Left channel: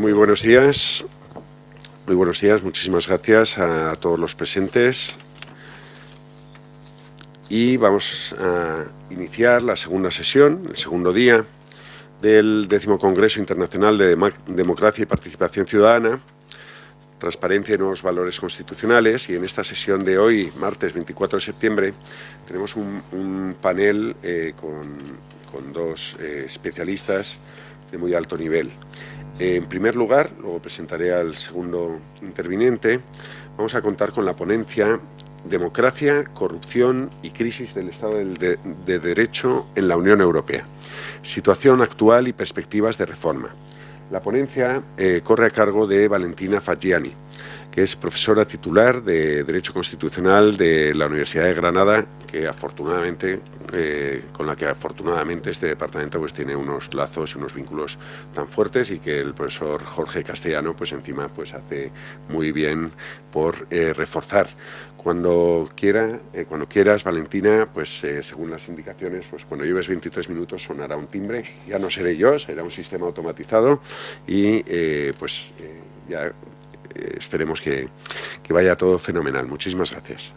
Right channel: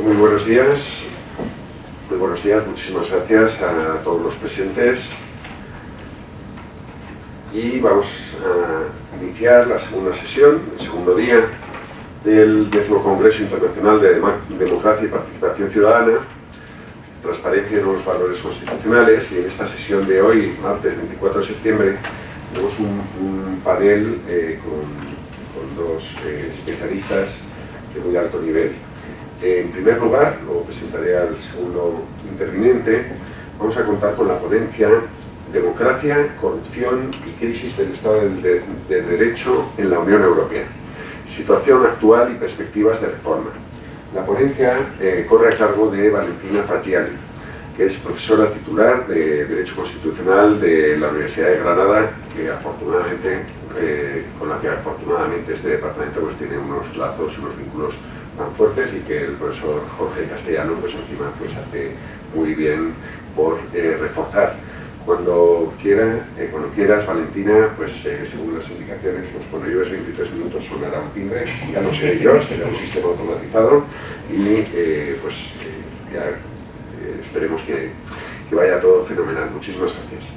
Muy buenos días, muchísimas gracias a todos los presentes y vamos a iniciar la segunda sesión, el segundo día del 10º Congreso Internacional de Democracia y Participación Ciudadana, Transparencia en los Valores Constitucionales, y en esta sesión de hoy, martes 24 de septiembre, tenemos un panel con dos especialistas de muy alto nivel. En primer lugar, luego presentaré al segundo interviniente, vamos a contar con la ponencia Democracia, Corrupción y Crisis del Estado de Derecho en la Unión Europea. Situación actual y perspectivas de reforma. La ponencia corre a cargo de Valentina Faggiani, que es profesora titular de Derecho Constitucional de la Universidad de Granada, con la que afortunadamente este departamento pues, tiene unos lazos y unos vínculos tan fuertes, y que el profesor Jorge Castellano pues, encima pues, hace muy bien por reforzar. Cuando quieras, Valentina, pues según las indicaciones, pues cuando lleves 23 minutos sonará un timbre, ya no seré yo, será un sistema automatizado, y ya esperemos que vaya todo fenomenal. Muchísimas gracias.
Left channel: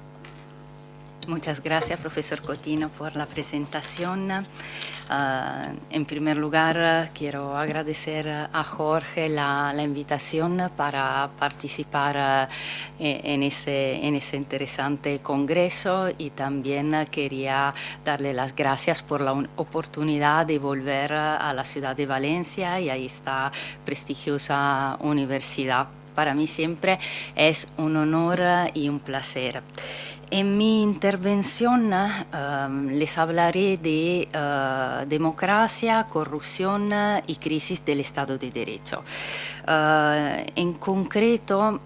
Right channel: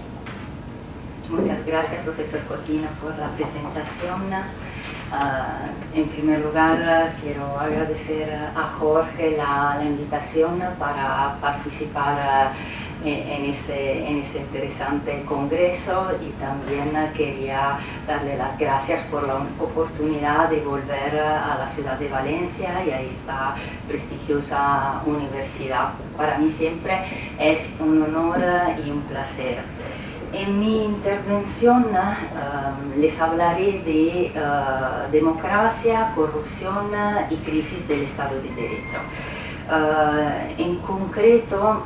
Muchas gracias, profesor Cotino, por la presentación. En primer lugar, quiero agradecer a Jorge la invitación para participar en ese interesante congreso, y también quería darle las gracias por la oportunidad de volver a la ciudad de Valencia y a esta prestigiosa universidad. Para mí siempre es un honor y un placer. En mi intervención les hablaré de democracia, corrupción y crisis del Estado de Derecho. En concreto,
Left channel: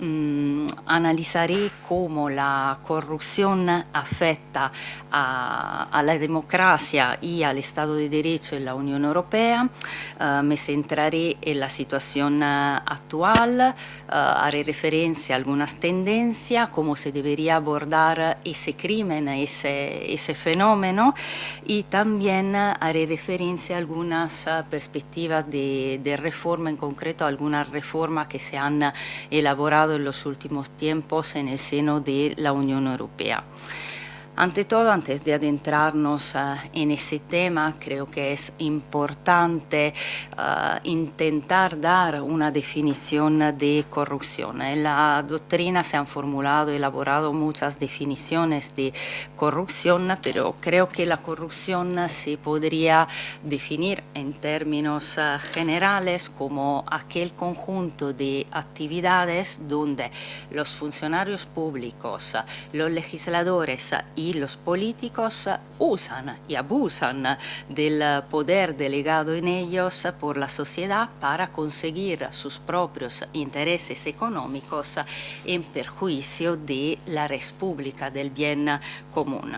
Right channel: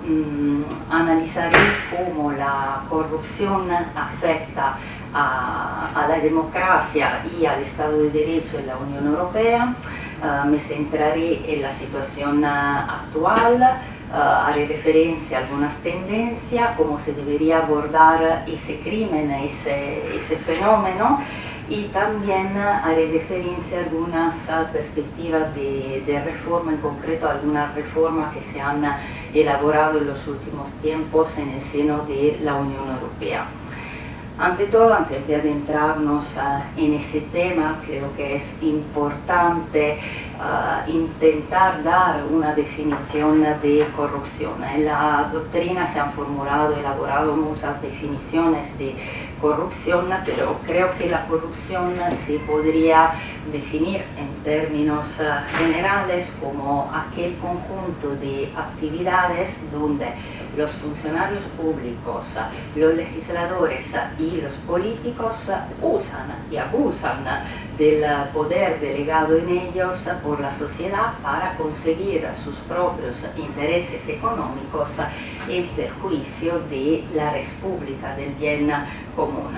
analizaré cómo la corrupción afecta a la democracia y al Estado de Derecho en la Unión Europea. Me centraré en la situación actual, haré referencia a algunas tendencias, cómo se debería abordar ese crimen, ese fenómeno, y también haré referencia a algunas perspectivas de reforma, en concreto algunas reformas que se han elaborado en los últimos tiempos en el seno de la Unión Europea. Ante todo, antes de adentrarnos en ese tema, creo que es importante intentar dar una definición de corrupción. En la doctrina se han formulado y elaborado muchas definiciones de corrupción, pero creo que la corrupción se podría definir en términos generales como aquel conjunto de actividades donde los funcionarios públicos, los legisladores y los políticos usan y abusan del poder delegado en ellos por la sociedad para conseguir sus propios intereses económicos en perjuicio de la res pública, del bien común.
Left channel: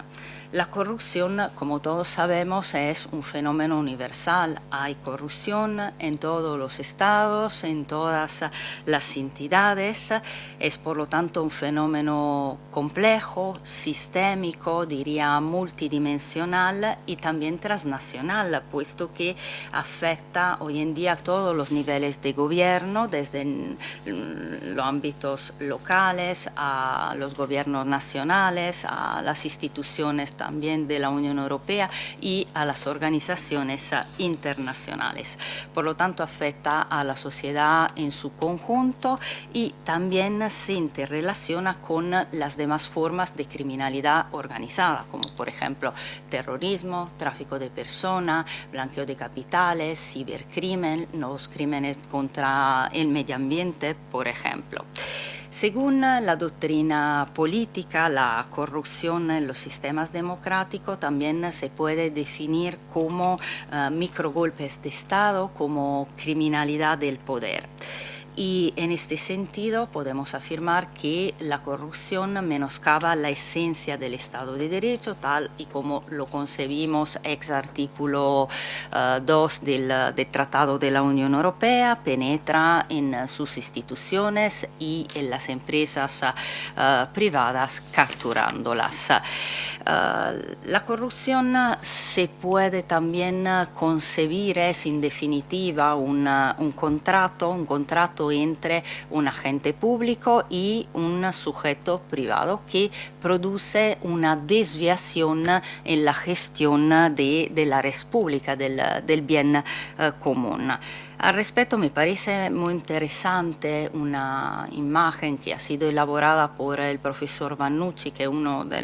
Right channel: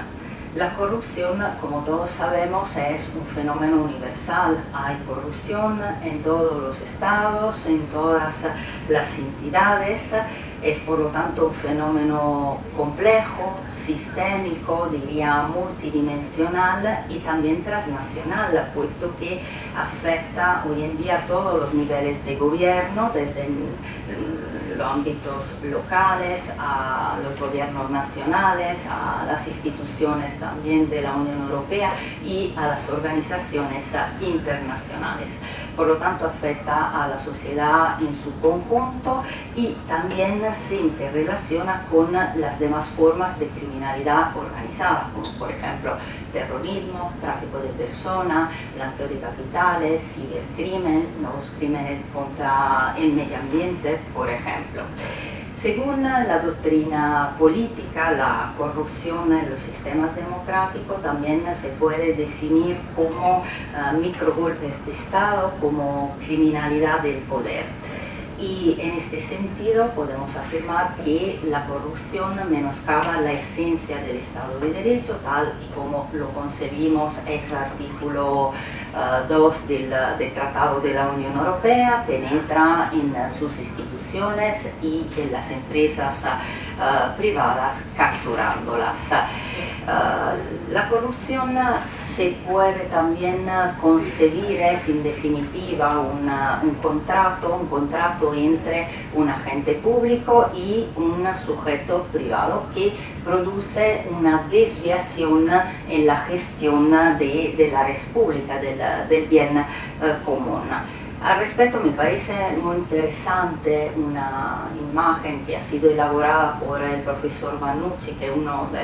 La corrupción, como todos sabemos, es un fenómeno universal. Hay corrupción en todos los estados, en todas las entidades. Es por lo tanto un fenómeno complejo, sistémico, diría multidimensional y también transnacional, puesto que afecta hoy en día a todos los niveles de gobierno, desde los ámbitos locales, a los gobiernos nacionales, a las instituciones también de la Unión Europea y a las organizaciones internacionales. Por lo tanto, afecta a la sociedad en su conjunto y también se interrelaciona con las demás formas de criminalidad organizada, como por ejemplo terrorismo, tráfico de personas, blanqueo de capitales, cibercrimen, nuevos crímenes contra el medio ambiente, por ejemplo. Según la doctrina política, la corrupción en los sistemas democráticos también se puede definir como microgolpes de Estado, como criminalidad del poder. Y en este sentido podemos afirmar que la corrupción menoscaba la esencia del Estado de Derecho, tal y como lo concebimos ex artículo 2 del Tratado de la Unión Europea, penetra en sus instituciones y en las empresas privadas, capturándolas. La corrupción se puede también concebir, es en definitiva un contrato entre un agente público y un sujeto privado que produce una desviación en la gestión de la red pública, del bien común. Al respecto me parece muy interesante una imagen que ha sido elaborada por el profesor Vannucci, que es uno de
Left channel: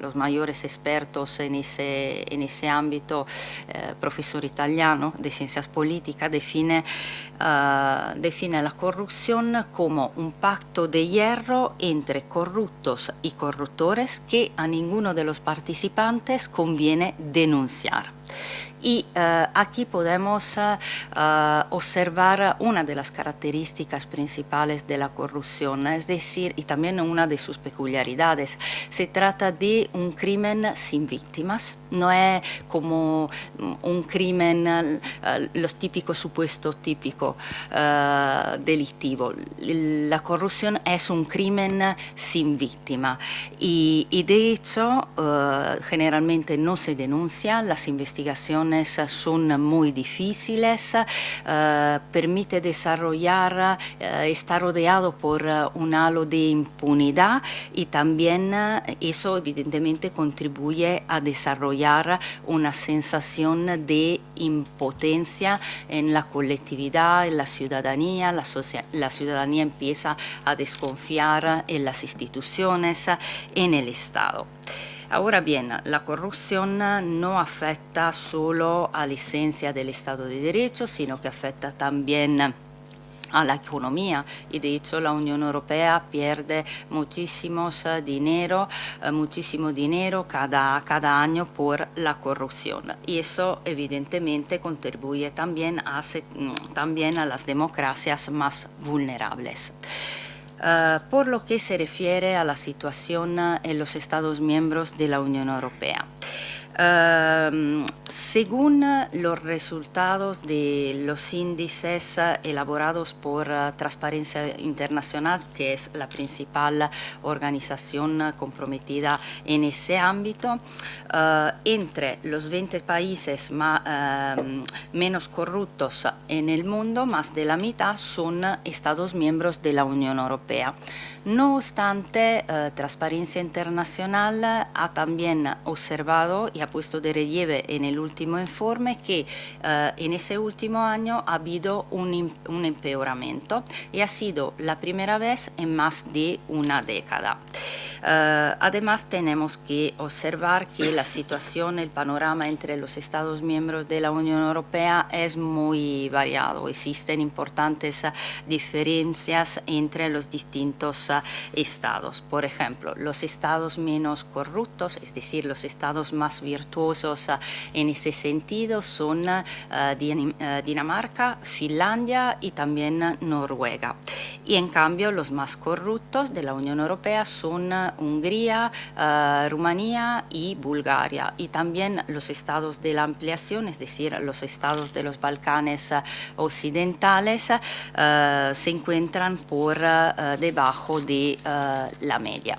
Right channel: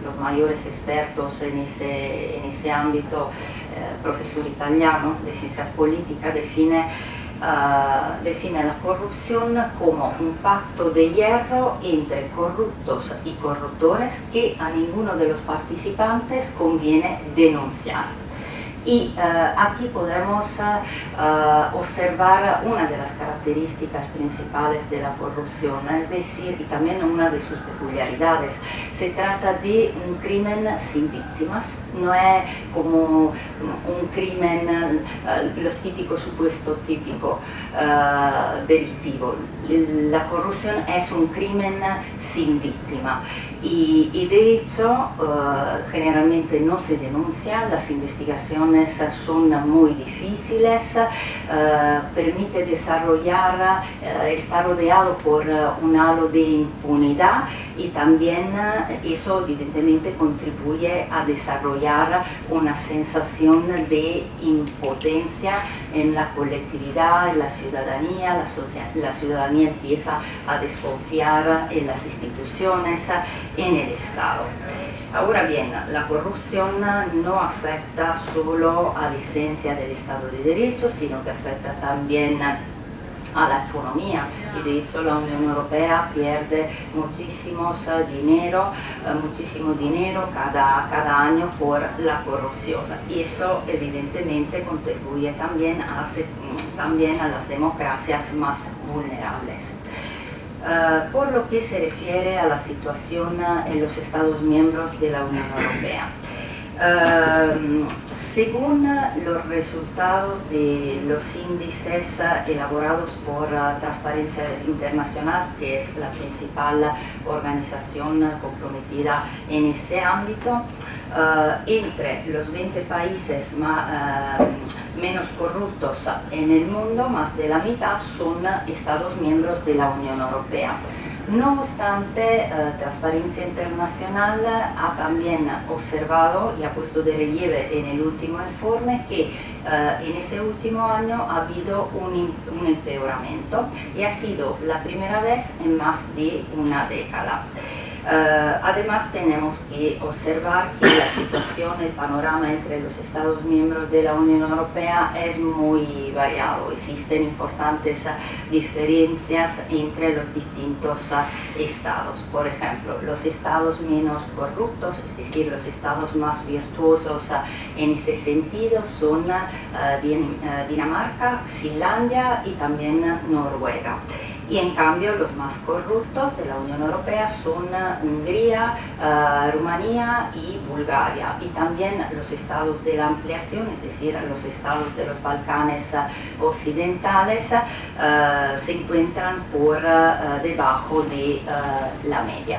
los mayores expertos en ese ámbito, profesor italiano de ciencias políticas, define la corrupción como un pacto de hierro entre corruptos y corruptores que a ninguno de los participantes conviene denunciar. Y aquí podemos observar una de las características principales de la corrupción, es decir, y también una de sus peculiaridades. Se trata de un crimen sin víctimas, no es como un crimen, los típicos supuestos típicos delictivos. La corrupción es un crimen sin víctima y de hecho generalmente no se denuncia, las investigaciones son muy difíciles, permite desarrollar, está rodeado por un halo de impunidad y también eso evidentemente contribuye a desarrollar una sensación de impotencia en la colectividad, en la ciudadanía. La ciudadanía empieza a desconfiar en las instituciones, en el Estado. Ahora bien, la corrupción no afecta solo a la esencia del Estado de Derecho, sino que afecta también a la economía, y de hecho la Unión Europea pierde muchísimo dinero cada año por la corrupción, y eso evidentemente contribuye también a las democracias más vulnerables. Por lo que se refiere a la situación en los Estados miembros de la Unión Europea. Según los resultados de los índices elaborados por Transparencia Internacional, que es la principal organización comprometida en ese ámbito, entre los 20 países menos corruptos en el mundo, más de la mitad son Estados miembros de la Unión Europea. No obstante, Transparencia Internacional ha también observado y ha puesto de relieve en el último informe que en ese último año ha habido un empeoramiento, y ha sido la primera vez en más de una década. Además tenemos que observar que la situación, el panorama entre los Estados miembros de la Unión Europea es muy variado. Existen importantes diferencias entre los distintos estados. Por ejemplo, los estados menos corruptos, es decir, los estados más virtuosos en ese sentido son Dinamarca, Finlandia y también Noruega. Y en cambio los más corruptos de la Unión Europea son Hungría, Rumanía y Bulgaria, y también los estados de la ampliación, es decir, los estados de los Balcanes occidentales, se encuentran por debajo de la media.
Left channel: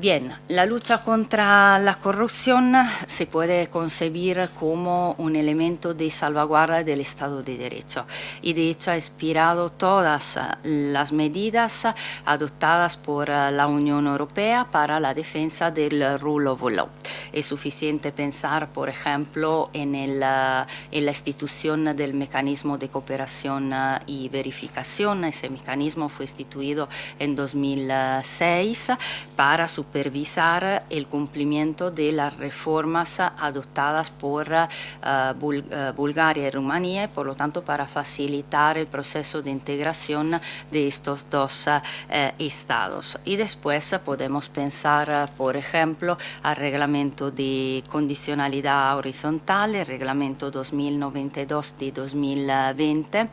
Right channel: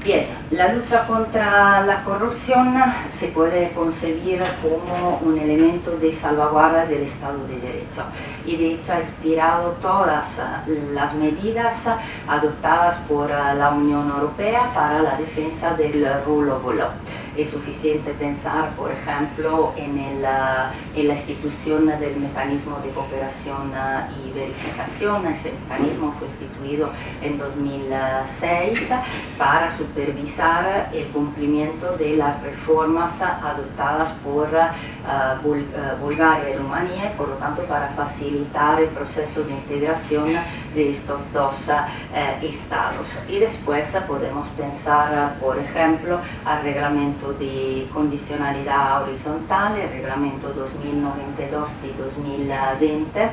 Bien, la lucha contra la corrupción se puede concebir como un elemento de salvaguarda del Estado de Derecho, y de hecho ha inspirado todas las medidas adoptadas por la Unión Europea para la defensa del rule of law. Es suficiente pensar, por ejemplo, en la institución del mecanismo de cooperación y verificación. Ese mecanismo fue instituido en 2006 para supervisar el cumplimiento de las reformas adoptadas por Bulgaria y Rumanía, y por lo tanto para facilitar el proceso de integración de estos dos estados. Y después podemos pensar, por ejemplo, al reglamento de condicionalidad horizontal, el reglamento 2092 de 2020,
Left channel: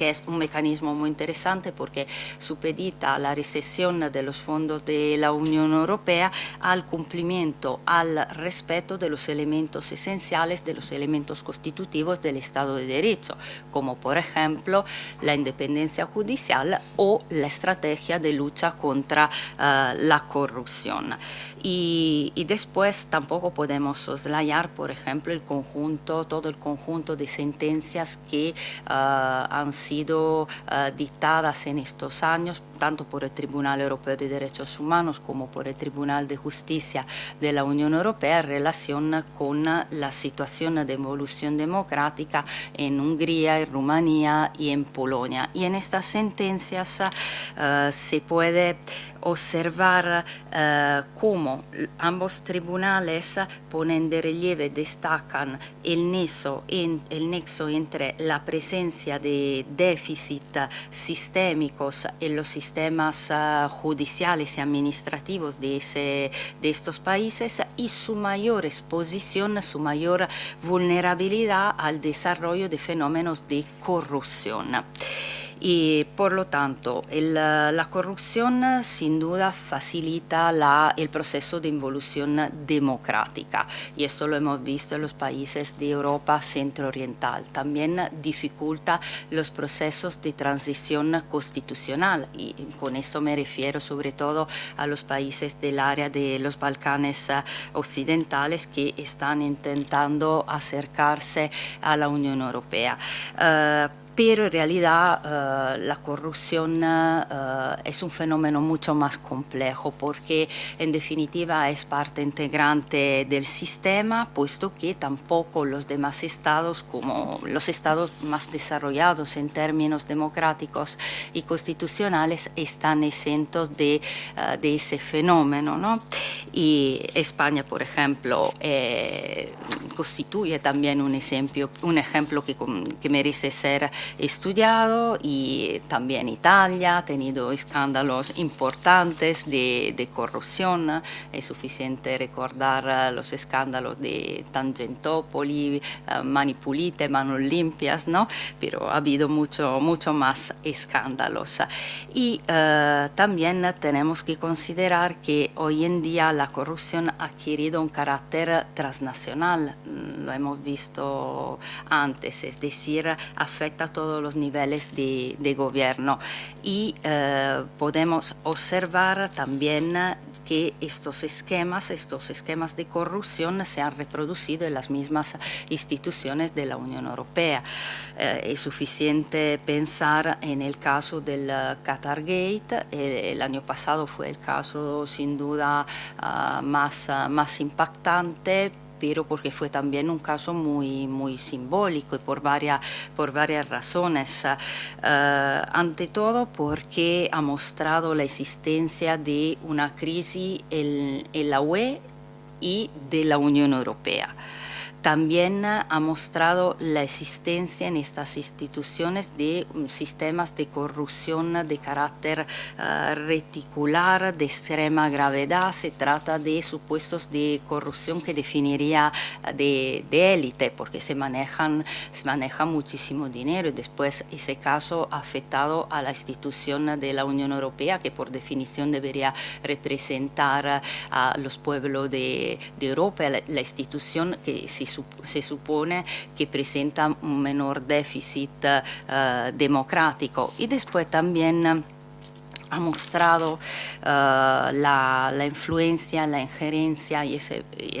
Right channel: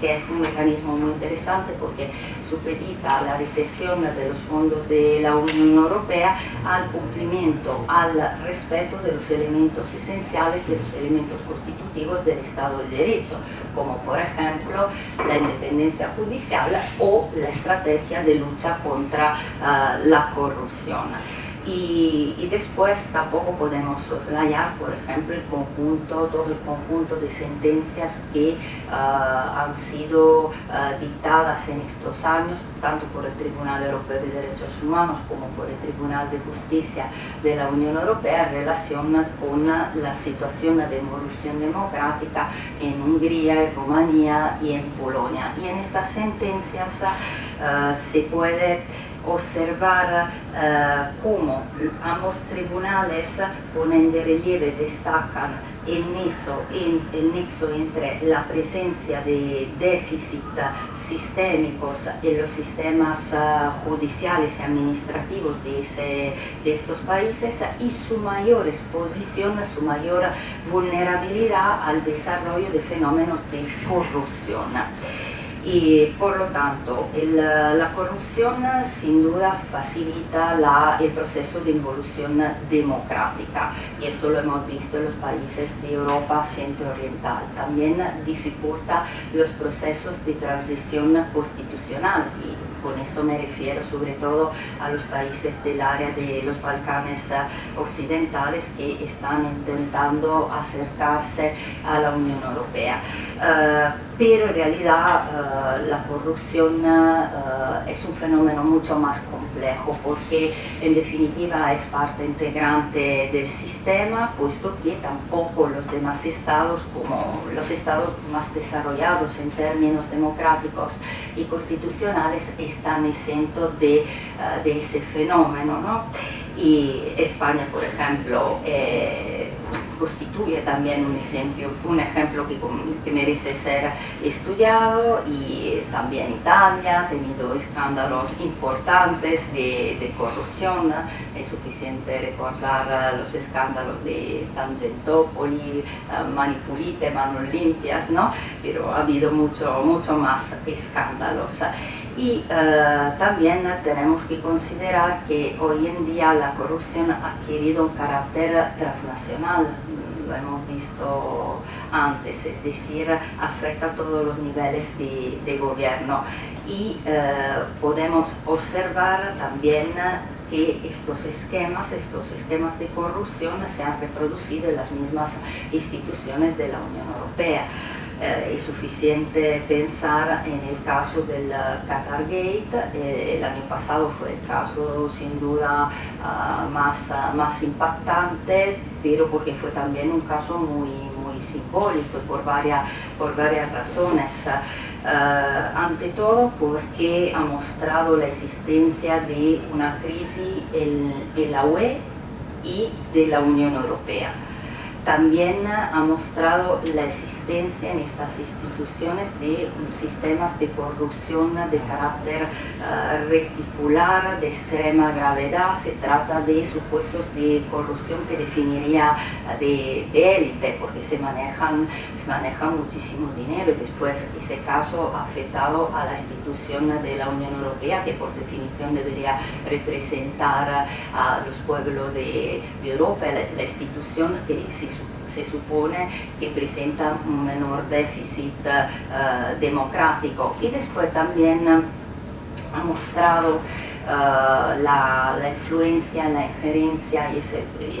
que es un mecanismo muy interesante porque supedita la recesión de los fondos de la Unión Europea al cumplimiento, al respeto de los elementos esenciales, de los elementos constitutivos del Estado de Derecho, como por ejemplo la independencia judicial o la estrategia de lucha contra la corrupción. Y después tampoco podemos soslayar, por ejemplo, todo el conjunto de sentencias que han sido dictadas en estos años, tanto por el Tribunal Europeo de Derechos Humanos como por el Tribunal de Justicia de la Unión Europea en relación con la situación de evolución democrática en Hungría, en Rumanía y en Polonia. Y en estas sentencias se puede observar cómo ambos tribunales ponen de relieve, destacan el nexo entre la presencia de déficit sistémicos en los sistemas judiciales y administrativos de estos países y su mayor exposición, su mayor vulnerabilidad al desarrollo de fenómenos de corrupción. Y por lo tanto la corrupción sin duda facilita el proceso de involución democrática, y esto lo hemos visto en los países de Europa centro-oriental. También dificulta los procesos de transición constitucional, y con esto me refiero sobre todo a los países del área de los Balcanes occidentales que están intentando acercarse a la Unión Europea. Pero en realidad la corrupción es un fenómeno mucho más complejo porque en definitiva es parte integrante del sistema, puesto que tampoco los demás estados, como los estados más desarrollados en términos democráticos y constitucionales, están exentos de ese fenómeno, ¿no? Y España, por ejemplo, constituye también un ejemplo que merece ser estudiado, y también Italia ha tenido escándalos importantes de corrupción. Es suficiente recordar los escándalos de Tangentopoli, Mani Pulite, Manos Limpias, ¿no? Pero ha habido mucho más escándalos. Y también tenemos que considerar que hoy en día la corrupción ha adquirido un carácter transnacional. Lo hemos visto antes, es decir, afecta a todos los niveles de gobierno, y podemos observar también que estos esquemas de corrupción se han reproducido en las mismas instituciones de la Unión Europea. Es suficiente pensar en el caso del Qatargate. El año pasado fue el caso sin duda más impactante, pero porque fue también un caso muy simbólico, y por varias razones. Ante todo porque ha mostrado la existencia de una crisis en la UE y de la Unión Europea. También ha mostrado la existencia en estas instituciones de sistemas de corrupción de carácter reticular, de extrema gravedad. Se trata de supuestos de corrupción que definiría de élite, porque se maneja muchísimo dinero, y después ese caso ha afectado a la institución de la Unión Europea, que por definición debería representar a los pueblos de Europa, la institución que se supone que presenta un menor déficit democrático. Y después también ha mostrado la influencia, la injerencia, y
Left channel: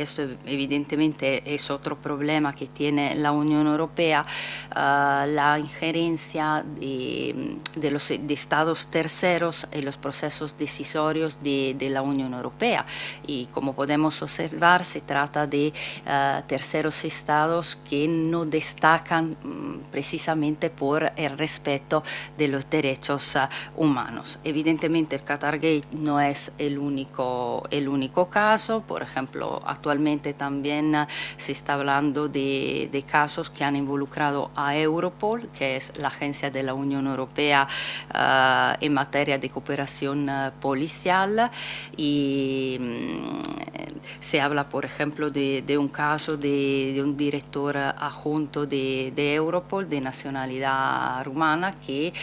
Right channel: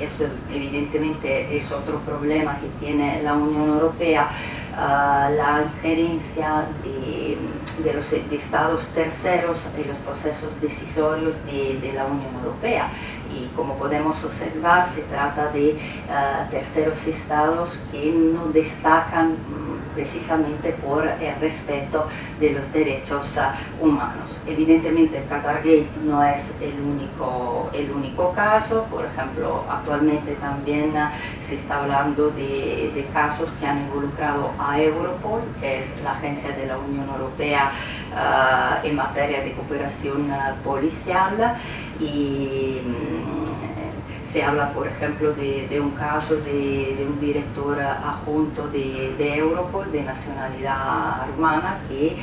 eso evidentemente es otro problema que tiene la Unión Europea, la injerencia de estados terceros en los procesos decisorios de la Unión Europea. Y como podemos observar, se trata de terceros estados que no destacan precisamente por el respeto de los derechos humanos. Evidentemente el Qatargate no es el único caso. Por ejemplo, actualmente también se está hablando de casos que han involucrado a Europol, que es la agencia de la Unión Europea en materia de cooperación policial, y Se habla, por ejemplo, de un caso de un director adjunto de Europol de nacionalidad rumana que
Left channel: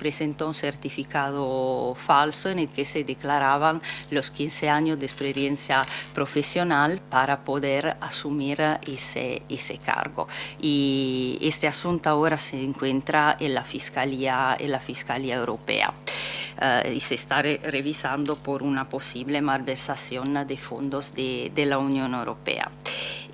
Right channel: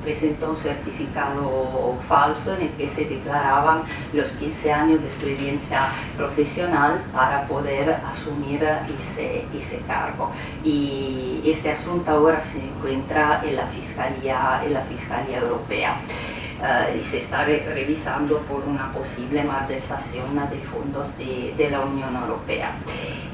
presentó un certificado falso en el que se declaraban los 15 años de experiencia profesional para poder asumir ese cargo. Y este asunto ahora se encuentra en la Fiscalía Europea. Y se está revisando por una posible malversación de fondos de la Unión Europea.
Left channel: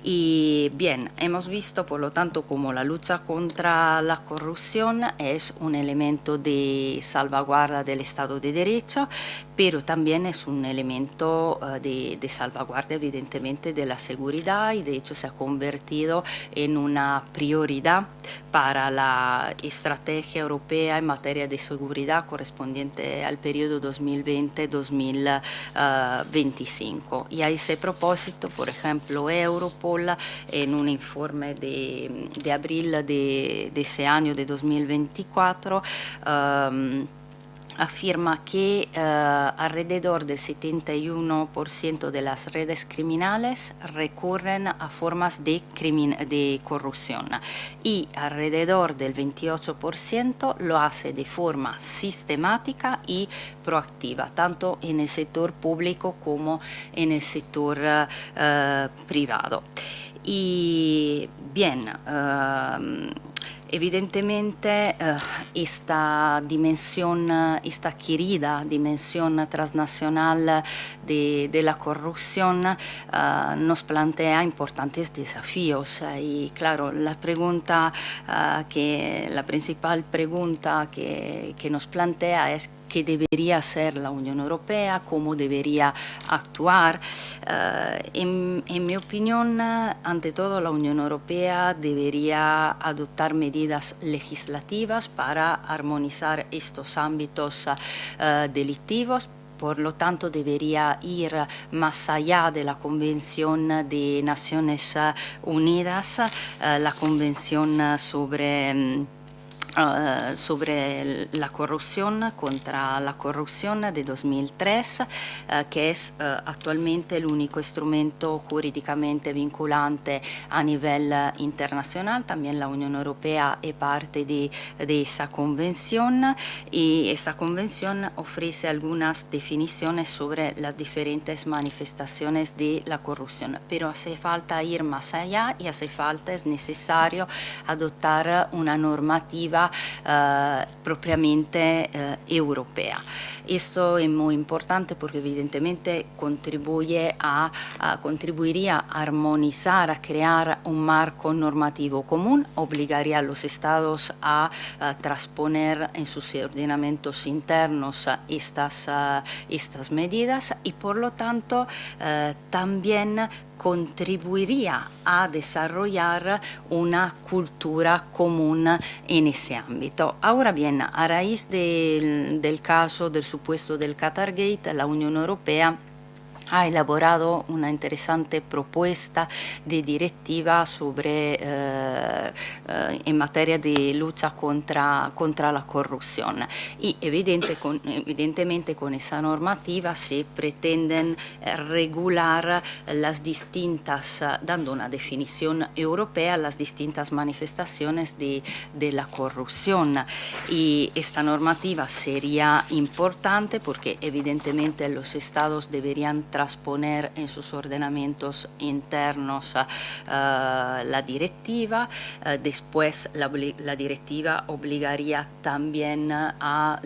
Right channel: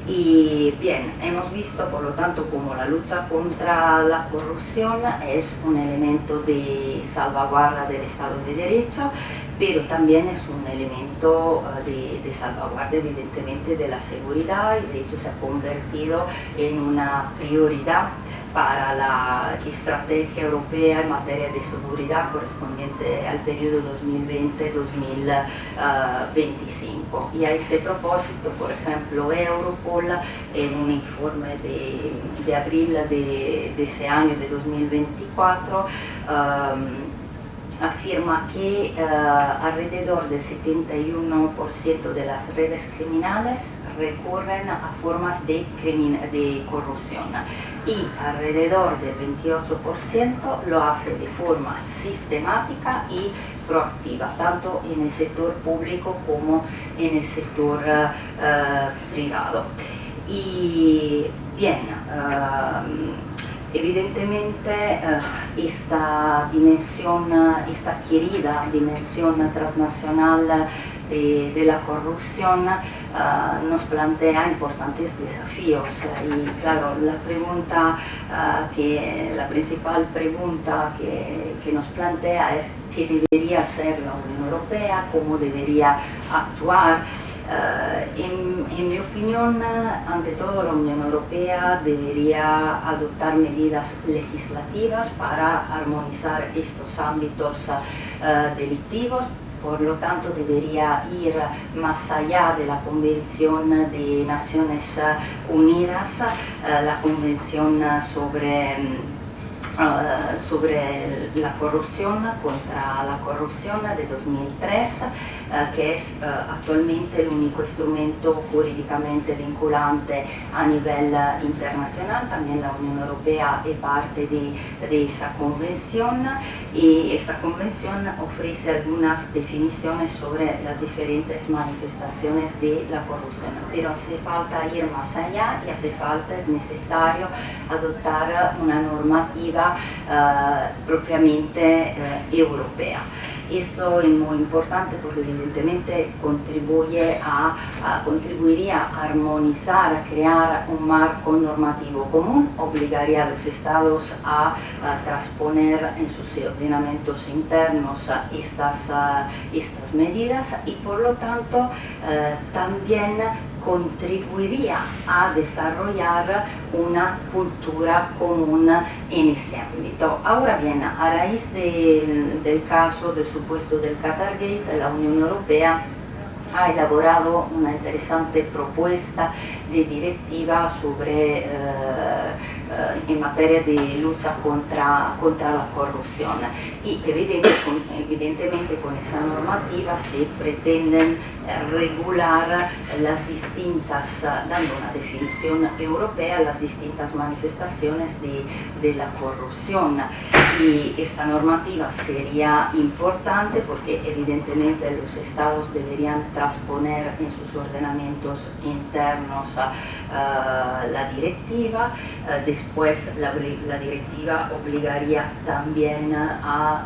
Y bien, hemos visto por lo tanto como la lucha contra la corrupción es un elemento de salvaguarda del Estado de Derecho, pero también es un elemento de salvaguarda evidentemente de la seguridad, y de hecho se ha convertido en una prioridad para la estrategia europea en materia de seguridad correspondiente al periodo 2020-2025. Y a ese propósito, por ejemplo, Europol, en un informe de abril de ese año de 2024, afirma que alrededor del 71% de las redes criminales recurren a formas de corrupción, y alrededor del 28% lo hace de forma sistemática y proactiva, tanto en el sector público como en el sector privado. Y bien, evidentemente esta dimensión, esta querida dimensión transnacional de la corrupción nos plantea importantes desafíos, y claro, la principal pregunta que nos plantea es qué debería hacer la Unión Europea, cómo debería actuar. En mi opinión, ante todo, la Unión Europea debería adoptar medidas legislativas para armonizar estos ámbitos delictivos. Por lo tanto, debería ir más allá de la Convención de Naciones Unidas, la Convención sobre la corrupción, contra la corrupción de 2003, que es actualmente el único instrumento jurídicamente vinculante a nivel internacional. También la Unión Europea es parte de esa convención, y esta convención ofrece algunas definiciones sobre las diferentes manifestaciones de la corrupción, pero hace falta ir más allá, y es necesario adoptar una normativa propiamente europea. Esto es muy importante porque evidentemente contribuiría a armonizar, a crear un marco normativo común, obligaría a los estados a transponer en sus ordenamientos internos estas medidas, y por lo tanto también contribuiría a desarrollar una cultura común en ese ámbito. Ahora bien, a raíz del caso del supuesto del Qatargate, la Unión Europea ha elaborado una interesante propuesta de directiva en materia de lucha contra la corrupción, y evidentemente con esa normativa se pretenden regular dando una definición europea, las distintas manifestaciones de la corrupción. Y esta normativa sería importante porque evidentemente los estados deberían transponer en sus ordenamientos internos la directiva. Después la directiva obligaría también a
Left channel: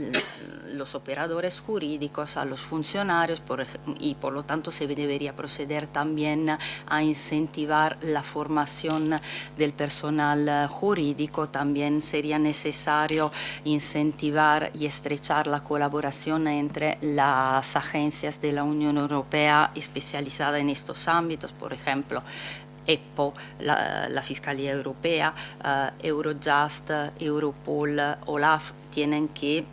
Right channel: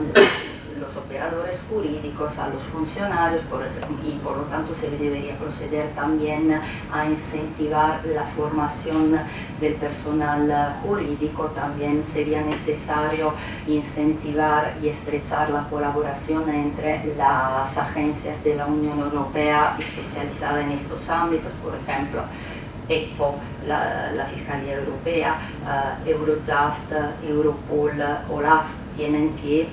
los operadores jurídicos, a los funcionarios, y por lo tanto se debería proceder también a incentivar la formación del personal jurídico. También sería necesario incentivar y estrechar la colaboración entre las agencias de la Unión Europea especializadas en estos ámbitos, por ejemplo, EPPO, la Fiscalía Europea, Eurojust, Europol, OLAF, tienen que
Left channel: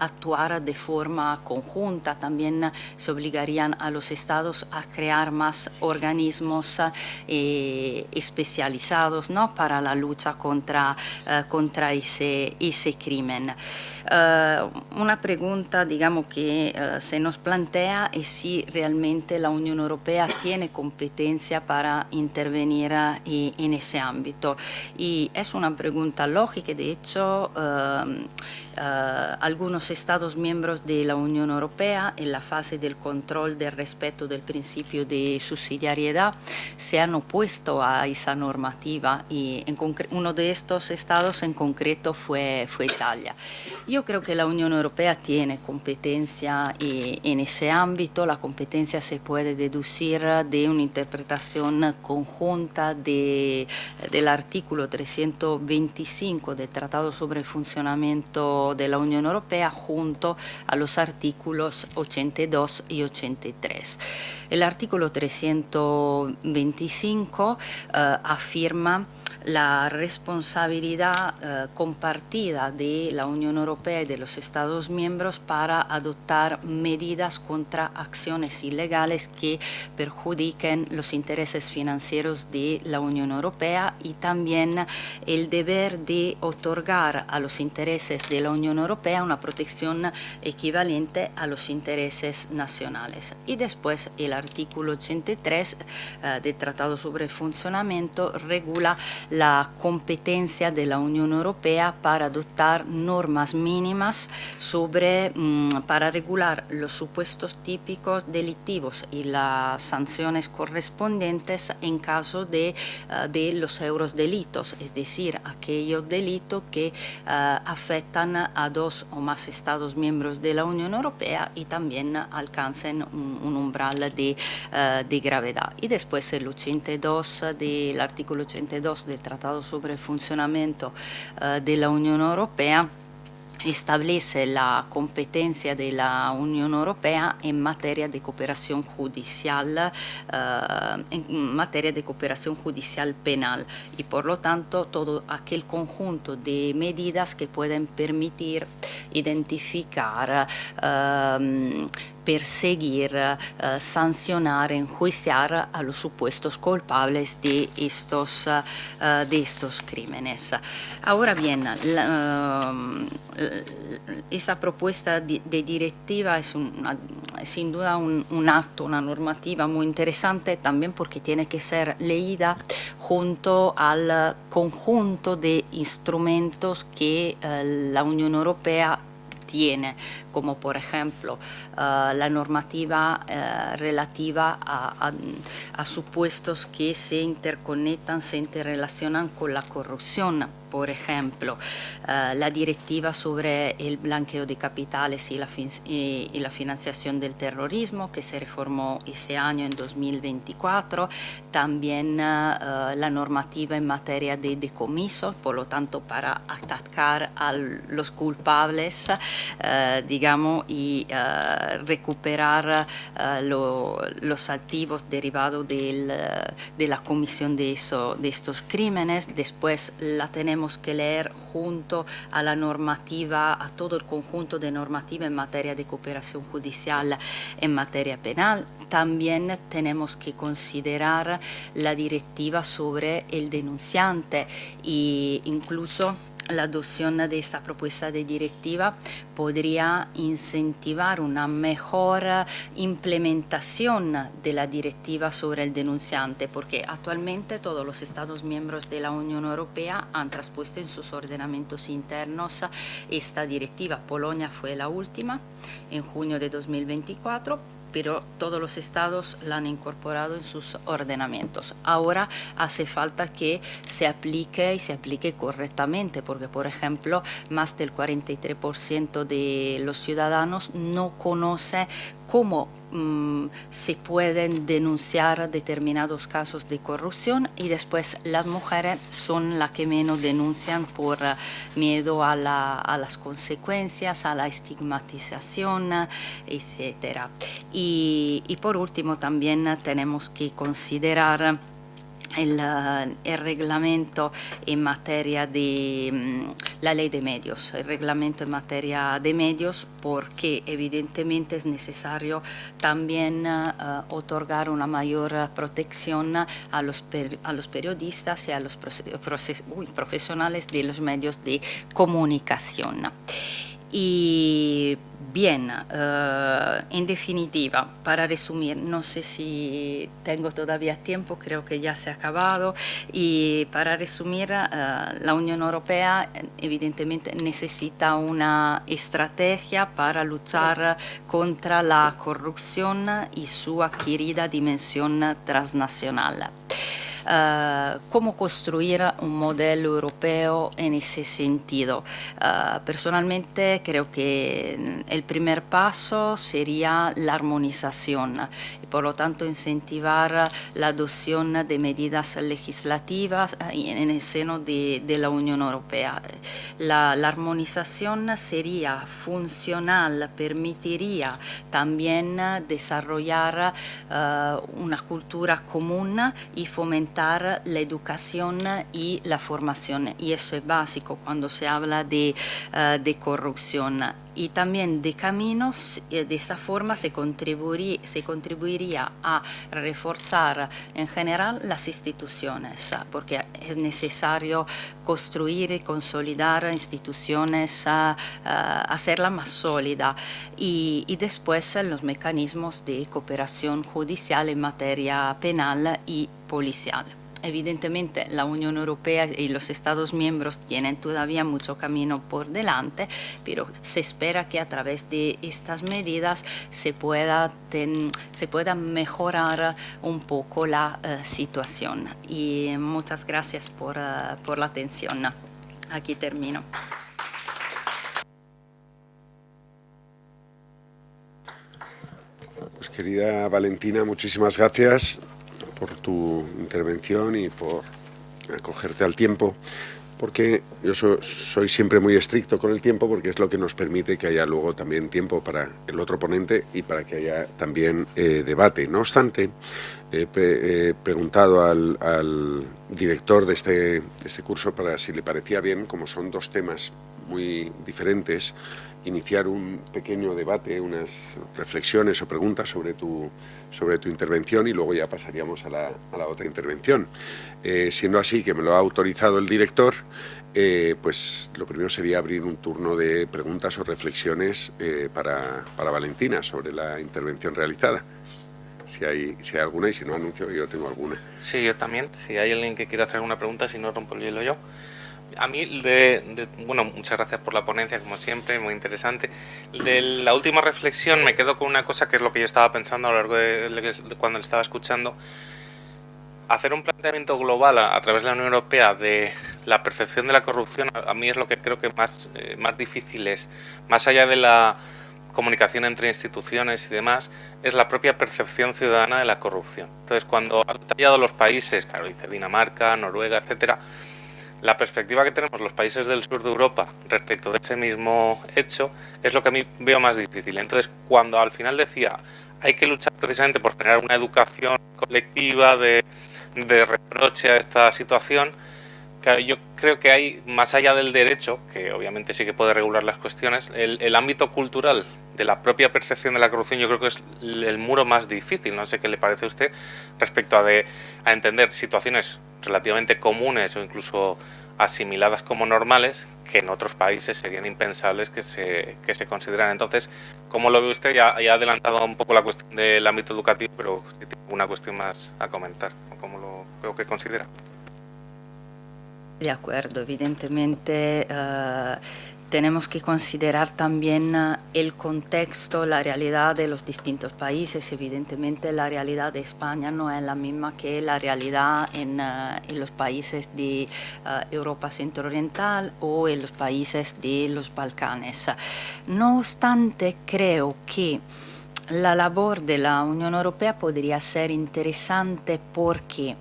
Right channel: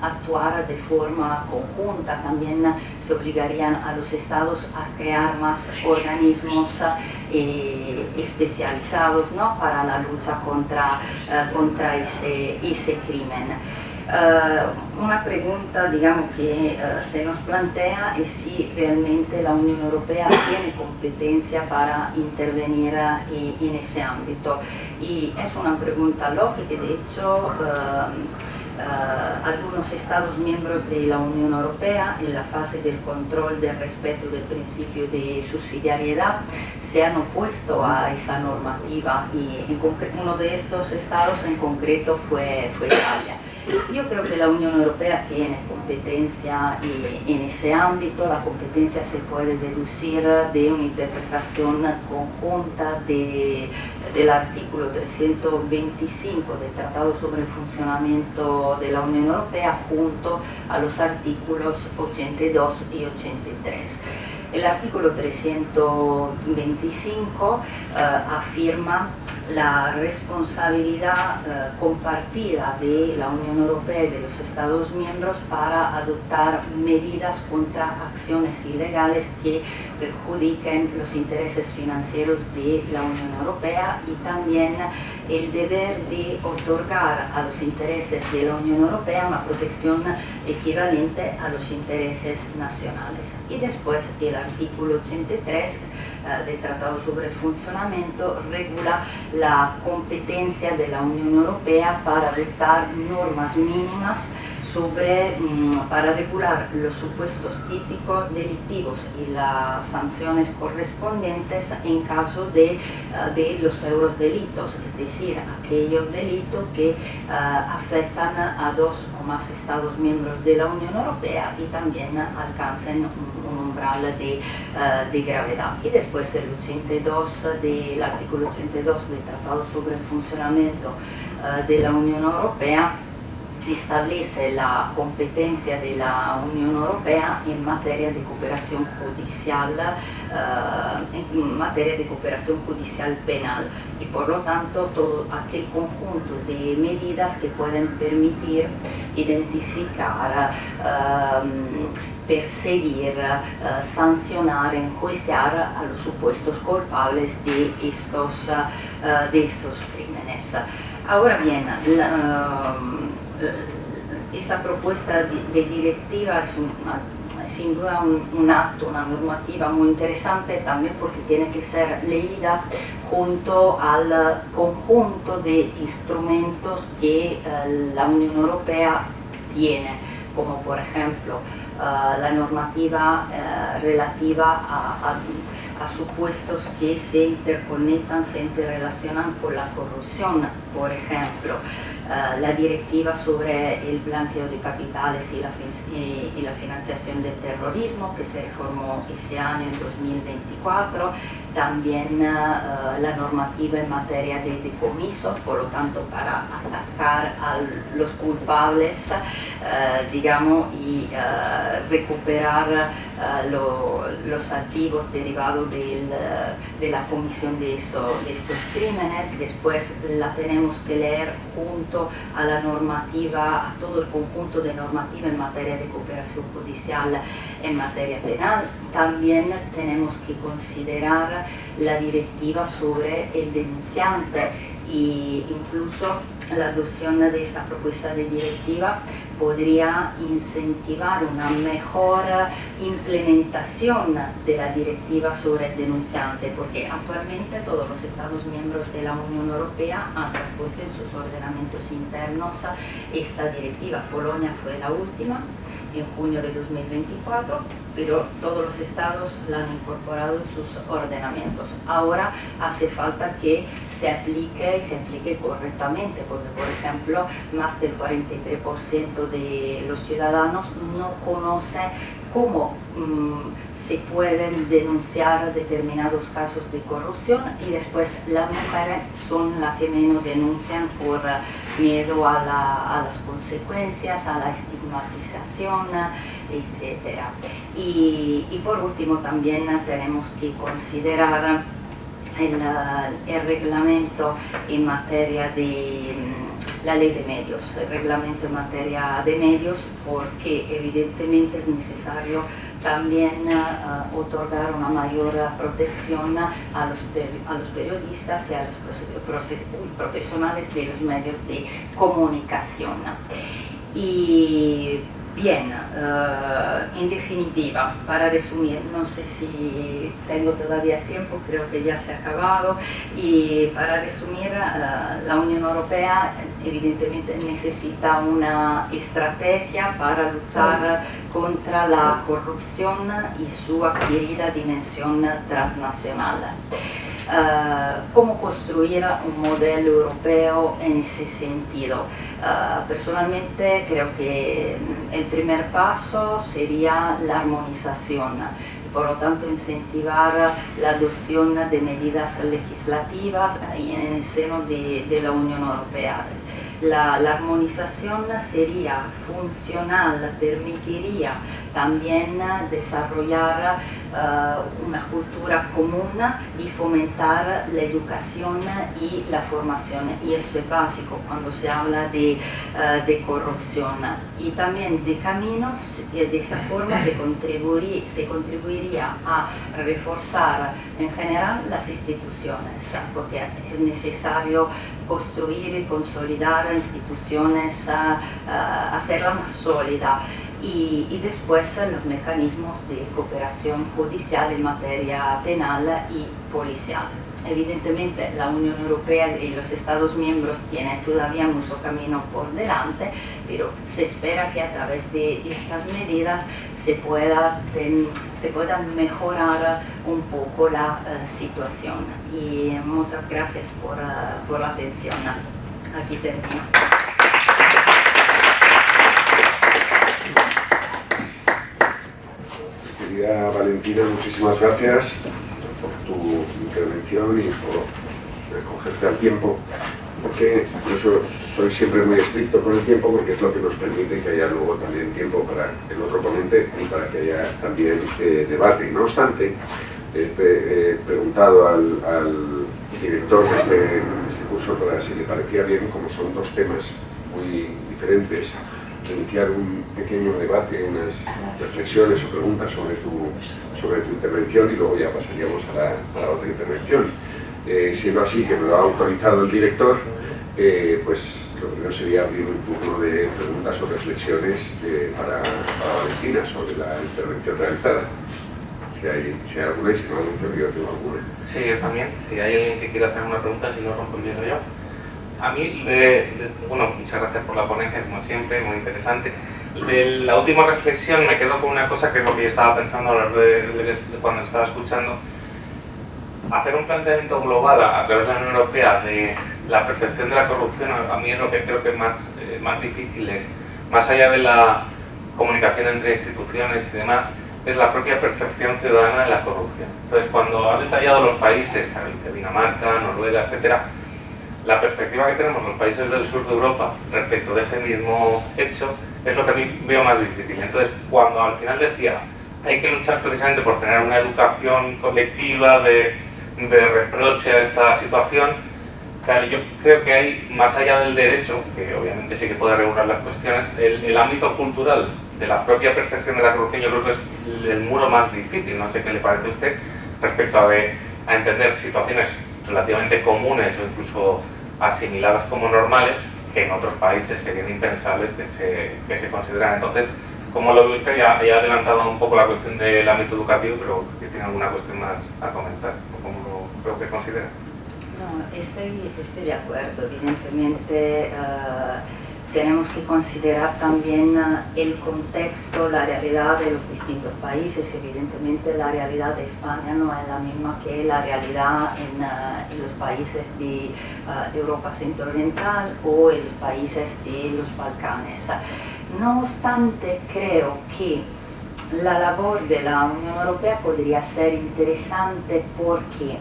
actuar de forma conjunta. También se obligarían a los estados a crear más organismos especializados, ¿no?, para la lucha contra ese crimen. Una pregunta, digamos, que se nos plantea es si realmente la Unión Europea tiene competencia para intervenir en ese ámbito. Y es una pregunta lógica, de hecho, algunos Estados miembros de la Unión Europea, en la fase del control del respeto del principio de subsidiariedad, se han opuesto a esa normativa, y uno de estos estados en concreto fue Italia. Yo creo que la Unión Europea tiene competencia en ese ámbito. La competencia se puede deducir de una interpretación conjunta del artículo 325 del Tratado sobre el Funcionamiento de la Unión Europea junto a los artículos 82 y 83. El artículo 325 afirma la responsabilidad compartida de la Unión Europea y de los Estados miembros para adoptar medidas contra acciones ilegales que perjudiquen los intereses financieros de la Unión Europea, y también el deber de otorgar a los intereses de la Unión Europea una protección equivalente a los intereses nacionales. Y después el artículo 83 del Tratado sobre el Funcionamiento regula la competencia de la Unión Europea para adoptar normas mínimas para regular los supuestos típicos delictivos y las sanciones correspondientes en caso de los eurodelitos, es decir, aquellos delitos que afectan a dos o más Estados miembros de la Unión Europea y también alcancen un umbral de gravedad. Y después el artículo 82 del Tratado sobre el Funcionamiento de la Unión Europea establece la competencia de la Unión Europea en materia de cooperación judicial, penal, y por lo tanto todo aquel conjunto de medidas que pueden permitir identificar, perseguir, sancionar, enjuiciar a los supuestos culpables de estos crímenes. Ahora bien, esa propuesta de directiva es sin duda un acto, una normativa muy interesante, también porque tiene que ser leída junto al conjunto de instrumentos que la Unión Europea tiene, como por ejemplo la normativa relativa a supuestos que se interconectan, se interrelacionan con la corrupción, por ejemplo, la directiva sobre el blanqueo de capitales y la financiación del terrorismo, que se reformó ese año, en 2024, también la normativa en materia de decomiso, por lo tanto para atacar a los culpables, digamos, y recuperar los activos derivados de la comisión de estos crímenes. Después la tenemos que leer junto a la normativa, a todo el conjunto de normativa en materia de cooperación judicial en materia penal. También tenemos que considerar la directiva sobre el denunciante, e incluso la adopción de esta propuesta de directiva podría incentivar una mejor implementación de la directiva sobre el denunciante, porque actualmente todos los Estados miembros de la Unión Europea han traspuesto en sus ordenamientos internos esta directiva. Polonia fue la última, en junio de 2024, pero todos los estados la han incorporado en sus ordenamientos. Ahora hace falta que se aplique correctamente, porque por ejemplo más del 43% de los ciudadanos no conoce cómo se pueden denunciar determinados casos de corrupción, y después las mujeres son las que menos denuncian por miedo a las consecuencias, a la estigmatización, etc. Y por último también tenemos que considerar el reglamento en materia de la ley de medios, el reglamento en materia de medios, porque evidentemente es necesario también otorgar una mayor protección a los periodistas y a los profesionales de los medios de comunicación. Y bien, en definitiva, para resumir, no sé si tengo todavía tiempo, creo que ya se ha acabado, y para resumir, la Unión Europea evidentemente necesita una estrategia para luchar contra la corrupción y su adquirida dimensión transnacional. ¿Cómo construir un modelo europeo en ese sentido? Personalmente creo que el primer paso sería la armonización, por lo tanto incentivar la adopción de medidas legislativas en el seno de la Unión Europea. La armonización sería funcional, permitiría también desarrollar una cultura común y fomentar la educación y la formación, y eso es básico cuando se habla de corrupción. Y también de caminos, de esa forma se contribuiría a reforzar en general las instituciones, porque es necesario construir y consolidar instituciones, hacerla más sólida, y después los mecanismos de cooperación judicial en materia penal y policial. Evidentemente la Unión Europea y los Estados miembros tienen todavía mucho camino por delante, pero se espera que a través de estas medidas se pueda mejorar un poco la situación. Y muchas gracias por la atención. Aquí termino. Pues, querida Valentina, muchísimas gracias por tu intervención y por acogerte al tiempo, porque yo soy siempre muy estricto con el tiempo, porque es lo que nos permite que haya luego también tiempo para el otro ponente y para que haya también debate. No obstante, he preguntado al director de este curso para si le parecía bien, como son dos temas muy diferentes, iniciar un pequeño debate, unas reflexiones o preguntas sobre tu intervención, y luego ya pasaríamos a la otra intervención. Siendo así que me lo ha autorizado el director, pues lo primero sería abrir un turno de preguntas o reflexiones para Valentina sobre la intervención realizada. Si hay alguna, y si no anuncio que yo tengo alguna. Sí, yo también. Si hay alguien que quiera hacer una pregunta, si no rompo el hielo yo. A mí, bueno, muchas gracias por la ponencia, como siempre, muy interesante. De la última reflexión me quedo con una cosa que es lo que yo estaba pensando a lo largo de cuando estaba escuchando. Hacer un planteamiento global a través de la Unión Europea de la percepción de la corrupción, a mí es lo que creo que es más difícil, es más allá de la comunicación entre instituciones y demás, es la propia percepción ciudadana de la corrupción. Entonces, cuando han detallado los países, claro, dice Dinamarca, Noruega, etcétera, la perspectiva que tenemos los países del sur de Europa respecto de ese mismo hecho es lo que a mí veo más difícil. Entonces, cuando al final decía hay que luchar precisamente por generar una educación colectiva de reproche a esta situación, claro, yo creo que hay, más allá del derecho, que obviamente sí que puede regular las cuestiones, el ámbito cultural de la propia percepción de la corrupción, yo creo que es el muro más difícil. No sé qué le parece a usted respecto a entender situaciones relativamente comunes o incluso asimiladas como normales, que en otros países serían impensables que se consideran. Entonces, ¿cómo lo ve usted? Ya ha adelantado un poco la cuestión del ámbito educativo, pero si tiene alguna cuestión más a comentar, ¿cómo lo que considera? No, estoy de acuerdo. Evidentemente tenemos que considerar también el contexto, la realidad de los distintos países. Evidentemente la realidad de España no es la misma que la realidad en los países de Europa centro-oriental o en los países de los Balcanes. No obstante, creo que la labor de la Unión Europea podría ser interesante porque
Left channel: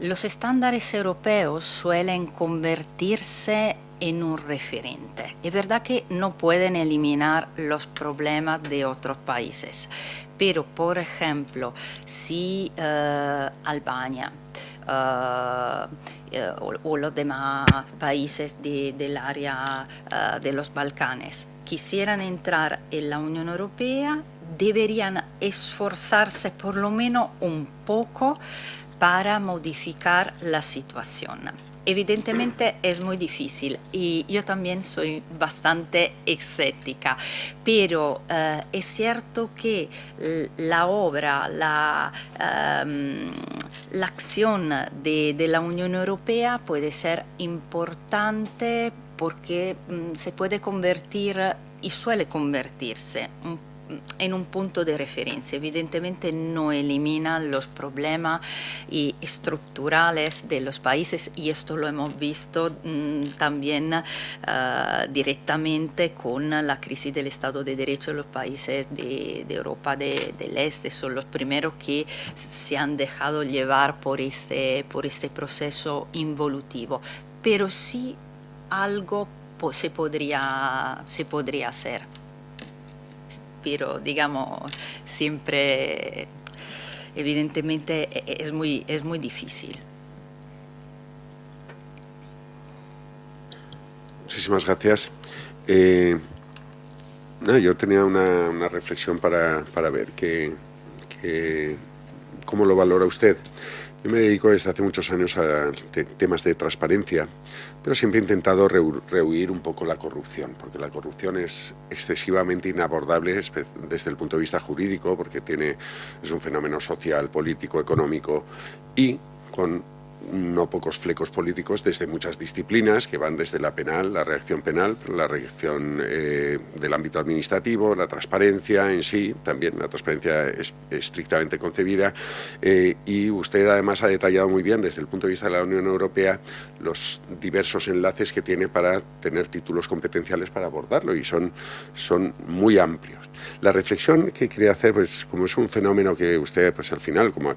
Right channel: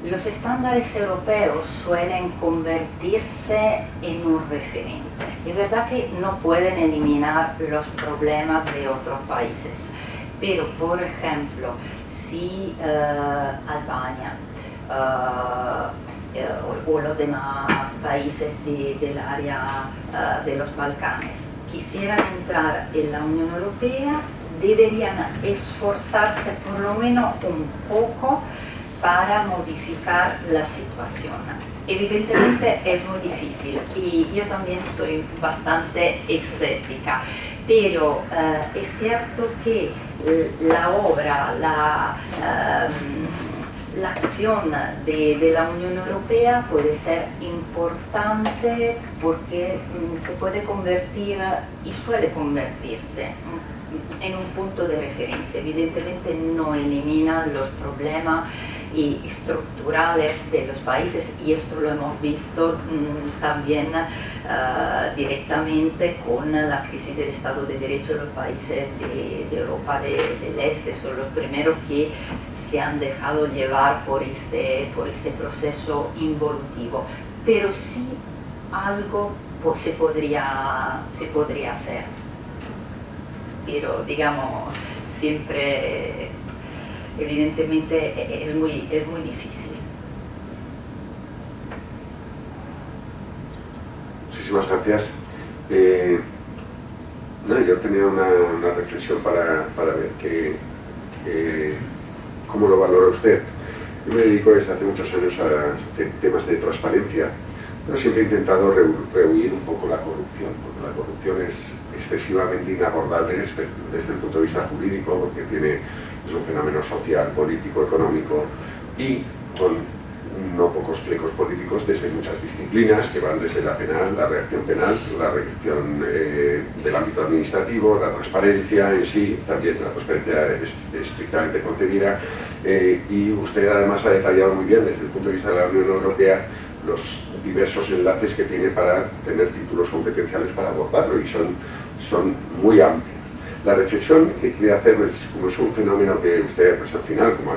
los estándares europeos suelen convertirse en un referente. Es verdad que no pueden eliminar los problemas de otros países, pero por ejemplo, si Albania o los demás países del área de los Balcanes quisieran entrar en la Unión Europea, deberían esforzarse por lo menos un poco para modificar la situación. evidentemente es muy difícil y yo también soy bastante escéptica, pero es cierto que la obra, la acción de la Unión Europea puede ser importante porque se puede convertir y suele convertirse en un punto de referencia. Evidentemente no elimina los problemas estructurales de los países, y esto lo hemos visto también directamente con la crisis del Estado de Derecho en los países de Europa del Este. Son los primeros que se han dejado llevar por este proceso involutivo, pero sí algo se podría hacer. Pero digamos, siempre, evidentemente, es muy difícil. Muchísimas gracias. Yo tenía una reflexión para ver cómo lo valora usted. Yo me dedico desde hace muchos años a temas de transparencia, pero siempre he intentado rehuir un poco la corrupción, porque la corrupción es excesivamente inabordable desde el punto de vista jurídico, porque es un fenómeno social, político, económico y con no pocos flecos políticos desde muchas disciplinas que van desde la penal, la reacción penal, la reacción del ámbito administrativo, la transparencia en sí, también la transparencia es estrictamente concebida, y usted además ha detallado muy bien desde el punto de vista de la Unión Europea los diversos enlaces que tiene para tener títulos competenciales para abordarlo, y son muy amplios. La reflexión que quería hacer, pues, como es un fenómeno que usted, pues, al final, como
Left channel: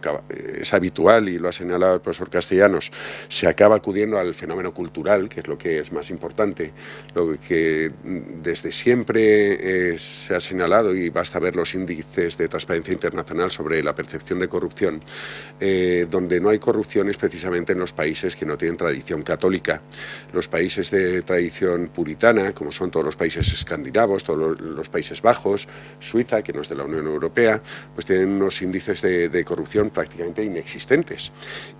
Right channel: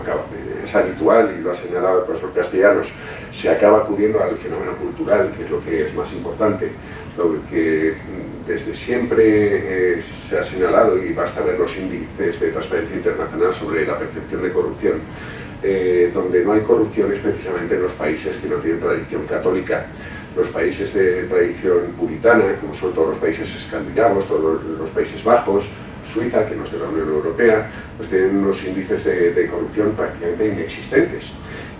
es habitual y lo ha señalado el profesor Castellanos, se acaba acudiendo al fenómeno cultural, que es lo que es más importante, lo que desde siempre se ha señalado, y basta ver los índices de transparencia internacional sobre la percepción de corrupción. Donde no hay corrupción es precisamente en los países que no tienen tradición católica. Los países de tradición puritana, como son todos los países escandinavos, todos los Países Bajos, Suiza, que no es de la Unión Europea, pues tienen unos índices de corrupción prácticamente inexistentes.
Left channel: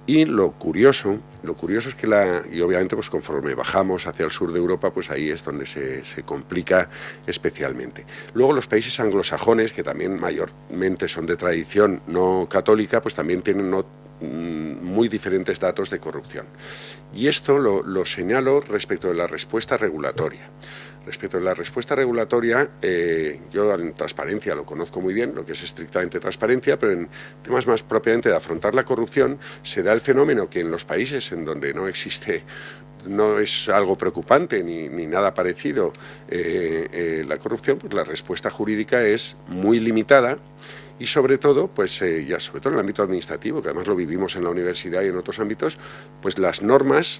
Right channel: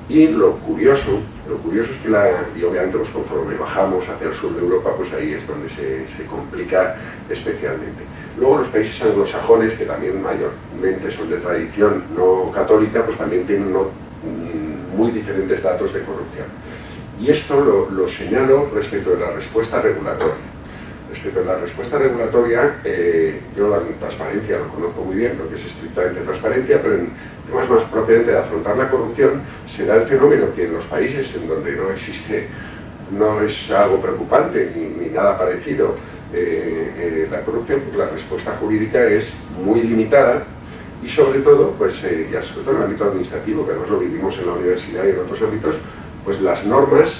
Y lo curioso es que y obviamente pues conforme bajamos hacia el sur de Europa, pues ahí es donde se complica especialmente. Luego los países anglosajones, que también mayormente son de tradición no católica, pues también tienen muy diferentes datos de corrupción. Y esto lo señalo respecto de la respuesta regulatoria. Respecto a la respuesta regulatoria, yo en transparencia lo conozco muy bien, lo que es estrictamente transparencia, pero en temas más propiamente de afrontar la corrupción, se da el fenómeno que en los países en donde no es algo preocupante ni nada parecido la corrupción, pues la respuesta jurídica es muy limitada, y sobre todo, pues ya sobre todo en el ámbito administrativo, que además lo vivimos en la universidad y en otros ámbitos, pues las normas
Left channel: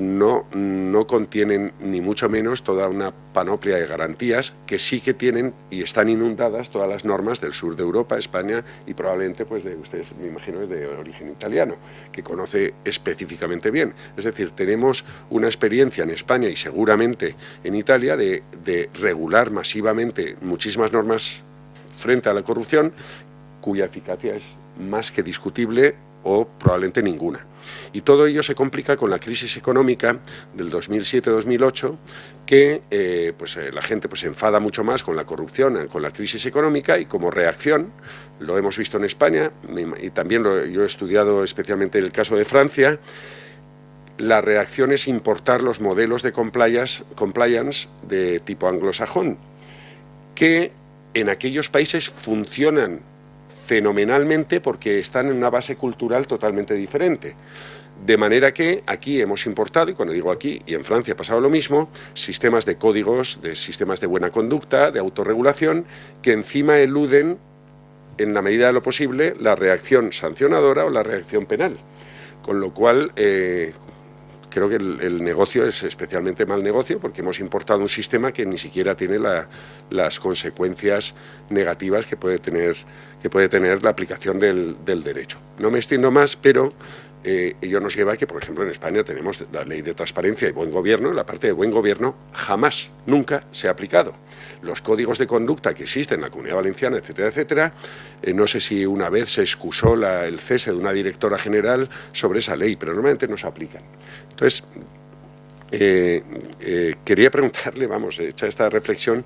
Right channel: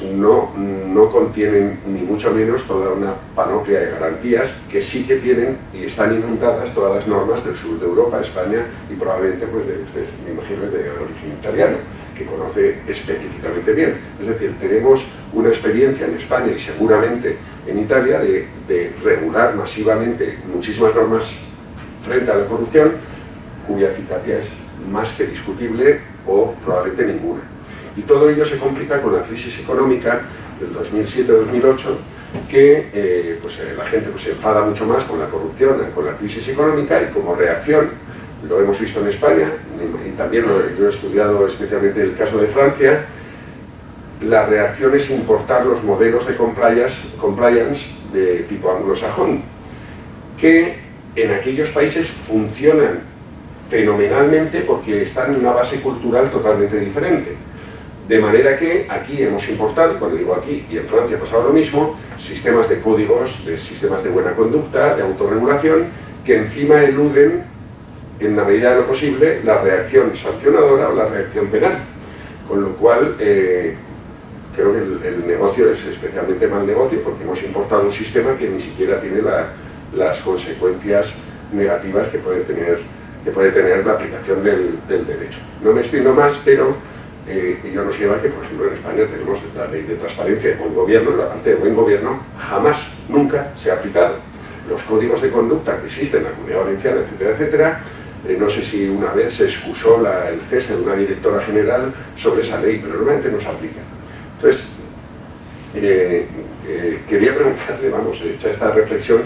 no contienen ni mucho menos toda una panoplia de garantías que sí que tienen y están inundadas todas las normas del sur de Europa, España y probablemente pues me imagino de origen italiano, que conoce específicamente bien. Es decir, tenemos una experiencia en España y seguramente en Italia de regular masivamente muchísimas normas frente a la corrupción, cuya eficacia es más que discutible o probablemente ninguna. Y todo ello se complica con la crisis económica del 2007-2008, que la gente se enfada mucho más con la corrupción, con la crisis económica, y como reacción, lo hemos visto en España, y también yo he estudiado especialmente el caso de Francia, la reacción es importar los modelos de compliance de tipo anglosajón, que en aquellos países funcionan fenomenalmente porque están en una base cultural totalmente diferente. De manera que aquí hemos importado, cuando digo aquí, y en Francia ha pasado lo mismo, sistemas de códigos, sistemas de buena conducta, de autorregulación, que encima eluden, en la medida de lo posible, la reacción sancionadora o la reacción penal. Con lo cual, creo que el negocio es especialmente mal negocio, porque hemos importado un sistema que ni siquiera tiene las consecuencias negativas que puede tener la aplicación del derecho. No me extiendo más, pero ello nos lleva a que, por ejemplo, en España tenemos la ley de transparencia y buen gobierno, y la parte de buen gobierno jamás, nunca se ha aplicado. Los códigos de conducta que existen en la Comunidad Valenciana, etcétera, etcétera, no sé si una vez se excusó el cese de una directora general sobre esa ley, pero realmente no se aplica. Entonces, quería preguntarle, vamos, hecha esta reflexión,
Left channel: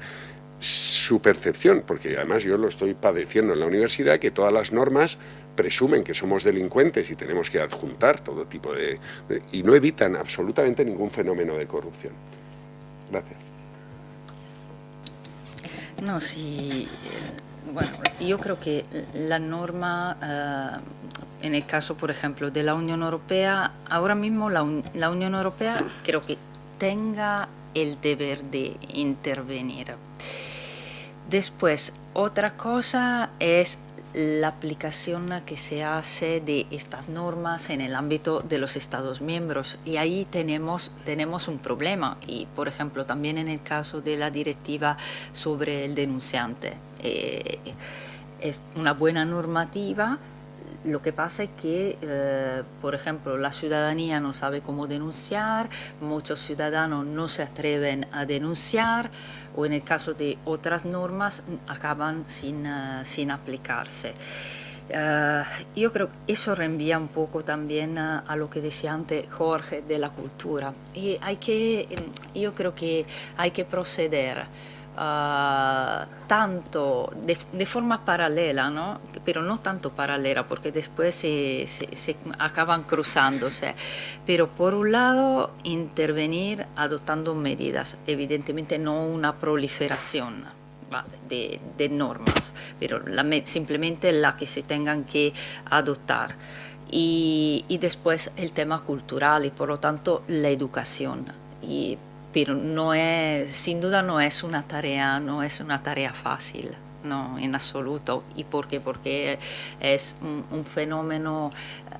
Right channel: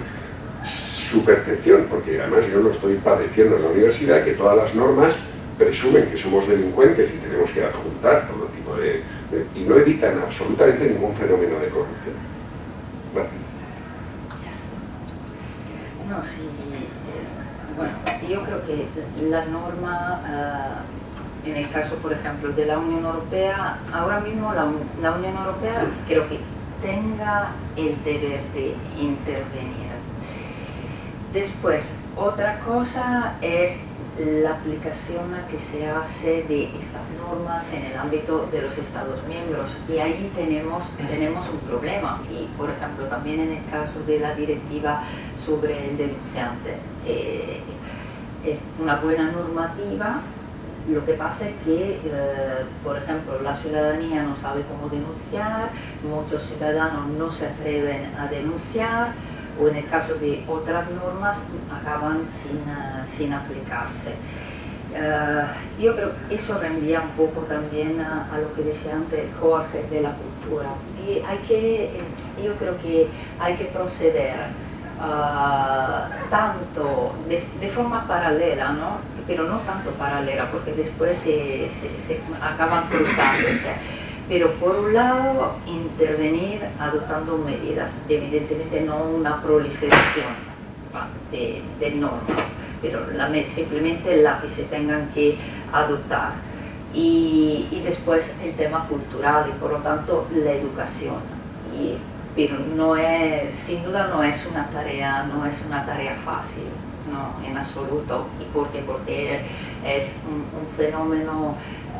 su percepción, porque además yo lo estoy padeciendo en la universidad, que todas las normas presumen que somos delincuentes y tenemos que adjuntar todo tipo y no evitan absolutamente ningún fenómeno de corrupción. Gracias. No, sí, bueno, yo creo que la norma, en el caso, por ejemplo, de la Unión Europea, ahora mismo la Unión Europea creo que tenga el deber de intervenir. Después, otra cosa es la aplicación que se hace de estas normas en el ámbito de los Estados miembros, y ahí tenemos un problema. Y por ejemplo también en el caso de la directiva sobre el denunciante, es una buena normativa. Lo que pasa es que, por ejemplo, la ciudadanía no sabe cómo denunciar, muchos ciudadanos no se atreven a denunciar, o en el caso de otras normas acaban sin aplicarse. Yo creo que eso reenvía un poco también a lo que decía antes Jorge de la cultura. Y yo creo que hay que proceder tanto de forma paralela, ¿no? Pero no tanto paralela, porque después se acaban cruzándose. Pero por un lado, intervenir adoptando medidas, evidentemente no una proliferación de normas, pero simplemente la que se tengan que adoptar. Y después el tema cultural y por lo tanto la educación. Pero sin duda no es una tarea fácil, no, en absoluto. ¿Y por qué? Porque es un fenómeno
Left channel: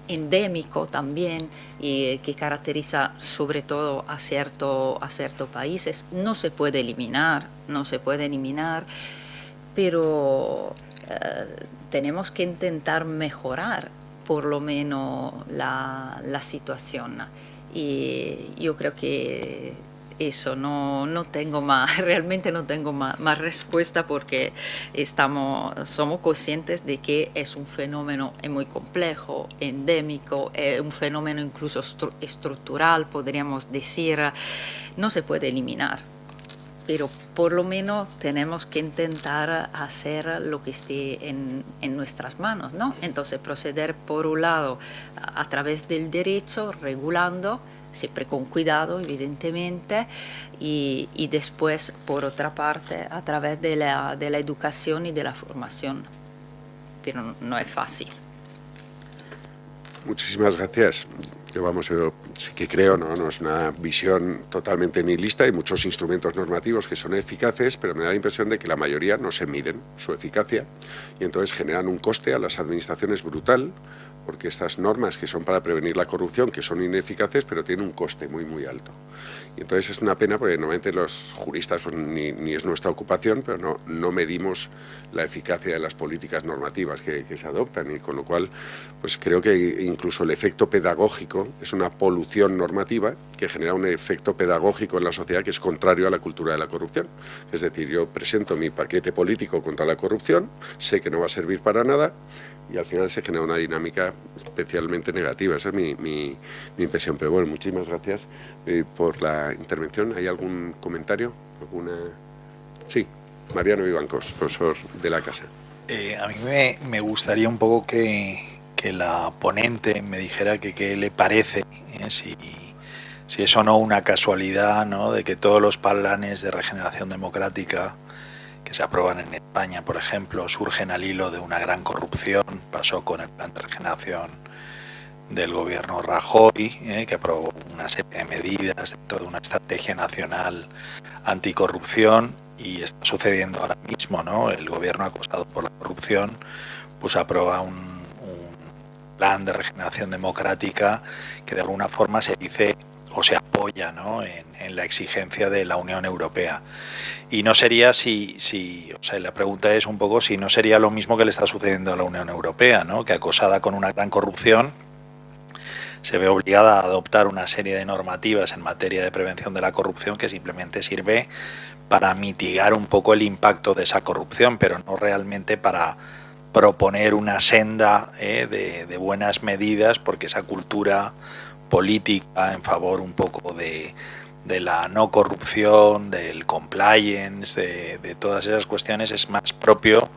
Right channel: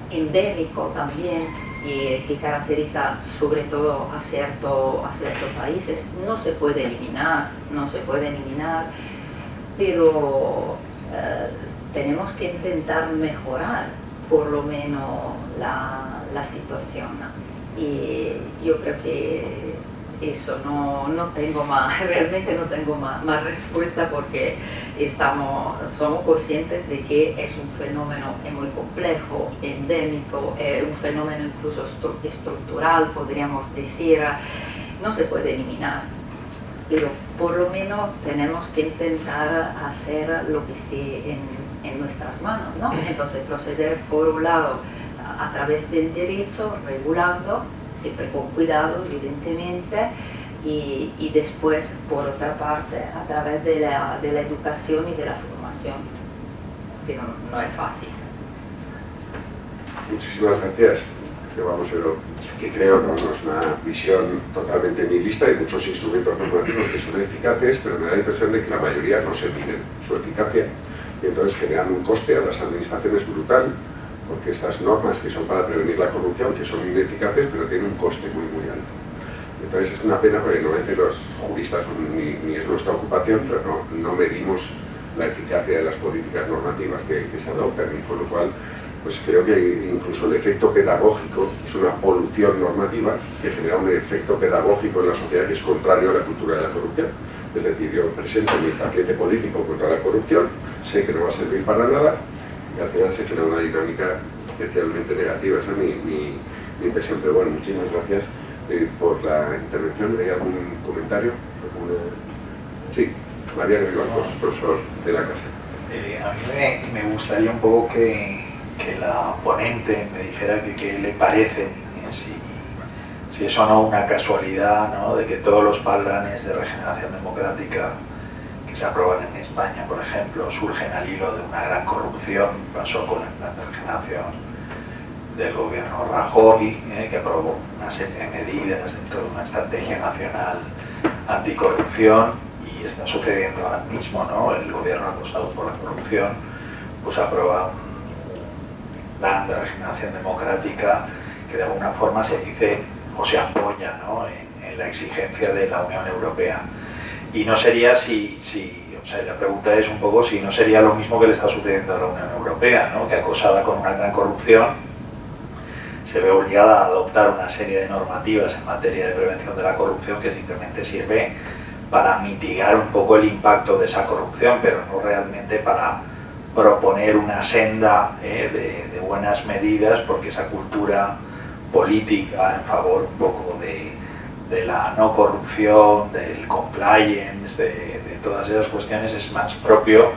endémico también, que caracteriza sobre todo a ciertos países. No se puede eliminar, pero tenemos que intentar mejorar por lo menos la situación. Y yo creo que eso, realmente no tengo más respuesta, porque somos conscientes de que es un fenómeno muy complejo, endémico, un fenómeno incluso estructural, podríamos decir. No se puede eliminar, pero por lo menos tenemos que intentar hacer lo que esté en nuestras manos, ¿no? Entonces proceder por un lado a través del derecho, regulando, siempre con cuidado, evidentemente, y después, por otra parte, a través de la educación y de la formación. Pero no es fácil. Muchísimas gracias. Yo que creo, no es una visión totalmente nihilista. Hay muchos instrumentos normativos que son eficaces, pero me da la impresión de que la mayoría no se miden su eficacia y entonces generan un coste a las administraciones brutal, porque estas normas que son para prevenir la corrupción, que son ineficaces, pero tienen un coste muy, muy alto. Y entonces es una pena, porque normalmente los juristas, ni es nuestra ocupación, pero no medimos la eficacia de las políticas normativas que se adoptan, y con lo cual pues creo que incluso el efecto pedagógico es una polución normativa que genera un efecto pedagógico en la sociedad que es contrario a la cultura de la corrupción. Es decir, yo presento mi paquete político contra la corrupción, sé que no va a servir para nada, y al final se genera una dinámica especialmente negativa. Esa es mi impresión. Pero bueno, muchísimas gracias por la intervención. ¿Hay algún comentario? Sí, María Rivancos, profesor de la casa. A mí me gustaría un poco que la ponente me dijera qué le parece, si es o no una casualidad, ¿no?, de que todos los planes de regeneración democrática que se aprueban en España, por ejemplo, surgen al hilo de una gran corrupción. Pasó con el plan de regeneración del gobierno Rajoy, que aprobó una serie de medidas dentro de una estrategia nacional anticorrupción, y está sucediendo ahora mismo, ¿no? El gobierno acosado por la corrupción pues aprueba un plan de regeneración democrática que de alguna forma se dice o se apoya, ¿no?, en la exigencia de la Unión Europea. Y no sería o sea, la pregunta es un poco si no sería lo mismo que le está sucediendo a la Unión Europea, ¿no?, que acosada con una gran corrupción se ve obligada a adoptar una serie de normativas en materia de prevención de la corrupción que simplemente sirve para mitigar un poco el impacto de esa corrupción, pero no realmente para proponer una senda de buenas medidas, porque esa cultura política en favor un poco de la no corrupción, del compliance, de todas esas cuestiones, es más propio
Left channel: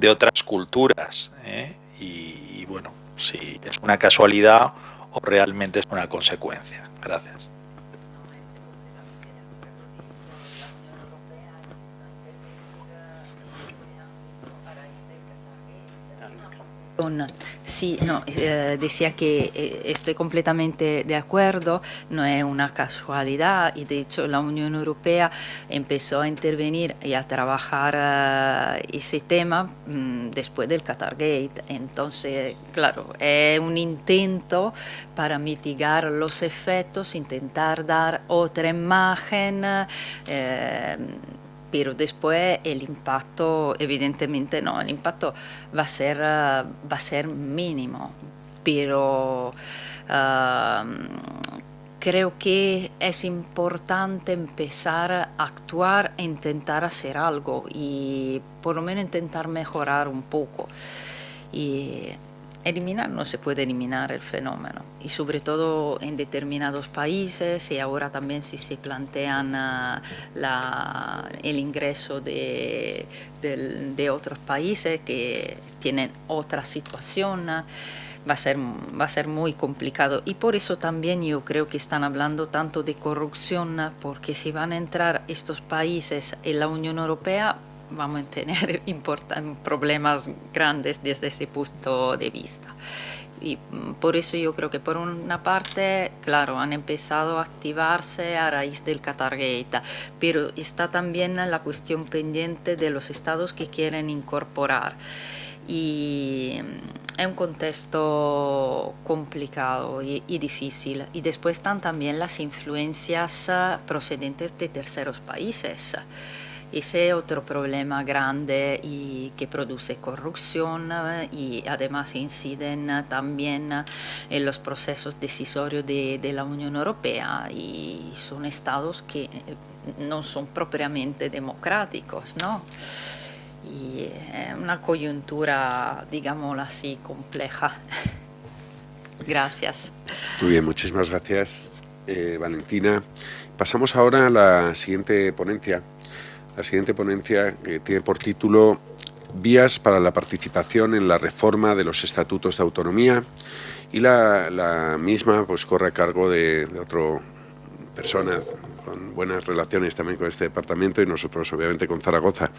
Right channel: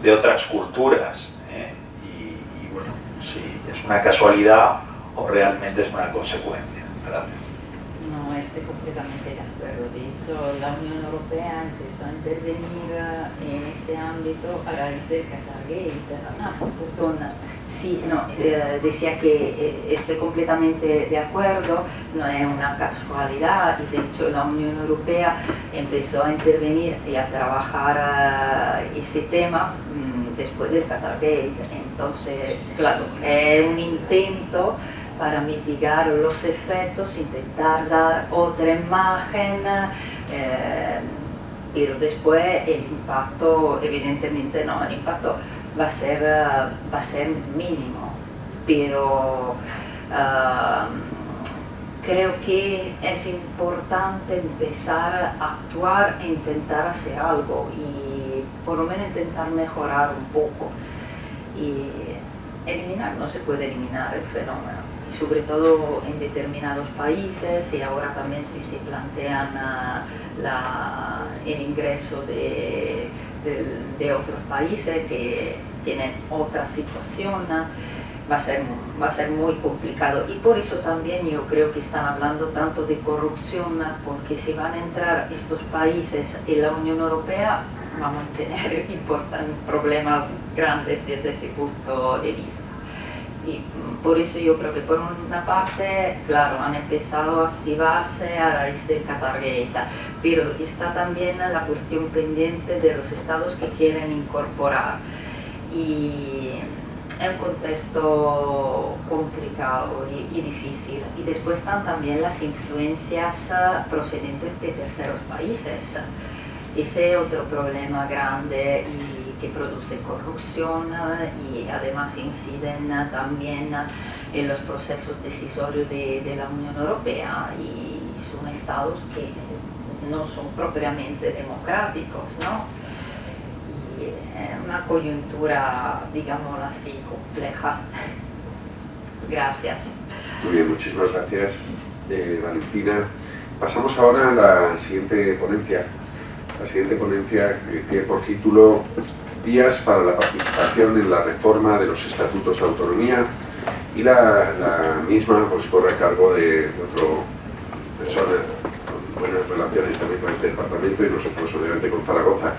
de otras culturas, ¿eh? Y bueno, si es una casualidad o realmente es una consecuencia. Gracias. No, estoy completamente de acuerdo. De hecho, la Unión Europea empezó a intervenir en ese ámbito a raíz del Qatargate. Perdona. Sí, no, decía que estoy completamente de acuerdo, no es una casualidad, y de hecho la Unión Europea empezó a intervenir y a trabajar ese tema después del Qatargate. Entonces, claro, es un intento para mitigar los efectos, intentar dar otra imagen, pero después el impacto, evidentemente no, el impacto va a ser mínimo, pero creo que es importante empezar a actuar e intentar hacer algo, y por lo menos intentar mejorar un poco. Y eliminar, no se puede eliminar el fenómeno, y sobre todo en determinados países, y ahora también si se plantean el ingreso de otros países que tienen otra situación, va a ser muy complicado. Y por eso también yo creo que están hablando tanto de corrupción, porque si van a entrar estos países en la Unión Europea, vamos a tener problemas grandes desde ese punto de vista. Y por eso yo creo que por una parte, claro, han empezado a activarse a raíz del Qatargate, pero está también la cuestión pendiente de los estados que quieren incorporar. Y es un contexto complicado y difícil. Y después están también las influencias procedentes de terceros países. Ese es otro problema grande y que produce corrupción, y además inciden también en los procesos decisorios de la Unión Europea, y son estados que no son propiamente democráticos, ¿no? Y es una coyuntura, digámoslo así, compleja. Gracias. Muy bien, muchísimas gracias, Valentina. Pasamos ahora a la siguiente ponencia. La siguiente ponencia, que tiene por título Vías para la participación en la reforma de los estatutos de autonomía, y la misma pues corre a cargo de otra persona con buenas relaciones también con este departamento, y nosotros obviamente con Zaragoza,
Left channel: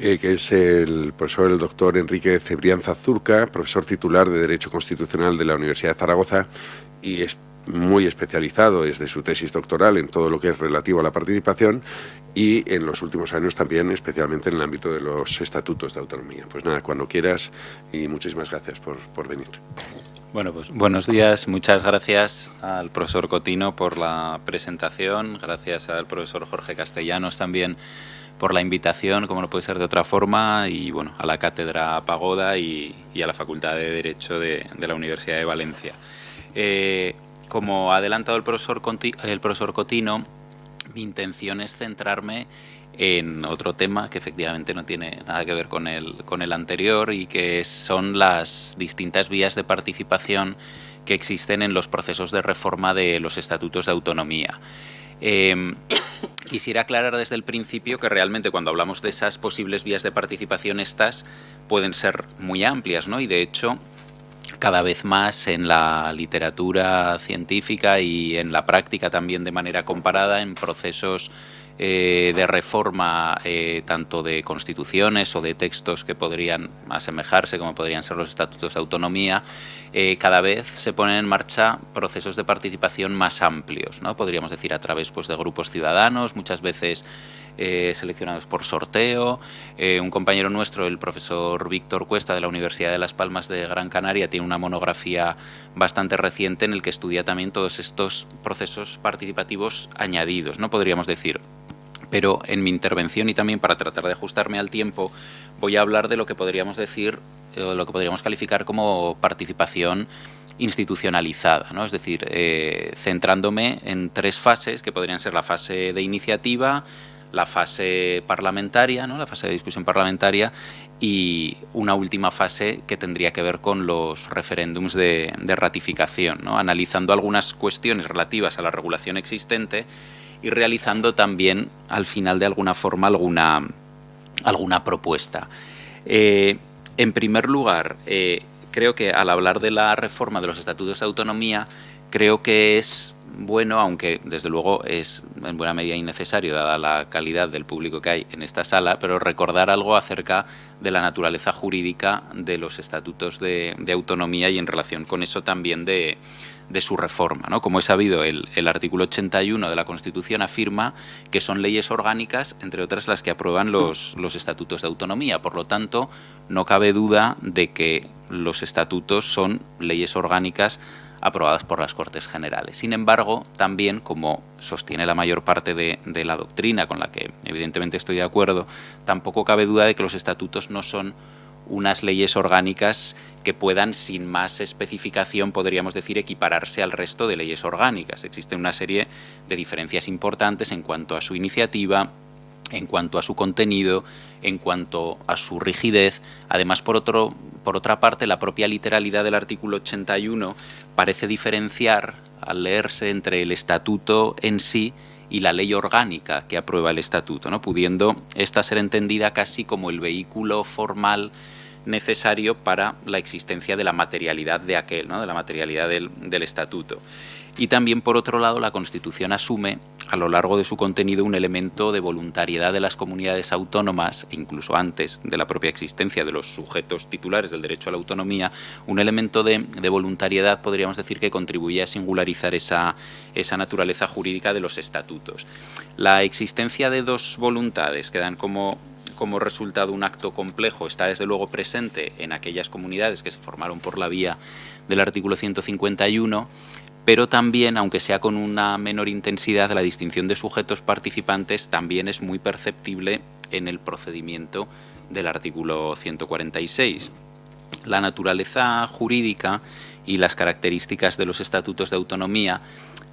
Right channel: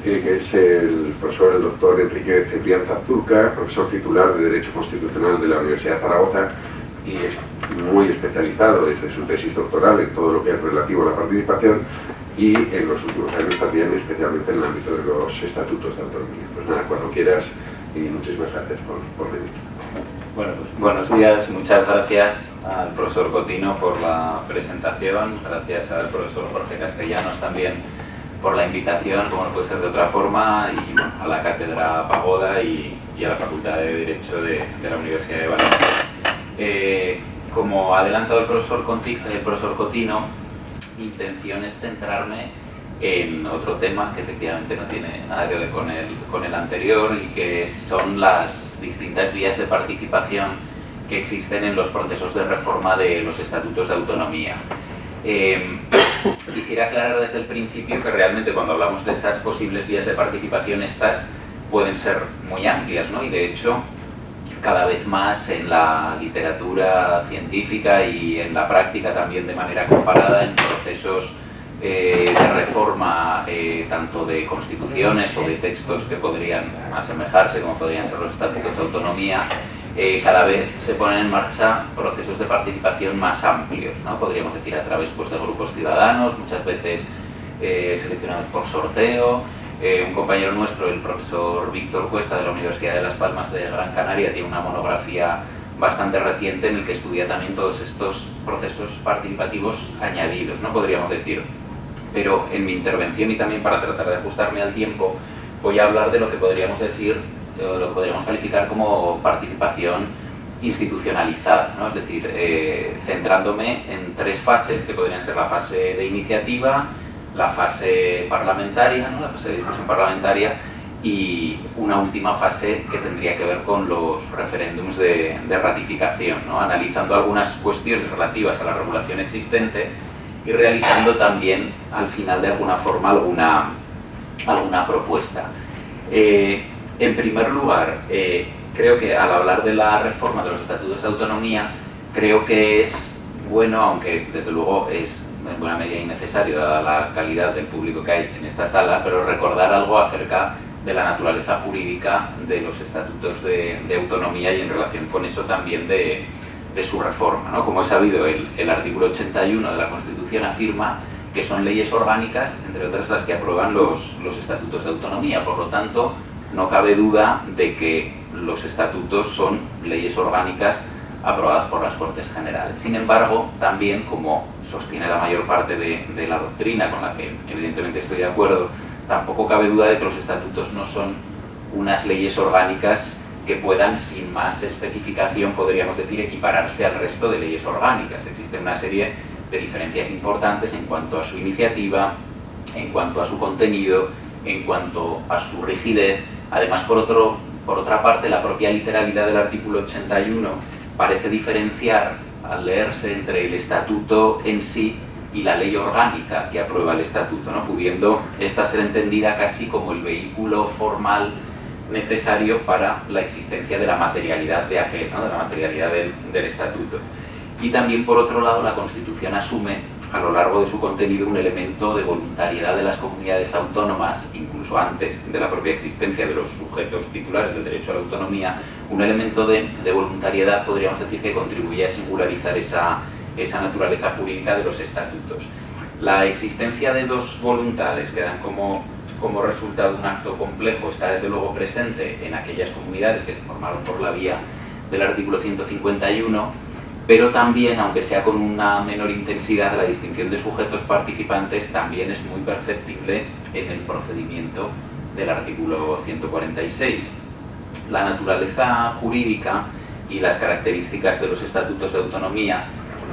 que es el profesor, el doctor Enrique Cebrián Zurca, profesor titular de Derecho Constitucional de la Universidad de Zaragoza, y es muy especializado desde su tesis doctoral en todo lo que es relativo a la participación, y en los últimos años también especialmente en el ámbito de los estatutos de autonomía. Pues nada, cuando quieras, y muchísimas gracias por venir. Bueno, pues buenos días, muchas gracias al profesor Cotino por la presentación, gracias al profesor Jorge Castellanos también por la invitación, como no puede ser de otra forma, y bueno, a la Cátedra Pagoda y a la Facultad de Derecho de la Universidad de Valencia. Como ha adelantado el profesor Cotino, intención es centrarme en otro tema que efectivamente no tiene nada que ver con el anterior, y que son las distintas vías de participación que existen en los procesos de reforma de los estatutos de autonomía. Quisiera aclarar desde el principio que realmente cuando hablamos de esas posibles vías de participación, estas pueden ser muy amplias, ¿no? Y de hecho cada vez más en la literatura científica y en la práctica también de manera comparada en procesos de reforma tanto de constituciones o de textos que podrían asemejarse, como podrían ser los estatutos de autonomía, cada vez se ponen en marcha procesos de participación más amplios, ¿no? Podríamos decir a través pues, de grupos ciudadanos, muchas veces seleccionados por sorteo. Un compañero nuestro, el profesor Víctor Cuesta de la Universidad de Las Palmas de Gran Canaria, tiene una monografía bastante reciente en el que estudia también todos estos procesos participativos añadidos, ¿no? Podríamos decir. Pero en mi intervención, y también para tratar de ajustarme al tiempo, voy a hablar de lo que podríamos decir, lo que podríamos calificar como participación institucionalizada, ¿no? Es decir, centrándome en tres fases que podrían ser la fase de iniciativa, la fase parlamentaria, ¿no? La fase de discusión parlamentaria, y una última fase que tendría que ver con los referéndums de ratificación, ¿no? Analizando algunas cuestiones relativas a la regulación existente y realizando también, al final, de alguna forma, alguna propuesta. En primer lugar, creo que al hablar de la reforma de los estatutos de autonomía, creo que es bueno, aunque desde luego es en buena medida innecesario dada la calidad del público que hay en esta sala, pero recordar algo acerca de la naturaleza jurídica de los estatutos de autonomía y en relación con eso también de su reforma, ¿no? Como es sabido, el artículo 81 de la Constitución afirma que son leyes orgánicas, entre otras las que aprueban los estatutos de autonomía. Por lo tanto, no cabe duda de que los estatutos son leyes orgánicas aprobadas por las Cortes Generales. Sin embargo, también, como sostiene la mayor parte de la doctrina, con la que evidentemente estoy de acuerdo, tampoco cabe duda de que los estatutos no son unas leyes orgánicas que puedan, sin más especificación, podríamos decir, equipararse al resto de leyes orgánicas. Existe una serie de diferencias importantes en cuanto a su iniciativa, en cuanto a su contenido, en cuanto a su rigidez. Además, por otra parte, la propia literalidad del artículo 81 parece diferenciar, al leerse, entre el estatuto en sí y la ley orgánica que aprueba el estatuto, ¿no? Pudiendo esta ser entendida casi como el vehículo formal necesario para la existencia de la materialidad de aquel, ¿no? De la materialidad del estatuto. Y también, por otro lado, la Constitución asume a lo largo de su contenido un elemento de voluntariedad de las comunidades autónomas, incluso antes de la propia existencia de los sujetos titulares del derecho a la autonomía, un elemento de voluntariedad, podríamos decir, que contribuye a singularizar esa naturaleza jurídica de los estatutos. La existencia de dos voluntades que dan como resultado un acto complejo está desde luego presente en aquellas comunidades que se formaron por la vía del artículo 151, pero también, aunque sea con una menor intensidad, la distinción de sujetos participantes también es muy perceptible en el procedimiento del artículo 146. La naturaleza jurídica y las características de los estatutos de autonomía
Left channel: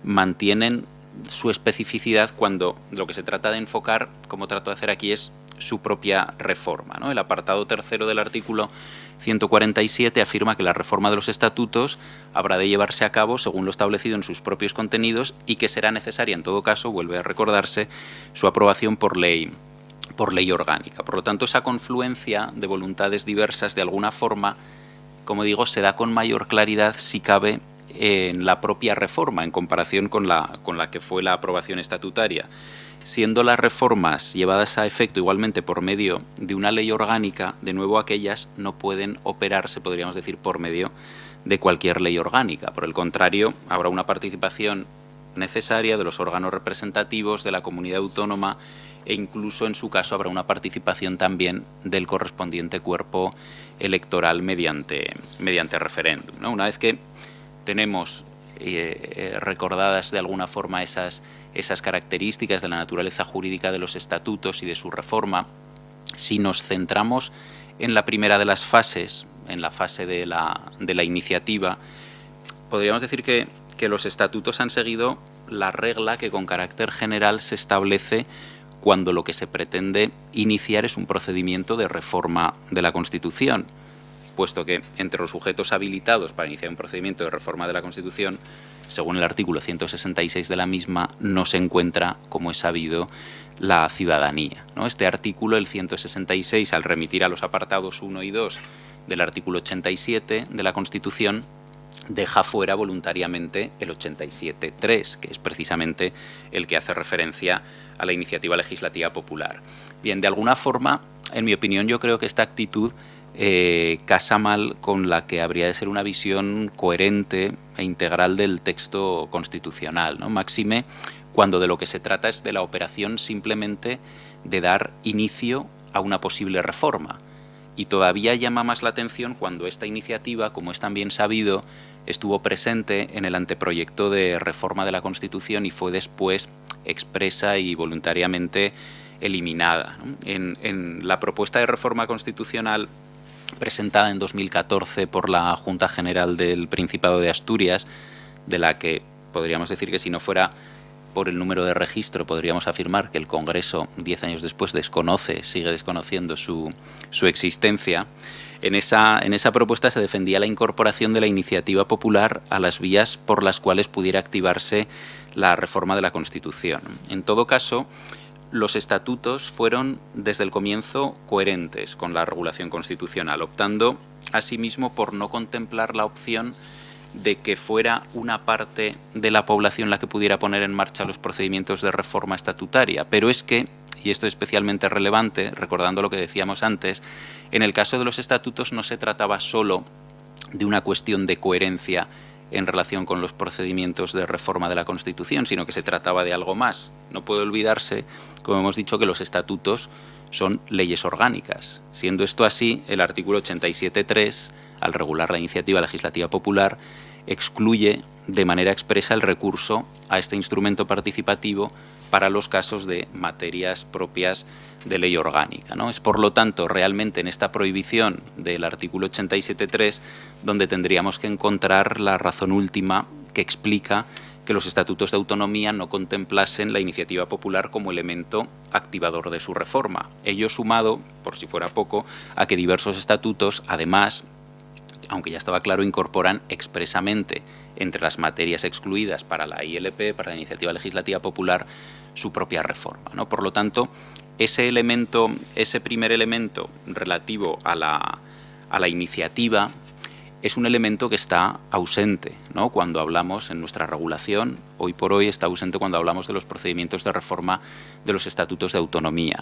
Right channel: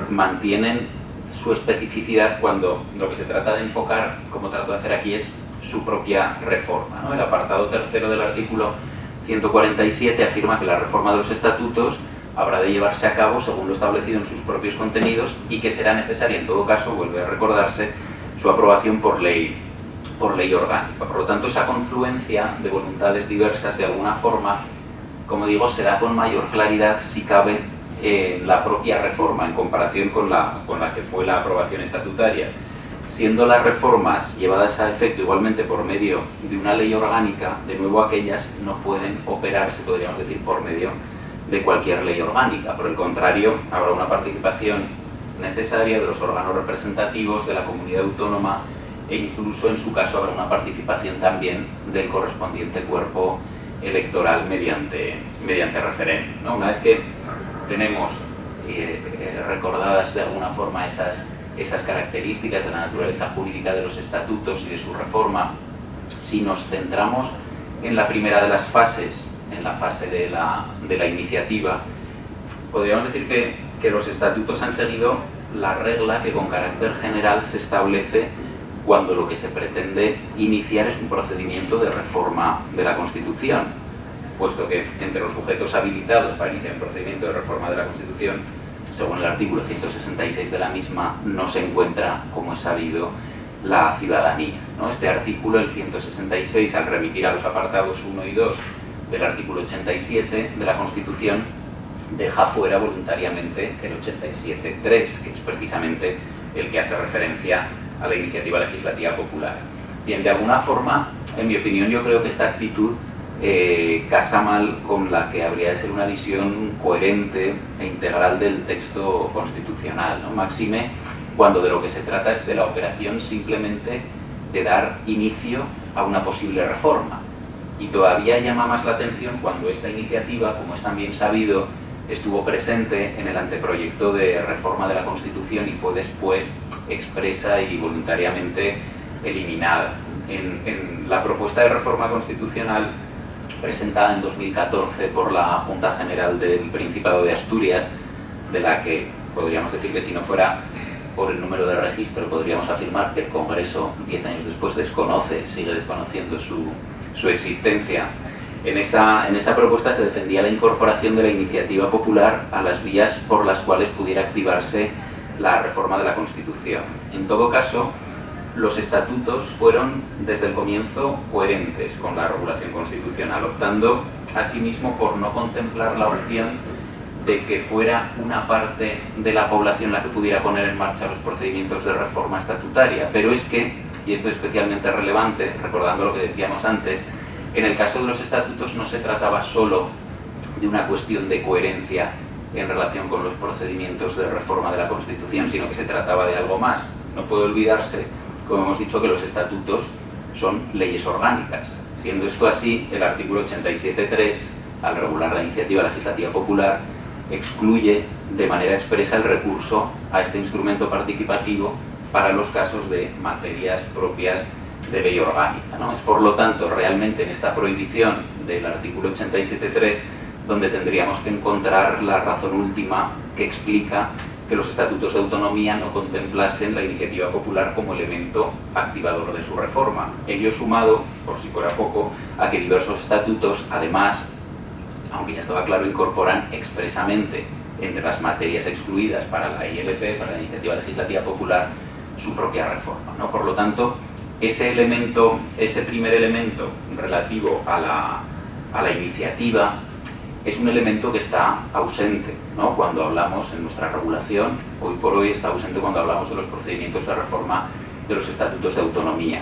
mantienen su especificidad cuando lo que se trata de enfocar, como trato de hacer aquí, es su propia reforma, ¿no? El apartado tercero del artículo 147 afirma que la reforma de los estatutos habrá de llevarse a cabo según lo establecido en sus propios contenidos y que será necesaria, en todo caso, vuelve a recordarse, su aprobación por ley orgánica. Por lo tanto, esa confluencia de voluntades diversas, de alguna forma, como digo, se da con mayor claridad, si cabe, en la propia reforma, en comparación con la que fue la aprobación estatutaria. Siendo las reformas llevadas a efecto igualmente por medio de una ley orgánica, de nuevo aquellas no pueden operarse, podríamos decir, por medio de cualquier ley orgánica. Por el contrario, habrá una participación necesaria de los órganos representativos de la comunidad autónoma e incluso, en su caso, habrá una participación también del correspondiente cuerpo electoral mediante referéndum, ¿no? Una vez que tenemos recordadas de alguna forma esas características de la naturaleza jurídica de los estatutos y de su reforma, si nos centramos en la primera de las fases, en la fase de la iniciativa, podríamos decir que los estatutos han seguido la regla que con carácter general se establece cuando lo que se pretende iniciar es un procedimiento de reforma de la Constitución, puesto que entre los sujetos habilitados para iniciar un procedimiento de reforma de la Constitución, según el artículo 166 de la misma, no se encuentra, como es sabido, la ciudadanía, ¿no? Este artículo, el 166, al remitir a los apartados 1 y 2 del artículo 87 de la Constitución, deja fuera voluntariamente el 87.3, que es precisamente el que hace referencia a la iniciativa legislativa popular. Bien, de alguna forma, en mi opinión, yo creo que esta actitud casa mal con la que habría de ser una visión coherente e integral del texto constitucional, ¿no? Máxime cuando de lo que se trata es de la operación simplemente de dar inicio a una posible reforma. Y todavía llama más la atención cuando esta iniciativa, como es también sabido, estuvo presente en el anteproyecto de reforma de la Constitución y fue después expresa y voluntariamente eliminada. En la propuesta de reforma constitucional presentada en 2014 por la Junta General del Principado de Asturias, de la que podríamos decir que si no fuera por el número de registro, podríamos afirmar que el Congreso, 10 años después, sigue desconociendo su existencia. En esa propuesta se defendía la incorporación de la iniciativa popular a las vías por las cuales pudiera activarse la reforma de la Constitución. En todo caso, los estatutos fueron desde el comienzo coherentes con la regulación constitucional, optando asimismo por no contemplar la opción de que fuera una parte de la población la que pudiera poner en marcha los procedimientos de reforma estatutaria. Pero es que, y esto es especialmente relevante, recordando lo que decíamos antes, en el caso de los estatutos no se trataba solo de una cuestión de coherencia en relación con los procedimientos de reforma de la Constitución, sino que se trataba de algo más. No puede olvidarse, como hemos dicho, que los estatutos son leyes orgánicas. Siendo esto así, el artículo 87.3, al regular la iniciativa legislativa popular, excluye de manera expresa el recurso a este instrumento participativo para los casos de materias propias de ley orgánica, ¿no? Es por lo tanto realmente en esta prohibición del artículo 87.3 donde tendríamos que encontrar la razón última que explica que los estatutos de autonomía no contemplasen la iniciativa popular como elemento activador de su reforma. Ello sumado, por si fuera poco, a que diversos estatutos, además, aunque ya estaba claro, incorporan expresamente entre las materias excluidas para la ILP, para la iniciativa legislativa popular, su propia reforma, ¿no? Por lo tanto, ese primer elemento relativo a la iniciativa es un elemento que está ausente, ¿no? Cuando hablamos en nuestra regulación, hoy por hoy está ausente cuando hablamos de los procedimientos de reforma de los estatutos de autonomía.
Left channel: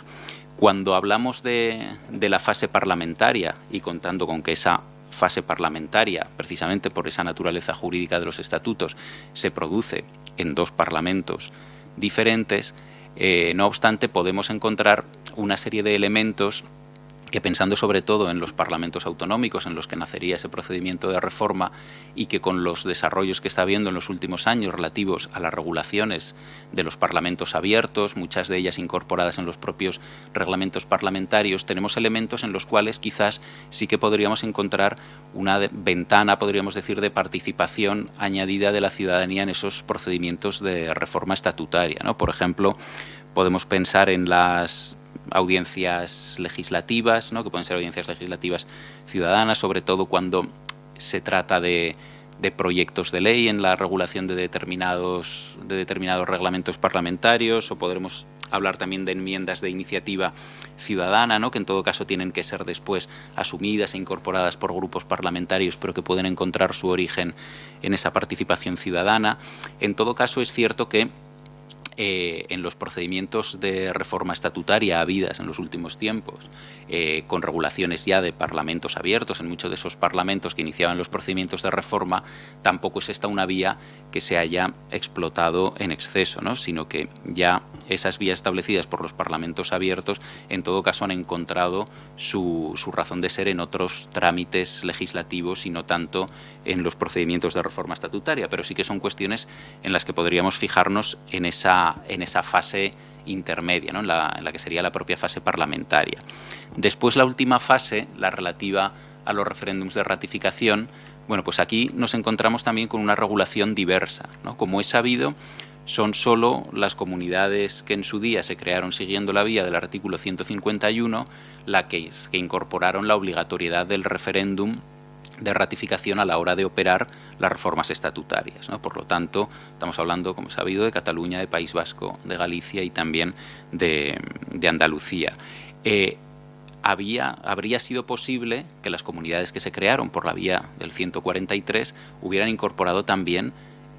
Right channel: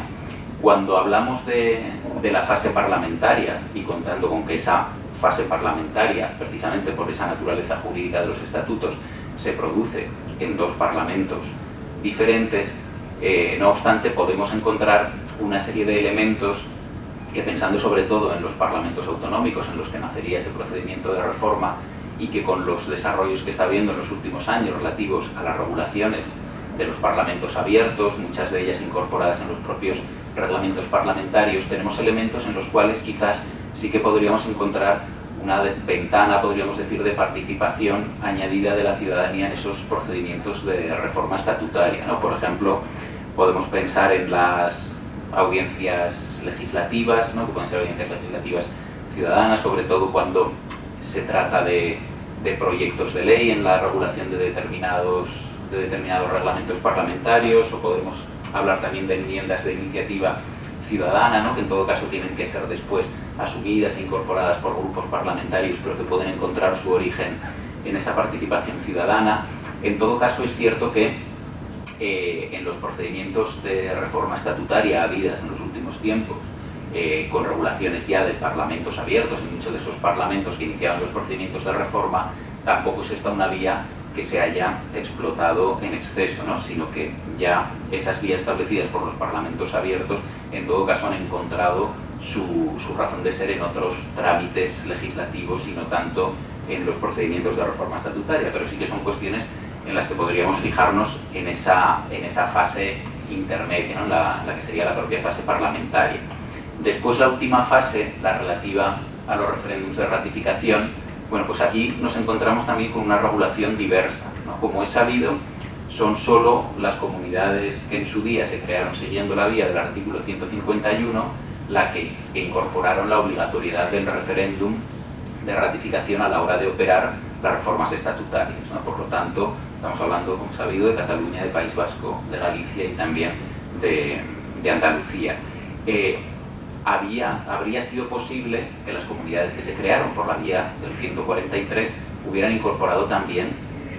Cuando hablamos de la fase parlamentaria, y contando con que esa fase parlamentaria, precisamente por esa naturaleza jurídica de los estatutos, se produce en dos parlamentos diferentes, no obstante podemos encontrar una serie de elementos que, pensando sobre todo en los parlamentos autonómicos en los que nacería ese procedimiento de reforma y que con los desarrollos que está habiendo en los últimos años relativos a las regulaciones de los parlamentos abiertos, muchas de ellas incorporadas en los propios reglamentos parlamentarios, tenemos elementos en los cuales quizás sí que podríamos encontrar una ventana, podríamos decir, de participación añadida de la ciudadanía en esos procedimientos de reforma estatutaria, ¿no? Por ejemplo, podemos pensar en las audiencias legislativas, ¿no? Que pueden ser audiencias legislativas ciudadanas, sobre todo cuando se trata de proyectos de ley en la regulación de determinados reglamentos parlamentarios, o podremos hablar también de enmiendas de iniciativa ciudadana, ¿no? Que en todo caso tienen que ser después asumidas e incorporadas por grupos parlamentarios, pero que pueden encontrar su origen en esa participación ciudadana. En todo caso, es cierto que en los procedimientos de reforma estatutaria habidas en los últimos tiempos, con regulaciones ya de parlamentos abiertos, en muchos de esos parlamentos que iniciaban los procedimientos de reforma, tampoco es esta una vía que se haya explotado en exceso, ¿no? Sino que ya esas vías establecidas por los parlamentos abiertos en todo caso han encontrado su razón de ser en otros trámites legislativos y no tanto en los procedimientos de reforma estatutaria, pero sí que son cuestiones en las que podríamos fijarnos en esa fase intermedia, ¿no? en la que sería la propia fase parlamentaria. Después, la última fase, la relativa a los referéndums de ratificación, bueno, pues aquí nos encontramos también con una regulación diversa, ¿no? Como es sabido, son solo las comunidades que en su día se crearon siguiendo la vía del artículo 151 las que incorporaron la obligatoriedad del referéndum de ratificación a la hora de operar las reformas estatutarias, ¿no? Por lo tanto, estamos hablando, como sabido, de Cataluña, de País Vasco, de Galicia y también de Andalucía. Habría sido posible que las comunidades que se crearon por la vía del 143 hubieran incorporado también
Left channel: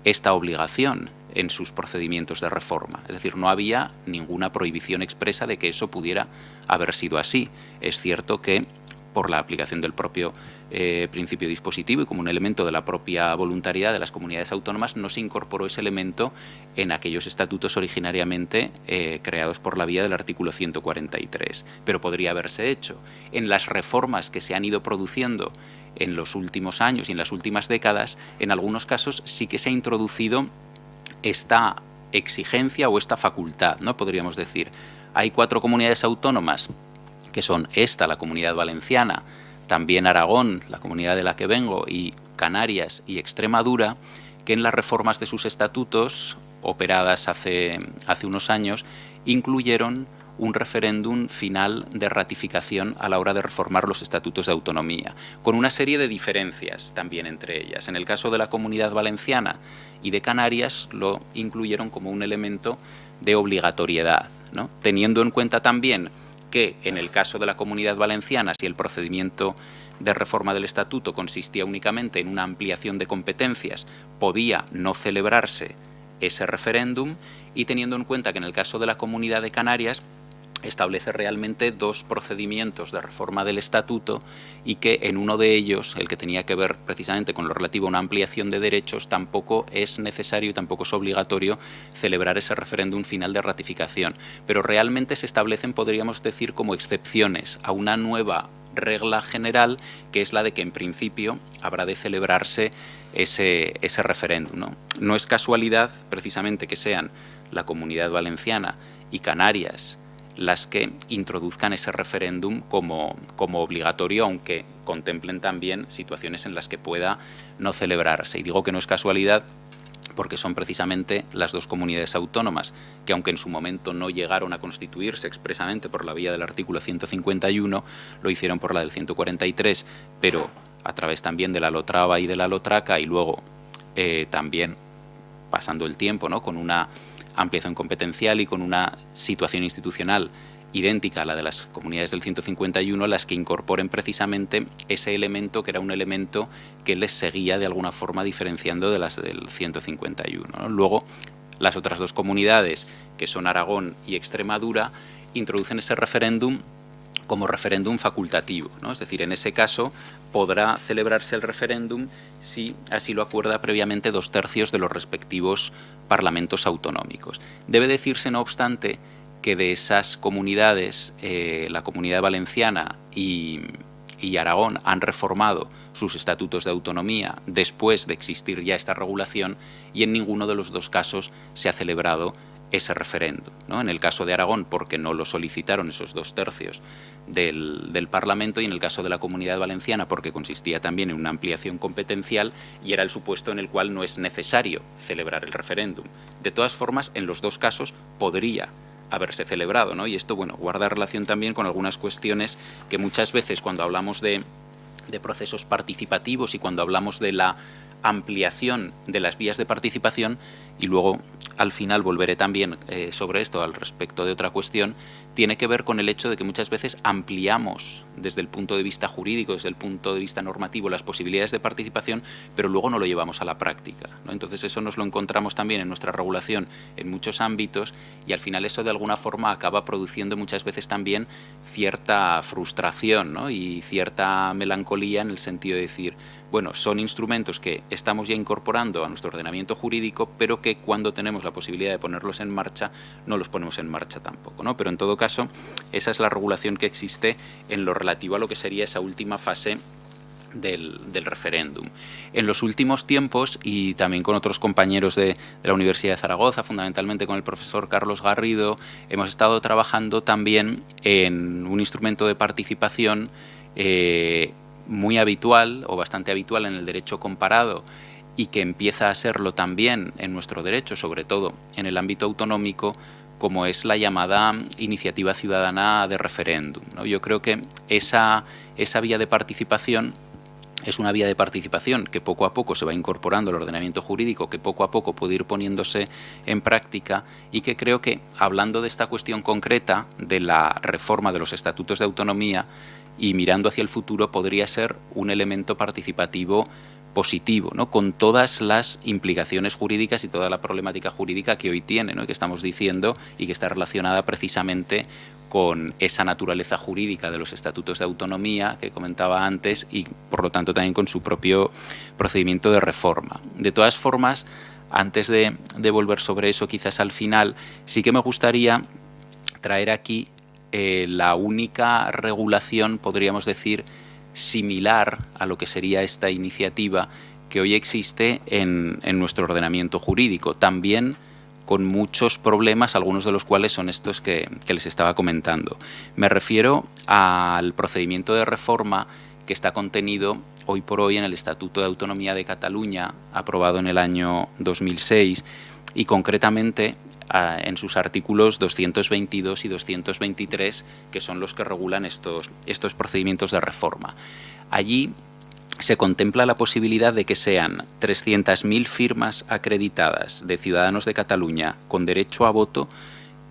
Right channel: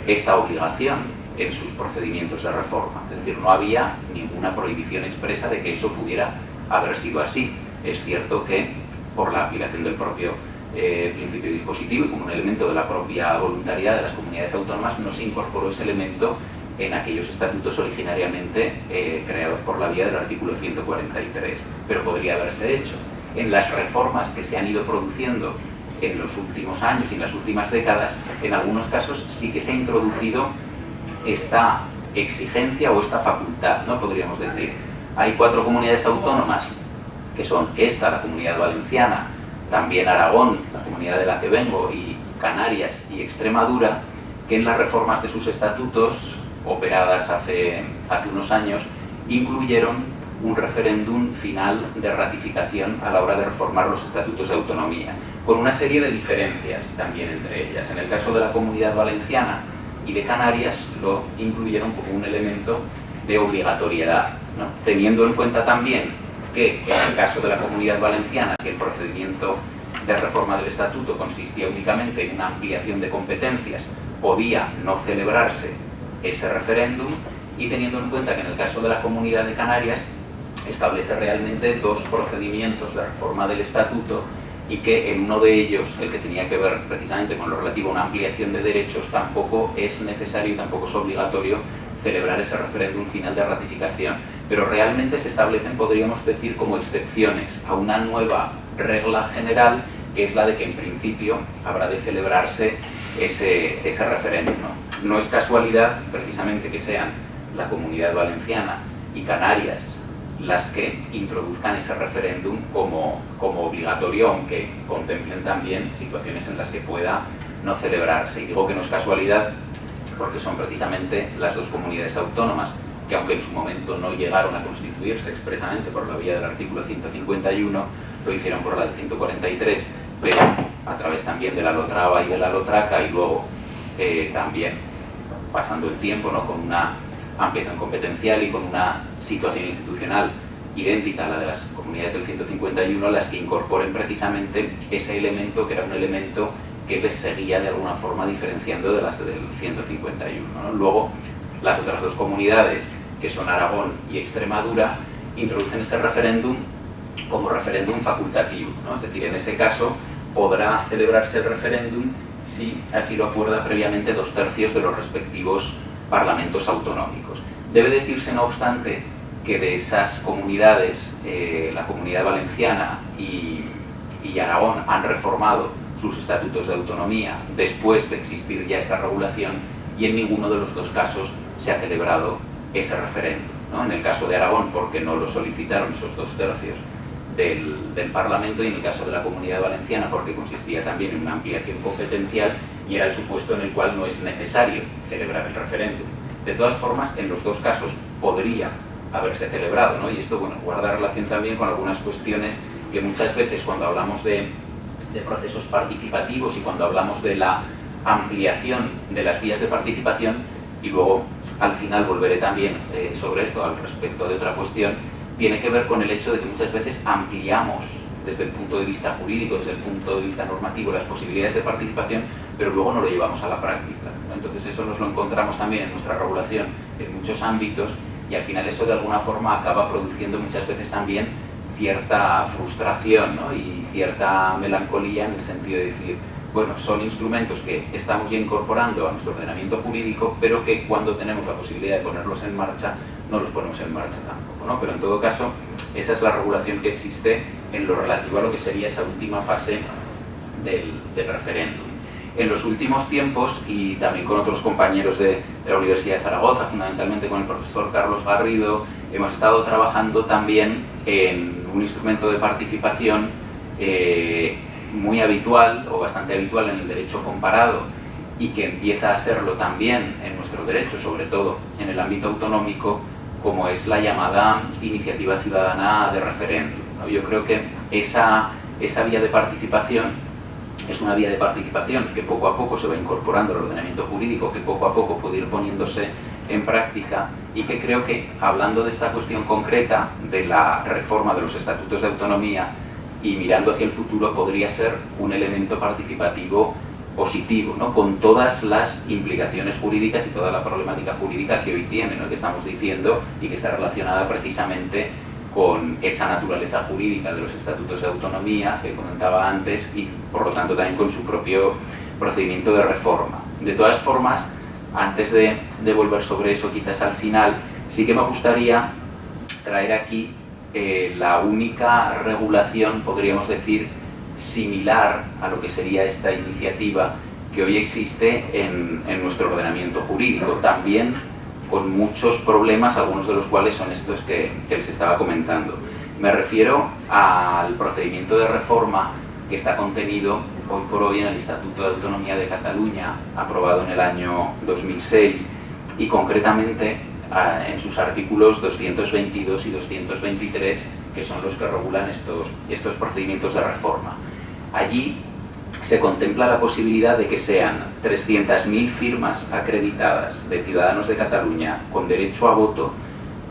esta obligación en sus procedimientos de reforma. Es decir, no había ninguna prohibición expresa de que eso pudiera haber sido así. Es cierto que por la aplicación del propio principio dispositivo y como un elemento de la propia voluntariedad de las comunidades autónomas no se incorporó ese elemento en aquellos estatutos originariamente creados por la vía del artículo 143, pero podría haberse hecho. En las reformas que se han ido produciendo en los últimos años y en las últimas décadas, en algunos casos sí que se ha introducido esta exigencia o esta facultad, ¿no? Podríamos decir, hay 4 comunidades autónomas, que son esta, la Comunidad Valenciana, también Aragón, la comunidad de la que vengo, y Canarias y Extremadura, que en las reformas de sus estatutos operadas hace unos años, incluyeron un referéndum final de ratificación a la hora de reformar los estatutos de autonomía, con una serie de diferencias también entre ellas. En el caso de la Comunidad Valenciana y de Canarias lo incluyeron como un elemento de obligatoriedad, ¿no? Teniendo en cuenta también que en el caso de la Comunidad Valenciana, si el procedimiento de reforma del estatuto consistía únicamente en una ampliación de competencias, podía no celebrarse ese referéndum, y teniendo en cuenta que en el caso de la Comunidad de Canarias establece realmente dos procedimientos de reforma del estatuto, y que en uno de ellos, el que tenía que ver precisamente con lo relativo a una ampliación de derechos, tampoco es necesario y tampoco es obligatorio celebrar ese referéndum final de ratificación. Pero realmente se establecen, podríamos decir, como excepciones a una nueva regla general, que es la de que en principio habrá de celebrarse ese referéndum, ¿no? No es casualidad precisamente que sean la Comunidad Valenciana y Canarias las que introduzcan ese referéndum como obligatorio, aunque contemplen también situaciones en las que pueda no celebrarse. Y digo que no es casualidad porque son precisamente las dos comunidades autónomas que, aunque en su momento no llegaron a constituirse expresamente por la vía del artículo 151, lo hicieron por la del 143, pero a través también de la Lotrava y de la Lotraca, y luego también pasando el tiempo, ¿no?, con una ampliación competencial y con una situación institucional idéntica a la de las comunidades del 151, las que incorporen precisamente ese elemento, que era un elemento que les seguía de alguna forma diferenciando de las del 151, ¿no? Luego, las otras dos comunidades, que son Aragón y Extremadura, introducen ese referéndum como referéndum facultativo, ¿no? Es decir, en ese caso podrá celebrarse el referéndum si así lo acuerda previamente 2/3 de los respectivos parlamentos autonómicos. Debe decirse, no obstante, que de esas comunidades, la Comunidad Valenciana y Aragón han reformado sus estatutos de autonomía después de existir ya esta regulación, y en ninguno de los dos casos se ha celebrado ese referéndum, ¿no? En el caso de Aragón, porque no lo solicitaron esos 2/3 del Parlamento, y en el caso de la Comunidad Valenciana porque consistía también en una ampliación competencial y era el supuesto en el cual no es necesario celebrar el referéndum. De todas formas, en los dos casos podría haberse celebrado, ¿no? Y esto, bueno, guarda relación también con algunas cuestiones que muchas veces cuando hablamos de procesos participativos y cuando hablamos de la ampliación de las vías de participación, y luego al final volveré también sobre esto al respecto de otra cuestión, tiene que ver con el hecho de que muchas veces ampliamos desde el punto de vista jurídico, desde el punto de vista normativo, las posibilidades de participación, pero luego no lo llevamos a la práctica, ¿no? Entonces eso nos lo encontramos también en nuestra regulación en muchos ámbitos, y al final eso de alguna forma acaba produciendo muchas veces también cierta frustración, ¿no?, y cierta melancolía, en el sentido de decir, bueno, son instrumentos que estamos ya incorporando a nuestro ordenamiento jurídico, pero que cuando tenemos la posibilidad de ponerlos en marcha, no los ponemos en marcha tampoco, ¿no? Pero en todo caso, esa es la regulación que existe en lo relativo a lo que sería esa última fase del referéndum. En los últimos tiempos, y también con otros compañeros de la Universidad de Zaragoza, fundamentalmente con el profesor Carlos Garrido, hemos estado trabajando también en un instrumento de participación muy habitual, o bastante habitual, en el derecho comparado, y que empieza a serlo también en nuestro derecho, sobre todo en el ámbito autonómico, como es la llamada iniciativa ciudadana de referéndum, ¿no? Yo creo que esa vía de participación es una vía de participación que poco a poco se va incorporando al ordenamiento jurídico, que poco a poco puede ir poniéndose en práctica, y que creo que, hablando de esta cuestión concreta de la reforma de los estatutos de autonomía y mirando hacia el futuro, podría ser un elemento participativo positivo, ¿no?, con todas las implicaciones jurídicas y toda la problemática jurídica que hoy tiene, ¿no?, que estamos diciendo, y que está relacionada precisamente con esa naturaleza jurídica de los estatutos de autonomía que comentaba antes, y por lo tanto también con su propio procedimiento de reforma. De todas formas, antes de volver sobre eso, quizás al final, sí que me gustaría traer aquí la única regulación, podríamos decir, similar a lo que sería esta iniciativa que hoy existe en nuestro ordenamiento jurídico, también con muchos problemas, algunos de los cuales son estos que les estaba comentando. Me refiero al procedimiento de reforma que está contenido hoy por hoy en el Estatuto de Autonomía de Cataluña, aprobado en el año 2006, y concretamente en sus artículos 222 y 223, que son los que regulan estos procedimientos de reforma. Allí se contempla la posibilidad de que sean 300.000 firmas acreditadas de ciudadanos de Cataluña con derecho a voto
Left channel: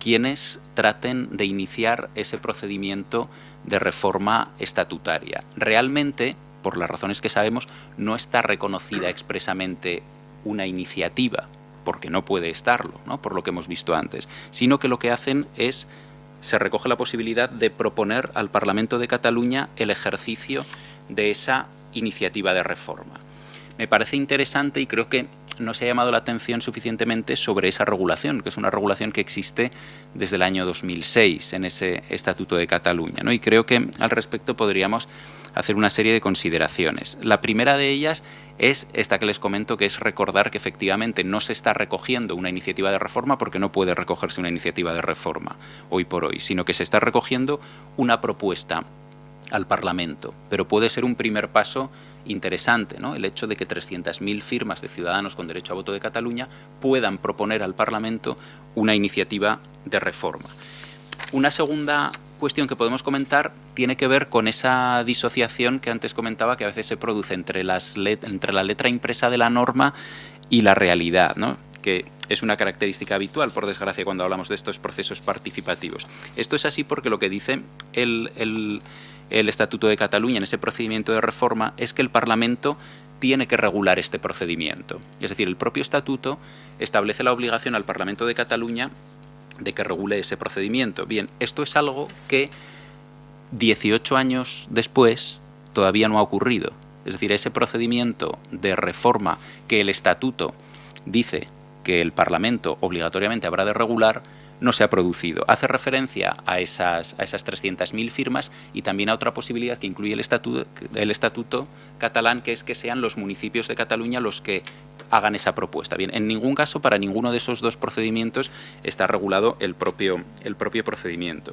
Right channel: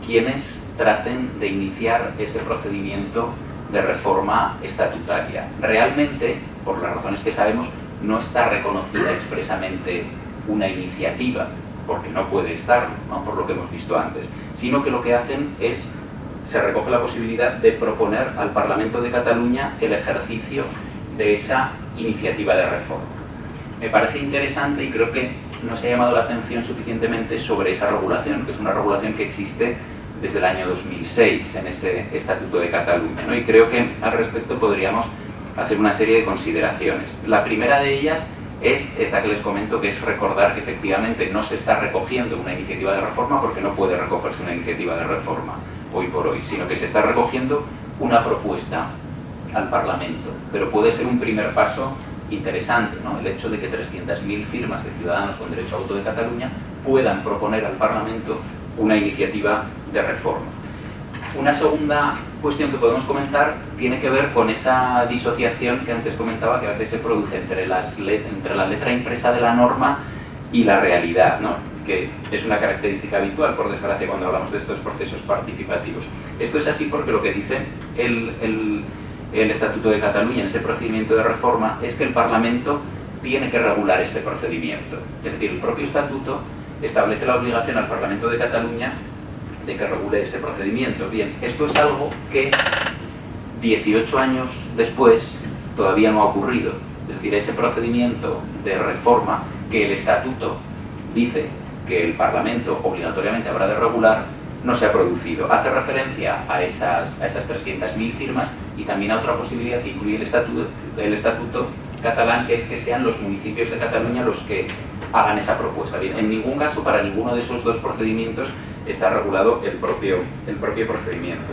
quienes traten de iniciar ese procedimiento de reforma estatutaria. Realmente, por las razones que sabemos, no está reconocida expresamente una iniciativa, porque no puede estarlo, ¿no? Por lo que hemos visto antes, sino que lo que hacen es, se recoge la posibilidad de proponer al Parlamento de Cataluña el ejercicio de esa iniciativa de reforma. Me parece interesante y creo que no se ha llamado la atención suficientemente sobre esa regulación, que es una regulación que existe desde el año 2006 en ese Estatuto de Cataluña, ¿no? Y creo que al respecto podríamos hacer una serie de consideraciones. La primera de ellas es esta que les comento, que es recordar que efectivamente no se está recogiendo una iniciativa de reforma porque no puede recogerse una iniciativa de reforma hoy por hoy, sino que se está recogiendo una propuesta al Parlamento, pero puede ser un primer paso interesante, ¿no? El hecho de que 300.000 firmas de ciudadanos con derecho a voto de Cataluña puedan proponer al Parlamento una iniciativa de reforma. Una segunda cuestión que podemos comentar tiene que ver con esa disociación que antes comentaba, que a veces se produce entre la letra impresa de la norma y la realidad, ¿no? Que es una característica habitual, por desgracia, cuando hablamos de estos procesos participativos. Esto es así porque lo que dice el Estatuto de Cataluña en ese procedimiento de reforma es que el Parlamento tiene que regular este procedimiento. Es decir, el propio Estatuto establece la obligación al Parlamento de Cataluña de que regule ese procedimiento. Bien, esto es algo que 18 años después todavía no ha ocurrido. Es decir, ese procedimiento de reforma que el Estatuto dice que el Parlamento obligatoriamente habrá de regular no se ha producido. Hace referencia a esas 300.000 firmas y también a otra posibilidad que incluye el Estatuto catalán, que es que sean los municipios de Cataluña los que hagan esa propuesta. Bien, en ningún caso, para ninguno de esos dos procedimientos está regulado el propio procedimiento.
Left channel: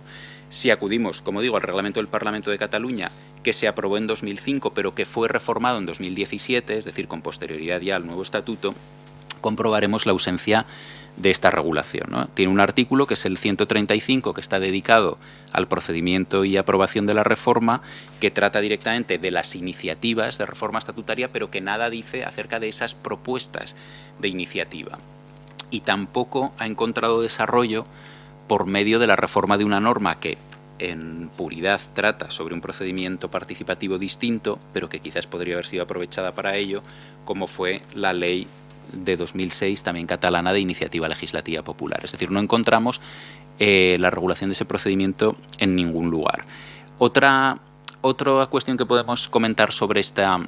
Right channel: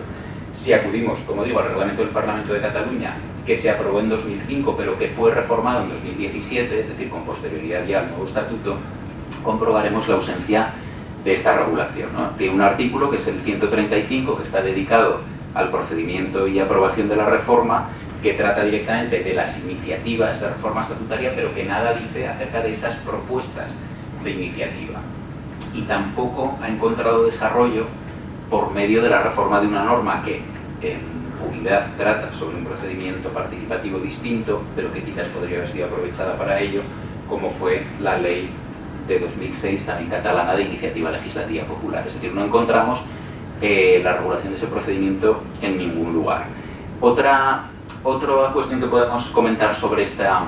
Si acudimos, como digo, al reglamento del Parlamento de Cataluña, que se aprobó en 2005, pero que fue reformado en 2017, es decir, con posterioridad ya al nuevo estatuto, comprobaremos la ausencia de esta regulación, ¿no? Tiene un artículo, que es el 135, que está dedicado al procedimiento y aprobación de la reforma, que trata directamente de las iniciativas de reforma estatutaria, pero que nada dice acerca de esas propuestas de iniciativa. Y tampoco ha encontrado desarrollo por medio de la reforma de una norma que en puridad trata sobre un procedimiento participativo distinto, pero que quizás podría haber sido aprovechada para ello, como fue la ley de 2006, también catalana, de iniciativa legislativa popular. Es decir, no encontramos la regulación de ese procedimiento en ningún lugar. Otra cuestión que podemos comentar sobre esta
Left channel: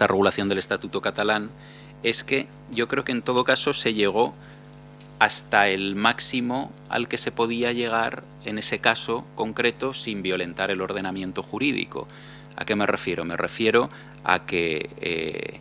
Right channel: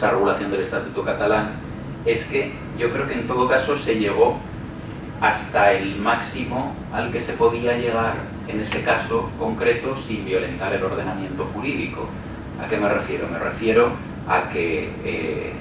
regulación del Estatuto catalán es que yo creo que en todo caso se llegó hasta el máximo al que se podía llegar en ese caso concreto sin violentar el ordenamiento jurídico. ¿A qué me refiero? Me refiero a que,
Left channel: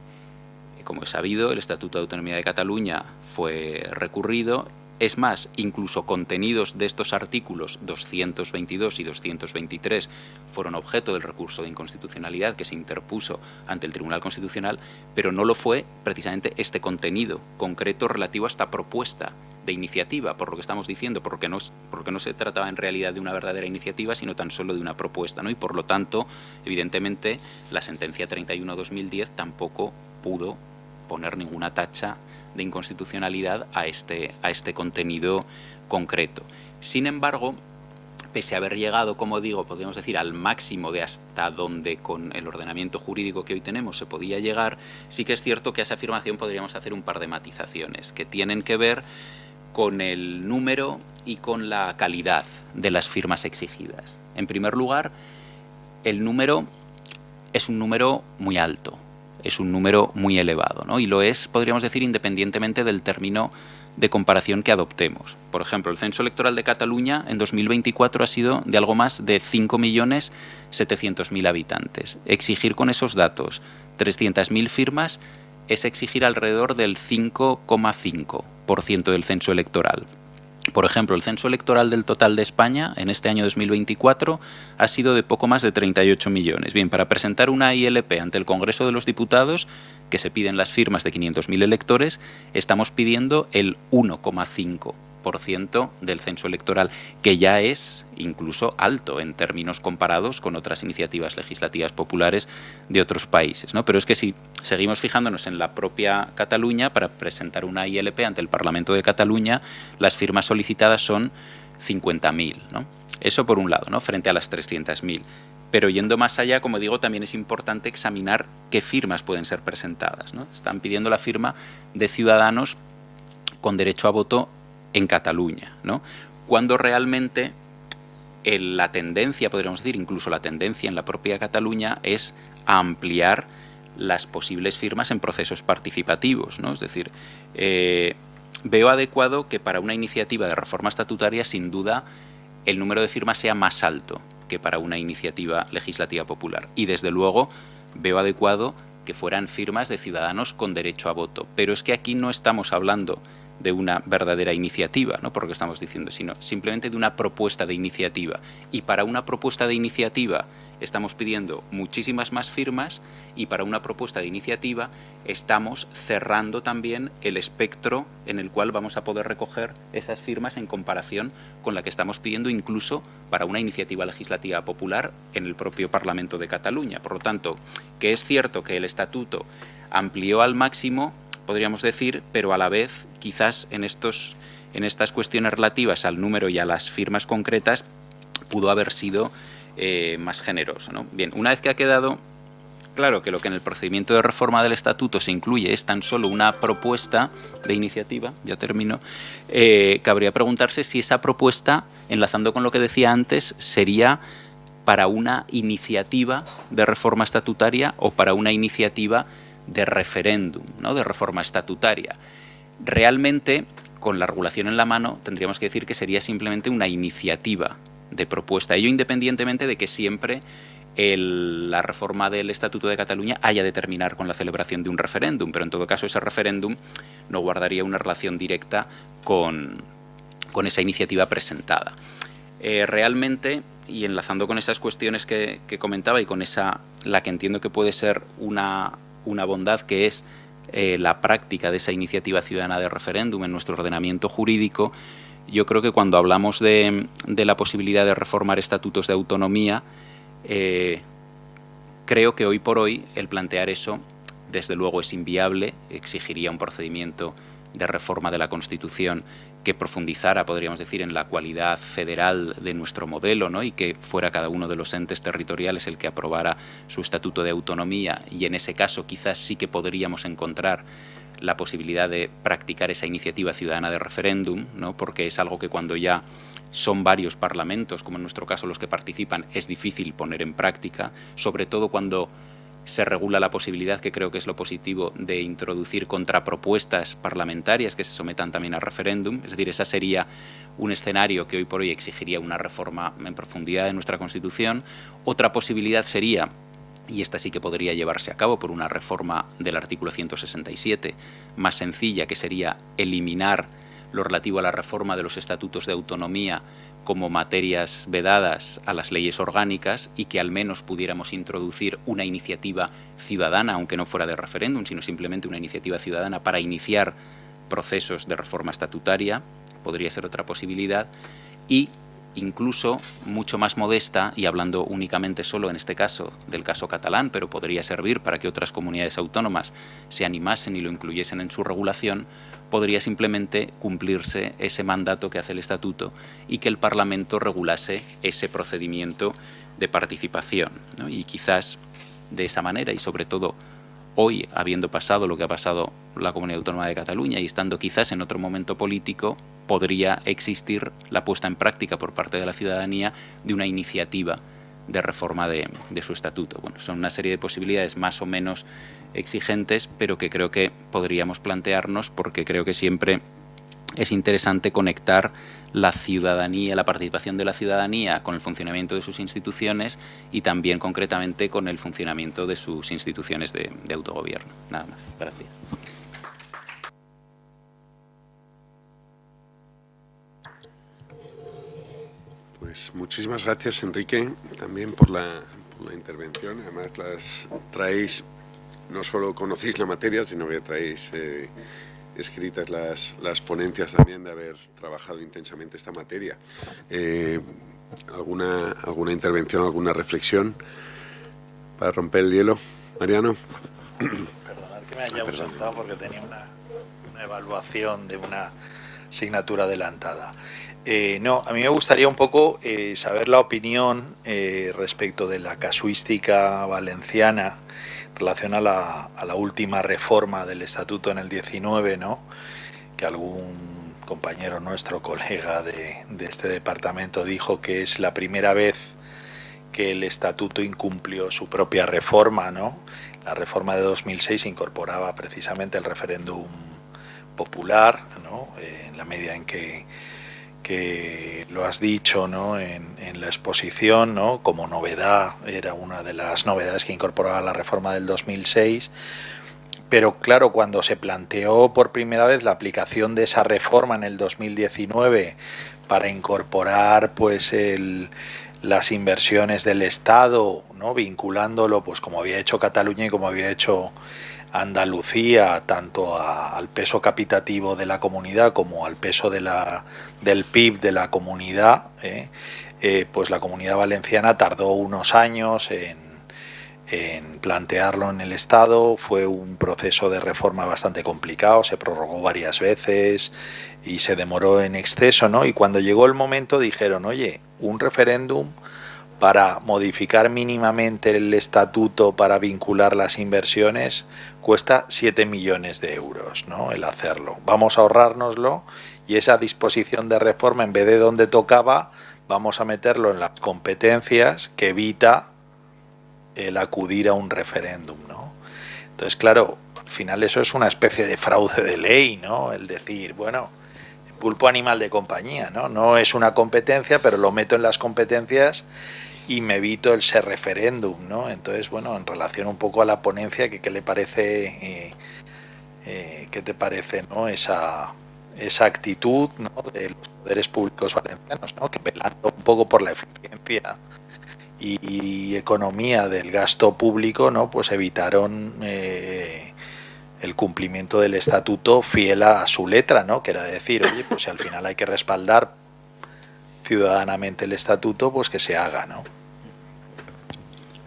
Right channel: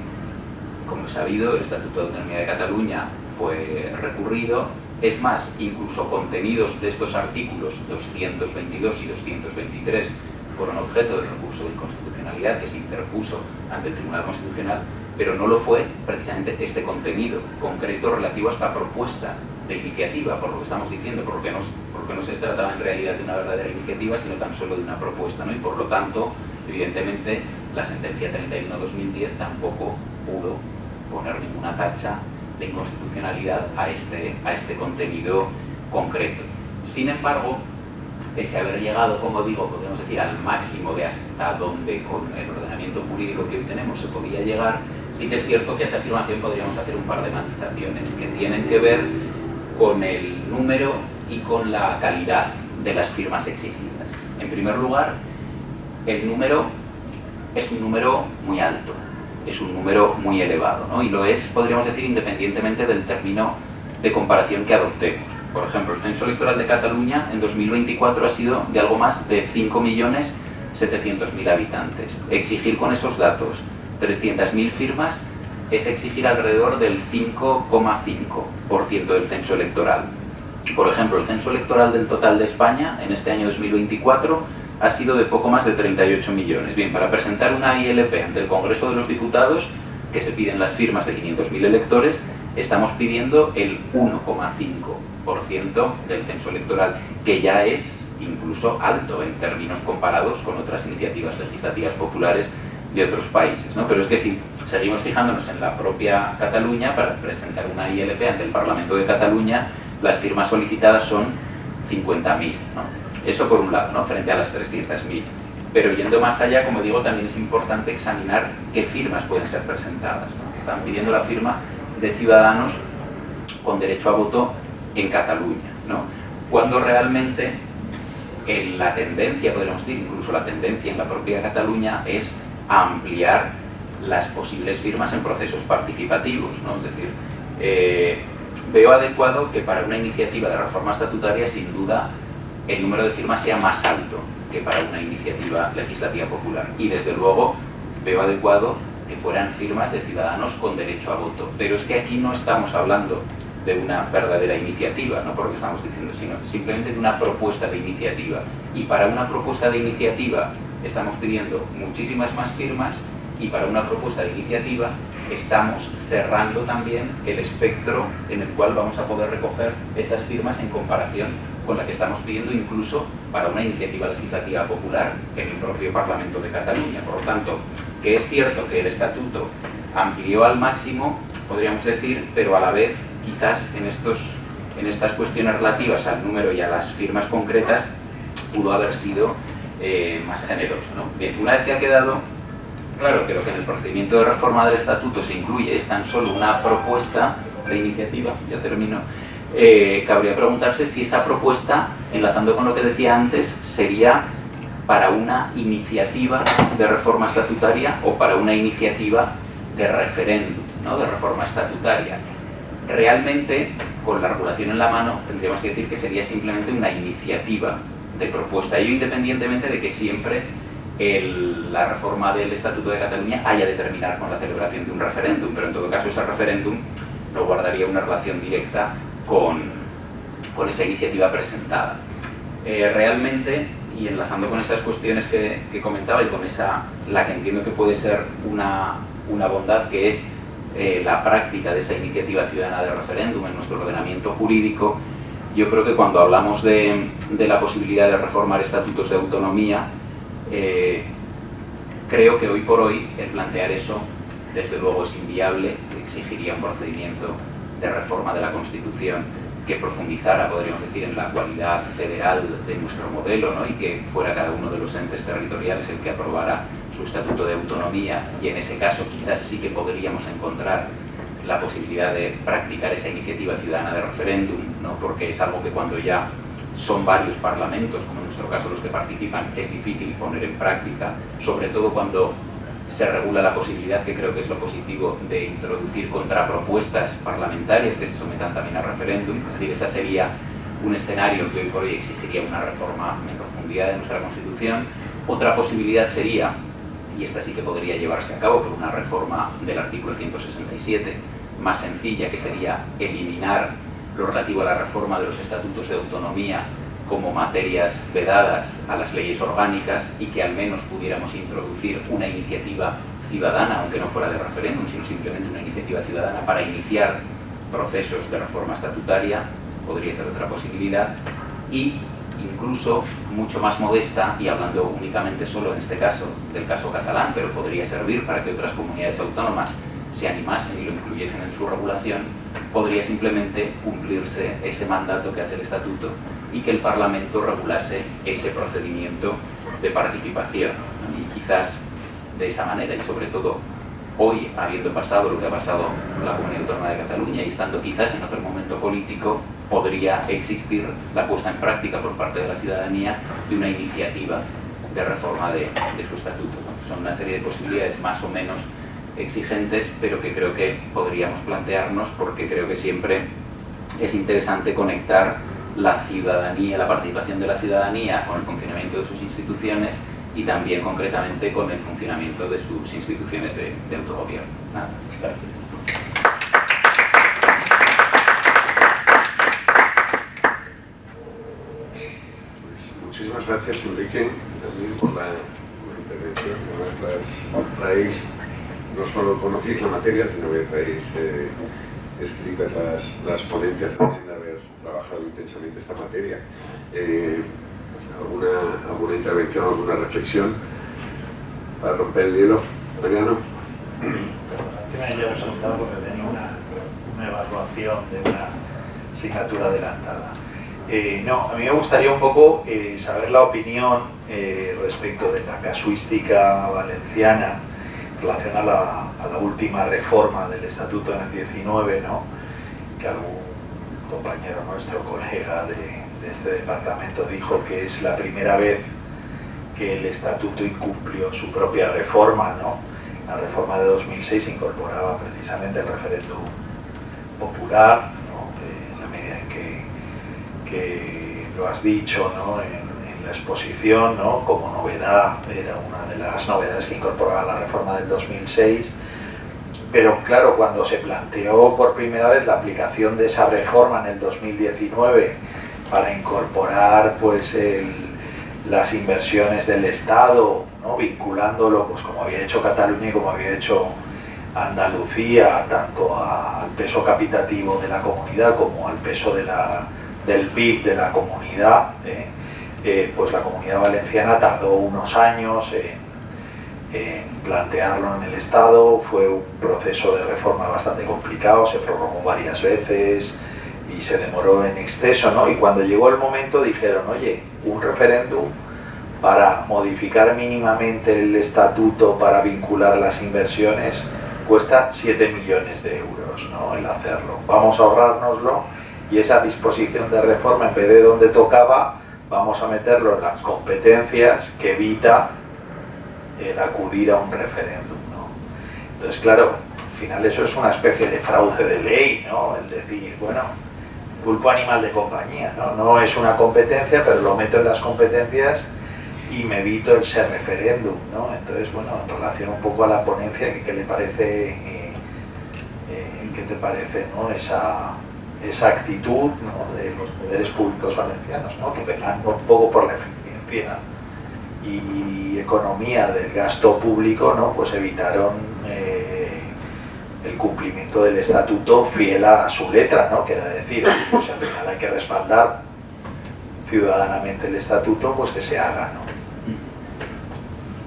como es sabido, el Estatuto de Autonomía de Cataluña fue recurrido. Es más, incluso contenidos de estos artículos 222 y 223 fueron objeto del recurso de inconstitucionalidad que se interpuso ante el Tribunal Constitucional, pero no lo fue precisamente este contenido concreto relativo a esta propuesta de iniciativa, por lo que estamos diciendo, porque no se trataba en realidad de una verdadera iniciativa, sino tan solo de una propuesta, ¿no? Y por lo tanto, evidentemente, la sentencia 31/2010 tampoco pudo poner ninguna tacha de inconstitucionalidad a este contenido concreto. Sin embargo, pese a haber llegado, como digo, podríamos decir, al máximo de hasta donde con el ordenamiento jurídico que hoy tenemos se podía llegar, sí que es cierto que a esa afirmación podríamos hacer un par de matizaciones que tienen que ver con el número y con la calidad de las firmas exigidas. En primer lugar, el número es un número muy alto, es un número muy elevado, ¿no? Y lo es, podríamos decir, independientemente del término de comparación que adoptemos. Por ejemplo, el censo electoral de Cataluña en 2024 ha sido de algo más de 5.700.000 habitantes. Exigir con esos datos 300.000 firmas es exigir alrededor del 5,5% del censo electoral. Por ejemplo, el censo electoral del total de España en este año 2024 ha sido de poco más de 38 millones. Bien, para presentar una ILP ante el Congreso de los Diputados, que se piden las firmas de 500.000 electores, estamos pidiendo el 1,5% del censo electoral, que ya es incluso alto en términos comparados con otras iniciativas legislativas populares de otros países, ¿no? Pero es que si seguimos fijándonos en la propia Cataluña, para presentar una ILP ante el Parlamento de Cataluña, las firmas solicitadas son 50.000, ¿no? Eso por un lado, ¿no? Frente a las 300.000. Pero yendo más allá, como digo, también es importante examinar qué firmas pueden ser presentadas, ¿no? Están pidiendo la firma de ciudadanos con derecho a voto en Cataluña, ¿no? Cuando realmente la tendencia, podríamos decir, incluso la tendencia en la propia Cataluña es a ampliar las posibles firmas en procesos participativos, ¿no? Es decir, veo adecuado que para una iniciativa de reforma estatutaria, sin duda, el número de firmas sea más alto que para una iniciativa legislativa popular. Y desde luego veo adecuado que fueran firmas de ciudadanos con derecho a voto. Pero es que aquí no estamos hablando de una verdadera iniciativa, no por lo que estamos diciendo, sino simplemente de una propuesta de iniciativa. Y para una propuesta de iniciativa estamos pidiendo muchísimas más firmas, y para una propuesta de iniciativa estamos cerrando también el espectro en el cual vamos a poder recoger esas firmas en comparación con la que estamos pidiendo incluso para una iniciativa legislativa popular en el propio Parlamento de Cataluña. Por lo tanto, que es cierto que el Estatuto amplió al máximo, podríamos decir, pero a la vez quizás en estas cuestiones relativas al número y a las firmas concretas pudo haber sido más generoso, ¿no? Bien, una vez que ha quedado claro que lo que en el procedimiento de reforma del Estatuto se incluye es tan solo una propuesta de iniciativa, ya termino, cabría preguntarse si esa propuesta, enlazando con lo que decía antes, sería para una iniciativa de reforma estatutaria o para una iniciativa de referéndum, ¿no? De reforma estatutaria. Realmente, con la regulación en la mano, tendríamos que decir que sería simplemente una iniciativa de propuesta, ello independientemente de que siempre la reforma del Estatuto de Cataluña haya de terminar con la celebración de un referéndum, pero en todo caso ese referéndum no guardaría una relación directa con esa iniciativa presentada. Realmente, y enlazando con esas cuestiones que comentaba y con la que entiendo que puede ser una bondad, que es la práctica de esa iniciativa ciudadana de referéndum en nuestro ordenamiento jurídico, yo creo que cuando hablamos de la posibilidad de reformar estatutos de autonomía, creo que hoy por hoy el plantear eso desde luego es inviable, exigiría un procedimiento de reforma de la Constitución que profundizara, podríamos decir, en la cualidad federal de nuestro modelo, ¿no? Y que fuera cada uno de los entes territoriales el que aprobara su estatuto de autonomía, y en ese caso quizás sí que podríamos encontrar la posibilidad de practicar esa iniciativa ciudadana de referéndum, ¿no? Porque es algo que cuando ya son varios parlamentos, como en nuestro caso los que participan, es difícil poner en práctica, sobre todo cuando se regula la posibilidad, que creo que es lo positivo, de introducir contrapropuestas parlamentarias que se sometan también a referéndum. Es decir, ese sería un escenario que hoy por hoy exigiría una reforma en profundidad de nuestra Constitución. Otra posibilidad sería, y esta sí que podría llevarse a cabo por una reforma del artículo 167, más sencilla, que sería eliminar lo relativo a la reforma de los estatutos de autonomía como materias vedadas a las leyes orgánicas, y que al menos pudiéramos introducir una iniciativa ciudadana, aunque no fuera de referéndum, sino simplemente una iniciativa ciudadana para iniciar procesos de reforma estatutaria, podría ser otra posibilidad. Y incluso mucho más modesta, y hablando únicamente solo en este caso del caso catalán, pero podría servir para que otras comunidades autónomas se animasen y lo incluyesen en su regulación, podría simplemente cumplirse ese mandato que hace el Estatuto y que el Parlamento regulase ese procedimiento de participación, ¿no? Y quizás de esa manera, y sobre todo hoy, habiendo pasado lo que ha pasado en la Comunidad Autónoma de Cataluña y estando quizás en otro momento político, podría existir la puesta en práctica por parte de la ciudadanía de una iniciativa de reforma de su estatuto. Bueno, son una serie de posibilidades más o menos exigentes, pero que creo que podríamos plantearnos, porque creo que siempre es interesante conectar la ciudadanía, la participación de la ciudadanía con el funcionamiento de sus instituciones y también concretamente con el funcionamiento de sus instituciones de autogobierno. Nada, gracias. Pues muchísimas gracias, Enrique, también por la intervención. Además, traéis, no solo conocéis la materia, sino que traéis escritas las ponencias también de haber trabajado intensamente esta materia. ¿Alguna intervención, alguna reflexión para romper el hielo? Mariano. Ya os he contado porque tenía una evaluación de una asignatura adelantada. No, a mí me gustaría un poco saber la opinión respecto de la casuística valenciana en relación a la última reforma del Estatuto en el 19, ¿no? Que algún compañero nuestro, colega de este departamento, dijo que es la primera vez que el Estatuto incumplió su propia reforma, ¿no? La reforma de 2006 incorporaba precisamente el referéndum popular, ¿no? En la medida en que lo has dicho, ¿no? En la exposición, ¿no? Como novedad, era una de las novedades que incorporaba la reforma del 2006, pero claro, cuando se planteó por primera vez la aplicación de esa reforma en el 2019 para incorporar pues las inversiones del Estado, ¿no? Vinculándolo, pues como había hecho Cataluña y como había hecho Andalucía, tanto al peso capitativo de la comunidad como al peso del PIB de la comunidad, pues la Comunidad Valenciana tardó unos años en plantearlo en el Estado. Fue un proceso de reforma bastante complicado, se prorrogó varias veces y se demoró en exceso, ¿no? Y cuando llegó el momento dijeron, oye, un referéndum para modificar mínimamente el estatuto para vincular las inversiones cuesta 7 millones de euros, ¿no? El hacerlo. Vamos a ahorrárnoslo y esa disposición de reforma, en vez de donde tocaba, vamos a meterlo en las competencias que evita el acudir a un referéndum, ¿no? Entonces, claro, al final eso es una especie de fraude de ley, ¿no? El decir, bueno, pulpo animal de compañía, ¿no? No es una competencia, pero lo meto en las competencias y me evito ese referéndum, ¿no? Entonces, bueno, en relación un poco a la ponencia, ¿qué le parece, qué te parece, ¿no? Esa actitud, ¿no? De los poderes públicos valencianos, ¿no? Que velando un poco por la eficiencia y economía del gasto público, ¿no? Pues evitaron el cumplimiento del estatuto fiel a su letra, ¿no? Que era decir, pues si al final hay que respaldar ciudadanamente el estatuto, pues que se haga, ¿no?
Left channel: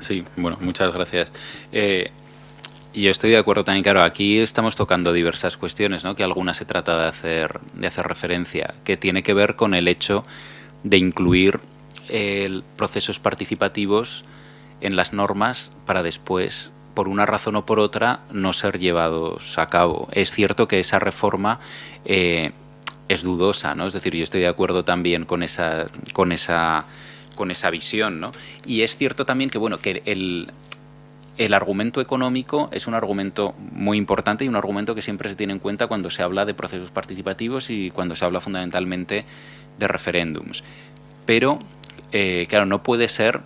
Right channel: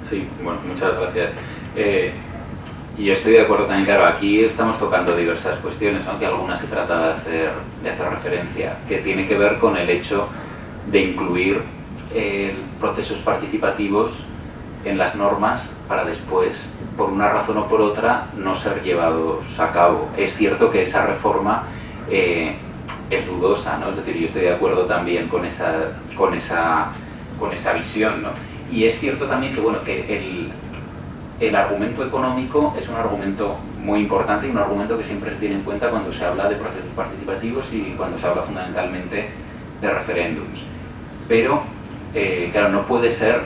Sí, bueno, muchas gracias. Y yo estoy de acuerdo también, claro, aquí estamos tocando diversas cuestiones, ¿no? Que algunas se trata de hacer referencia, que tiene que ver con el hecho de incluir procesos participativos en las normas para después, por una razón o por otra, no ser llevados a cabo. Es cierto que esa reforma es dudosa, ¿no? Es decir, yo estoy de acuerdo también con esa visión, ¿no? Y es cierto también que, bueno, que el argumento económico es un argumento muy importante y un argumento que siempre se tiene en cuenta cuando se habla de procesos participativos y cuando se habla fundamentalmente de referéndums. Pero, claro, no puede ser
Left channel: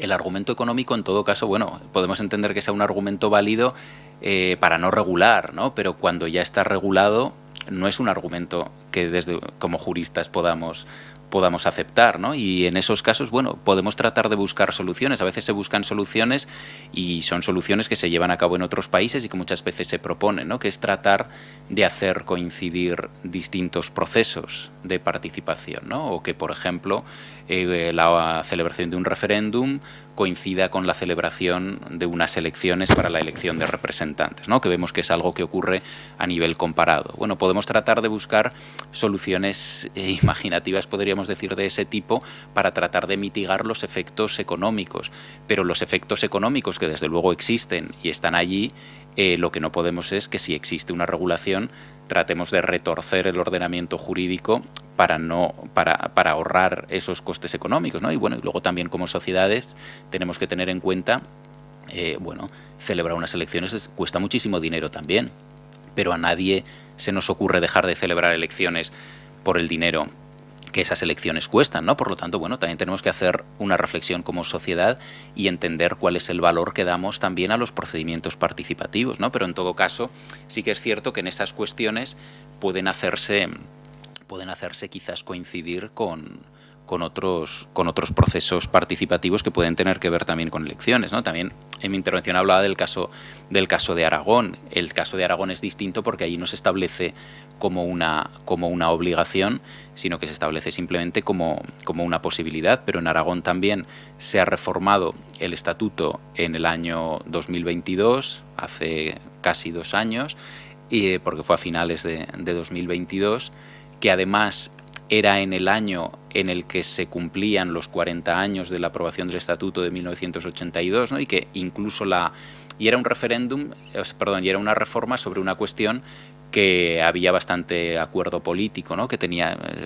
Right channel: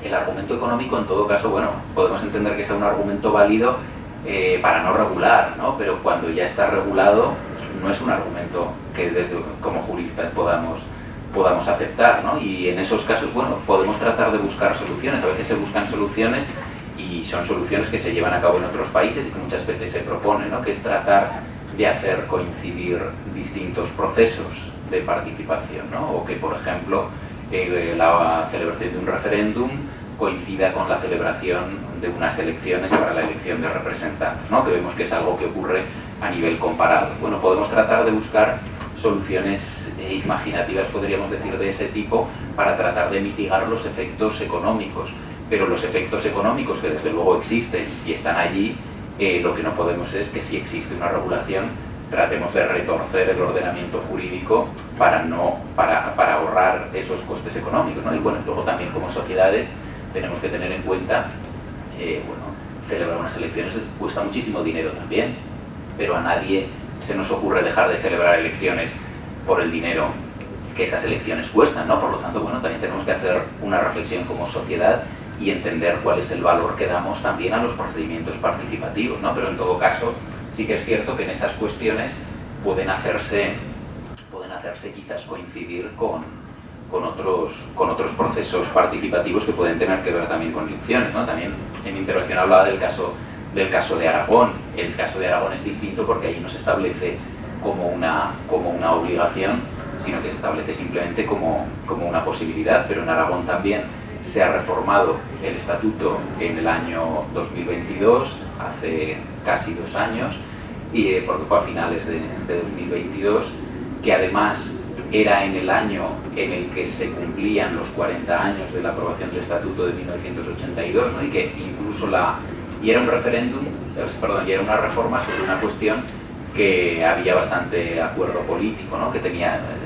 el argumento económico, en todo caso, bueno, podemos entender que sea un argumento válido para no regular, ¿no? Pero cuando ya está regulado, no es un argumento que como juristas podamos aceptar, ¿no? Y en esos casos, bueno, podemos tratar de buscar soluciones. A veces se buscan soluciones y son soluciones que se llevan a cabo en otros países y que muchas veces se proponen, ¿no? Que es tratar de hacer coincidir distintos procesos de participación, ¿no? O que, por ejemplo, la celebración de un referéndum coincida con la celebración de unas elecciones para la elección de representantes, ¿no? Que vemos que es algo que ocurre a nivel comparado. Bueno, podemos tratar de buscar soluciones imaginativas, podríamos decir, de ese tipo para tratar de mitigar los efectos económicos, pero los efectos económicos que desde luego existen y están allí, lo que no podemos es que si existe una regulación tratemos de retorcer el ordenamiento jurídico para ahorrar esos costes económicos, ¿no? Y bueno, luego también como sociedades tenemos que tener en cuenta, bueno, celebrar unas elecciones cuesta muchísimo dinero también, pero a nadie se nos ocurre dejar de celebrar elecciones por el dinero que esas elecciones cuestan, ¿no? Por lo tanto, bueno, también tenemos que hacer una reflexión como sociedad y entender cuál es el valor que damos también a los procedimientos participativos, ¿no? Pero en todo caso, sí que es cierto que en esas cuestiones pueden hacerse quizás coincidir con otros procesos participativos que pueden tener que ver también con elecciones, ¿no? También en mi intervención hablaba del caso del caso de Aragón. El caso de Aragón es distinto porque ahí no se establece como una obligación, sino que se establece simplemente como una posibilidad, pero en Aragón también se ha reformado el estatuto en el año 2022, hace casi 2 años, porque fue a finales de 2022, que además era en el año en el que se cumplían los 40 años de la aprobación del estatuto de 1982, ¿no? Y que incluso y era un referéndum, perdón, y era una reforma sobre una cuestión que había bastante acuerdo político, ¿no?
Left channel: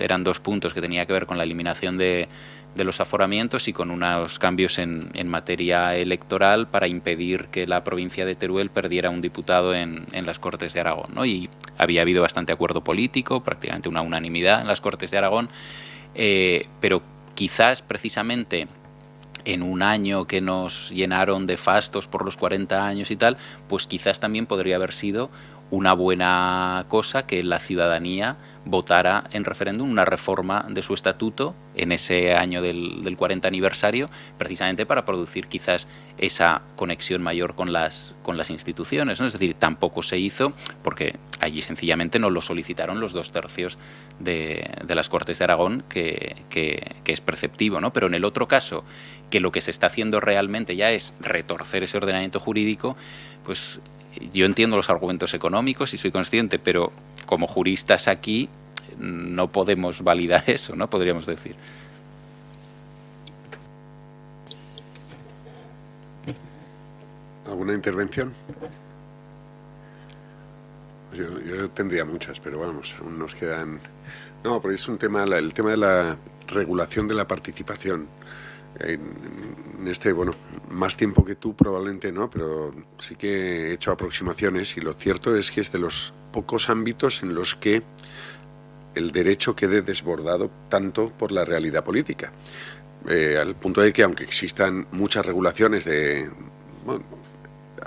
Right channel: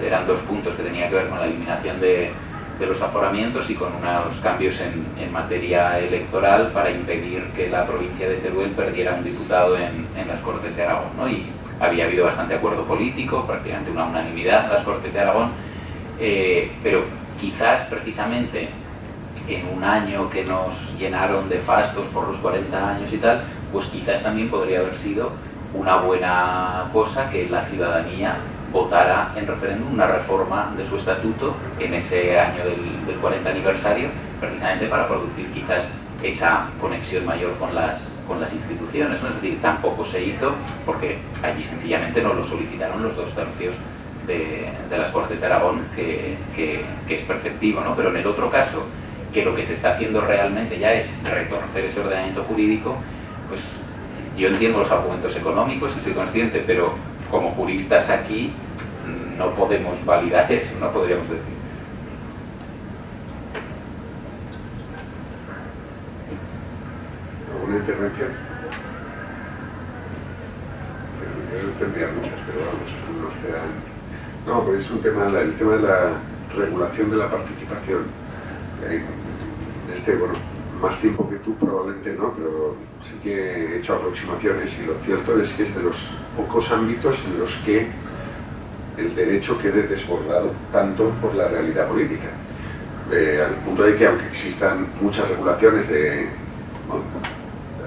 Eran 2 puntos que tenía que ver con la eliminación de los aforamientos y con unos cambios en materia electoral para impedir que la provincia de Teruel perdiera un diputado en las Cortes de Aragón, ¿no? Y había habido bastante acuerdo político, prácticamente una unanimidad en las Cortes de Aragón, pero quizás precisamente en un año que nos llenaron de fastos por los 40 años y tal, pues quizás también podría haber sido una buena cosa que la ciudadanía votara en referéndum una reforma de su estatuto en ese año del 40 aniversario, precisamente para producir quizás esa conexión mayor con las instituciones, ¿no? Es decir, tampoco se hizo porque allí sencillamente no lo solicitaron los 2/3 de las Cortes de Aragón, que es perceptivo, ¿no? Pero en el otro caso, que lo que se está haciendo realmente ya es retorcer ese ordenamiento jurídico, pues yo entiendo los argumentos económicos y soy consciente, pero como juristas aquí no podemos validar eso, no podríamos decir. ¿Alguna intervención? Yo tendría muchas, pero vamos, nos quedan... No, pues es un tema, el tema de la regulación de la participación. Bueno, más tiempo que tú probablemente no, pero sí que he hecho aproximaciones y lo cierto es que es de los pocos ámbitos en los que el derecho quede desbordado tanto por la realidad política. Al punto de que aunque existan muchas regulaciones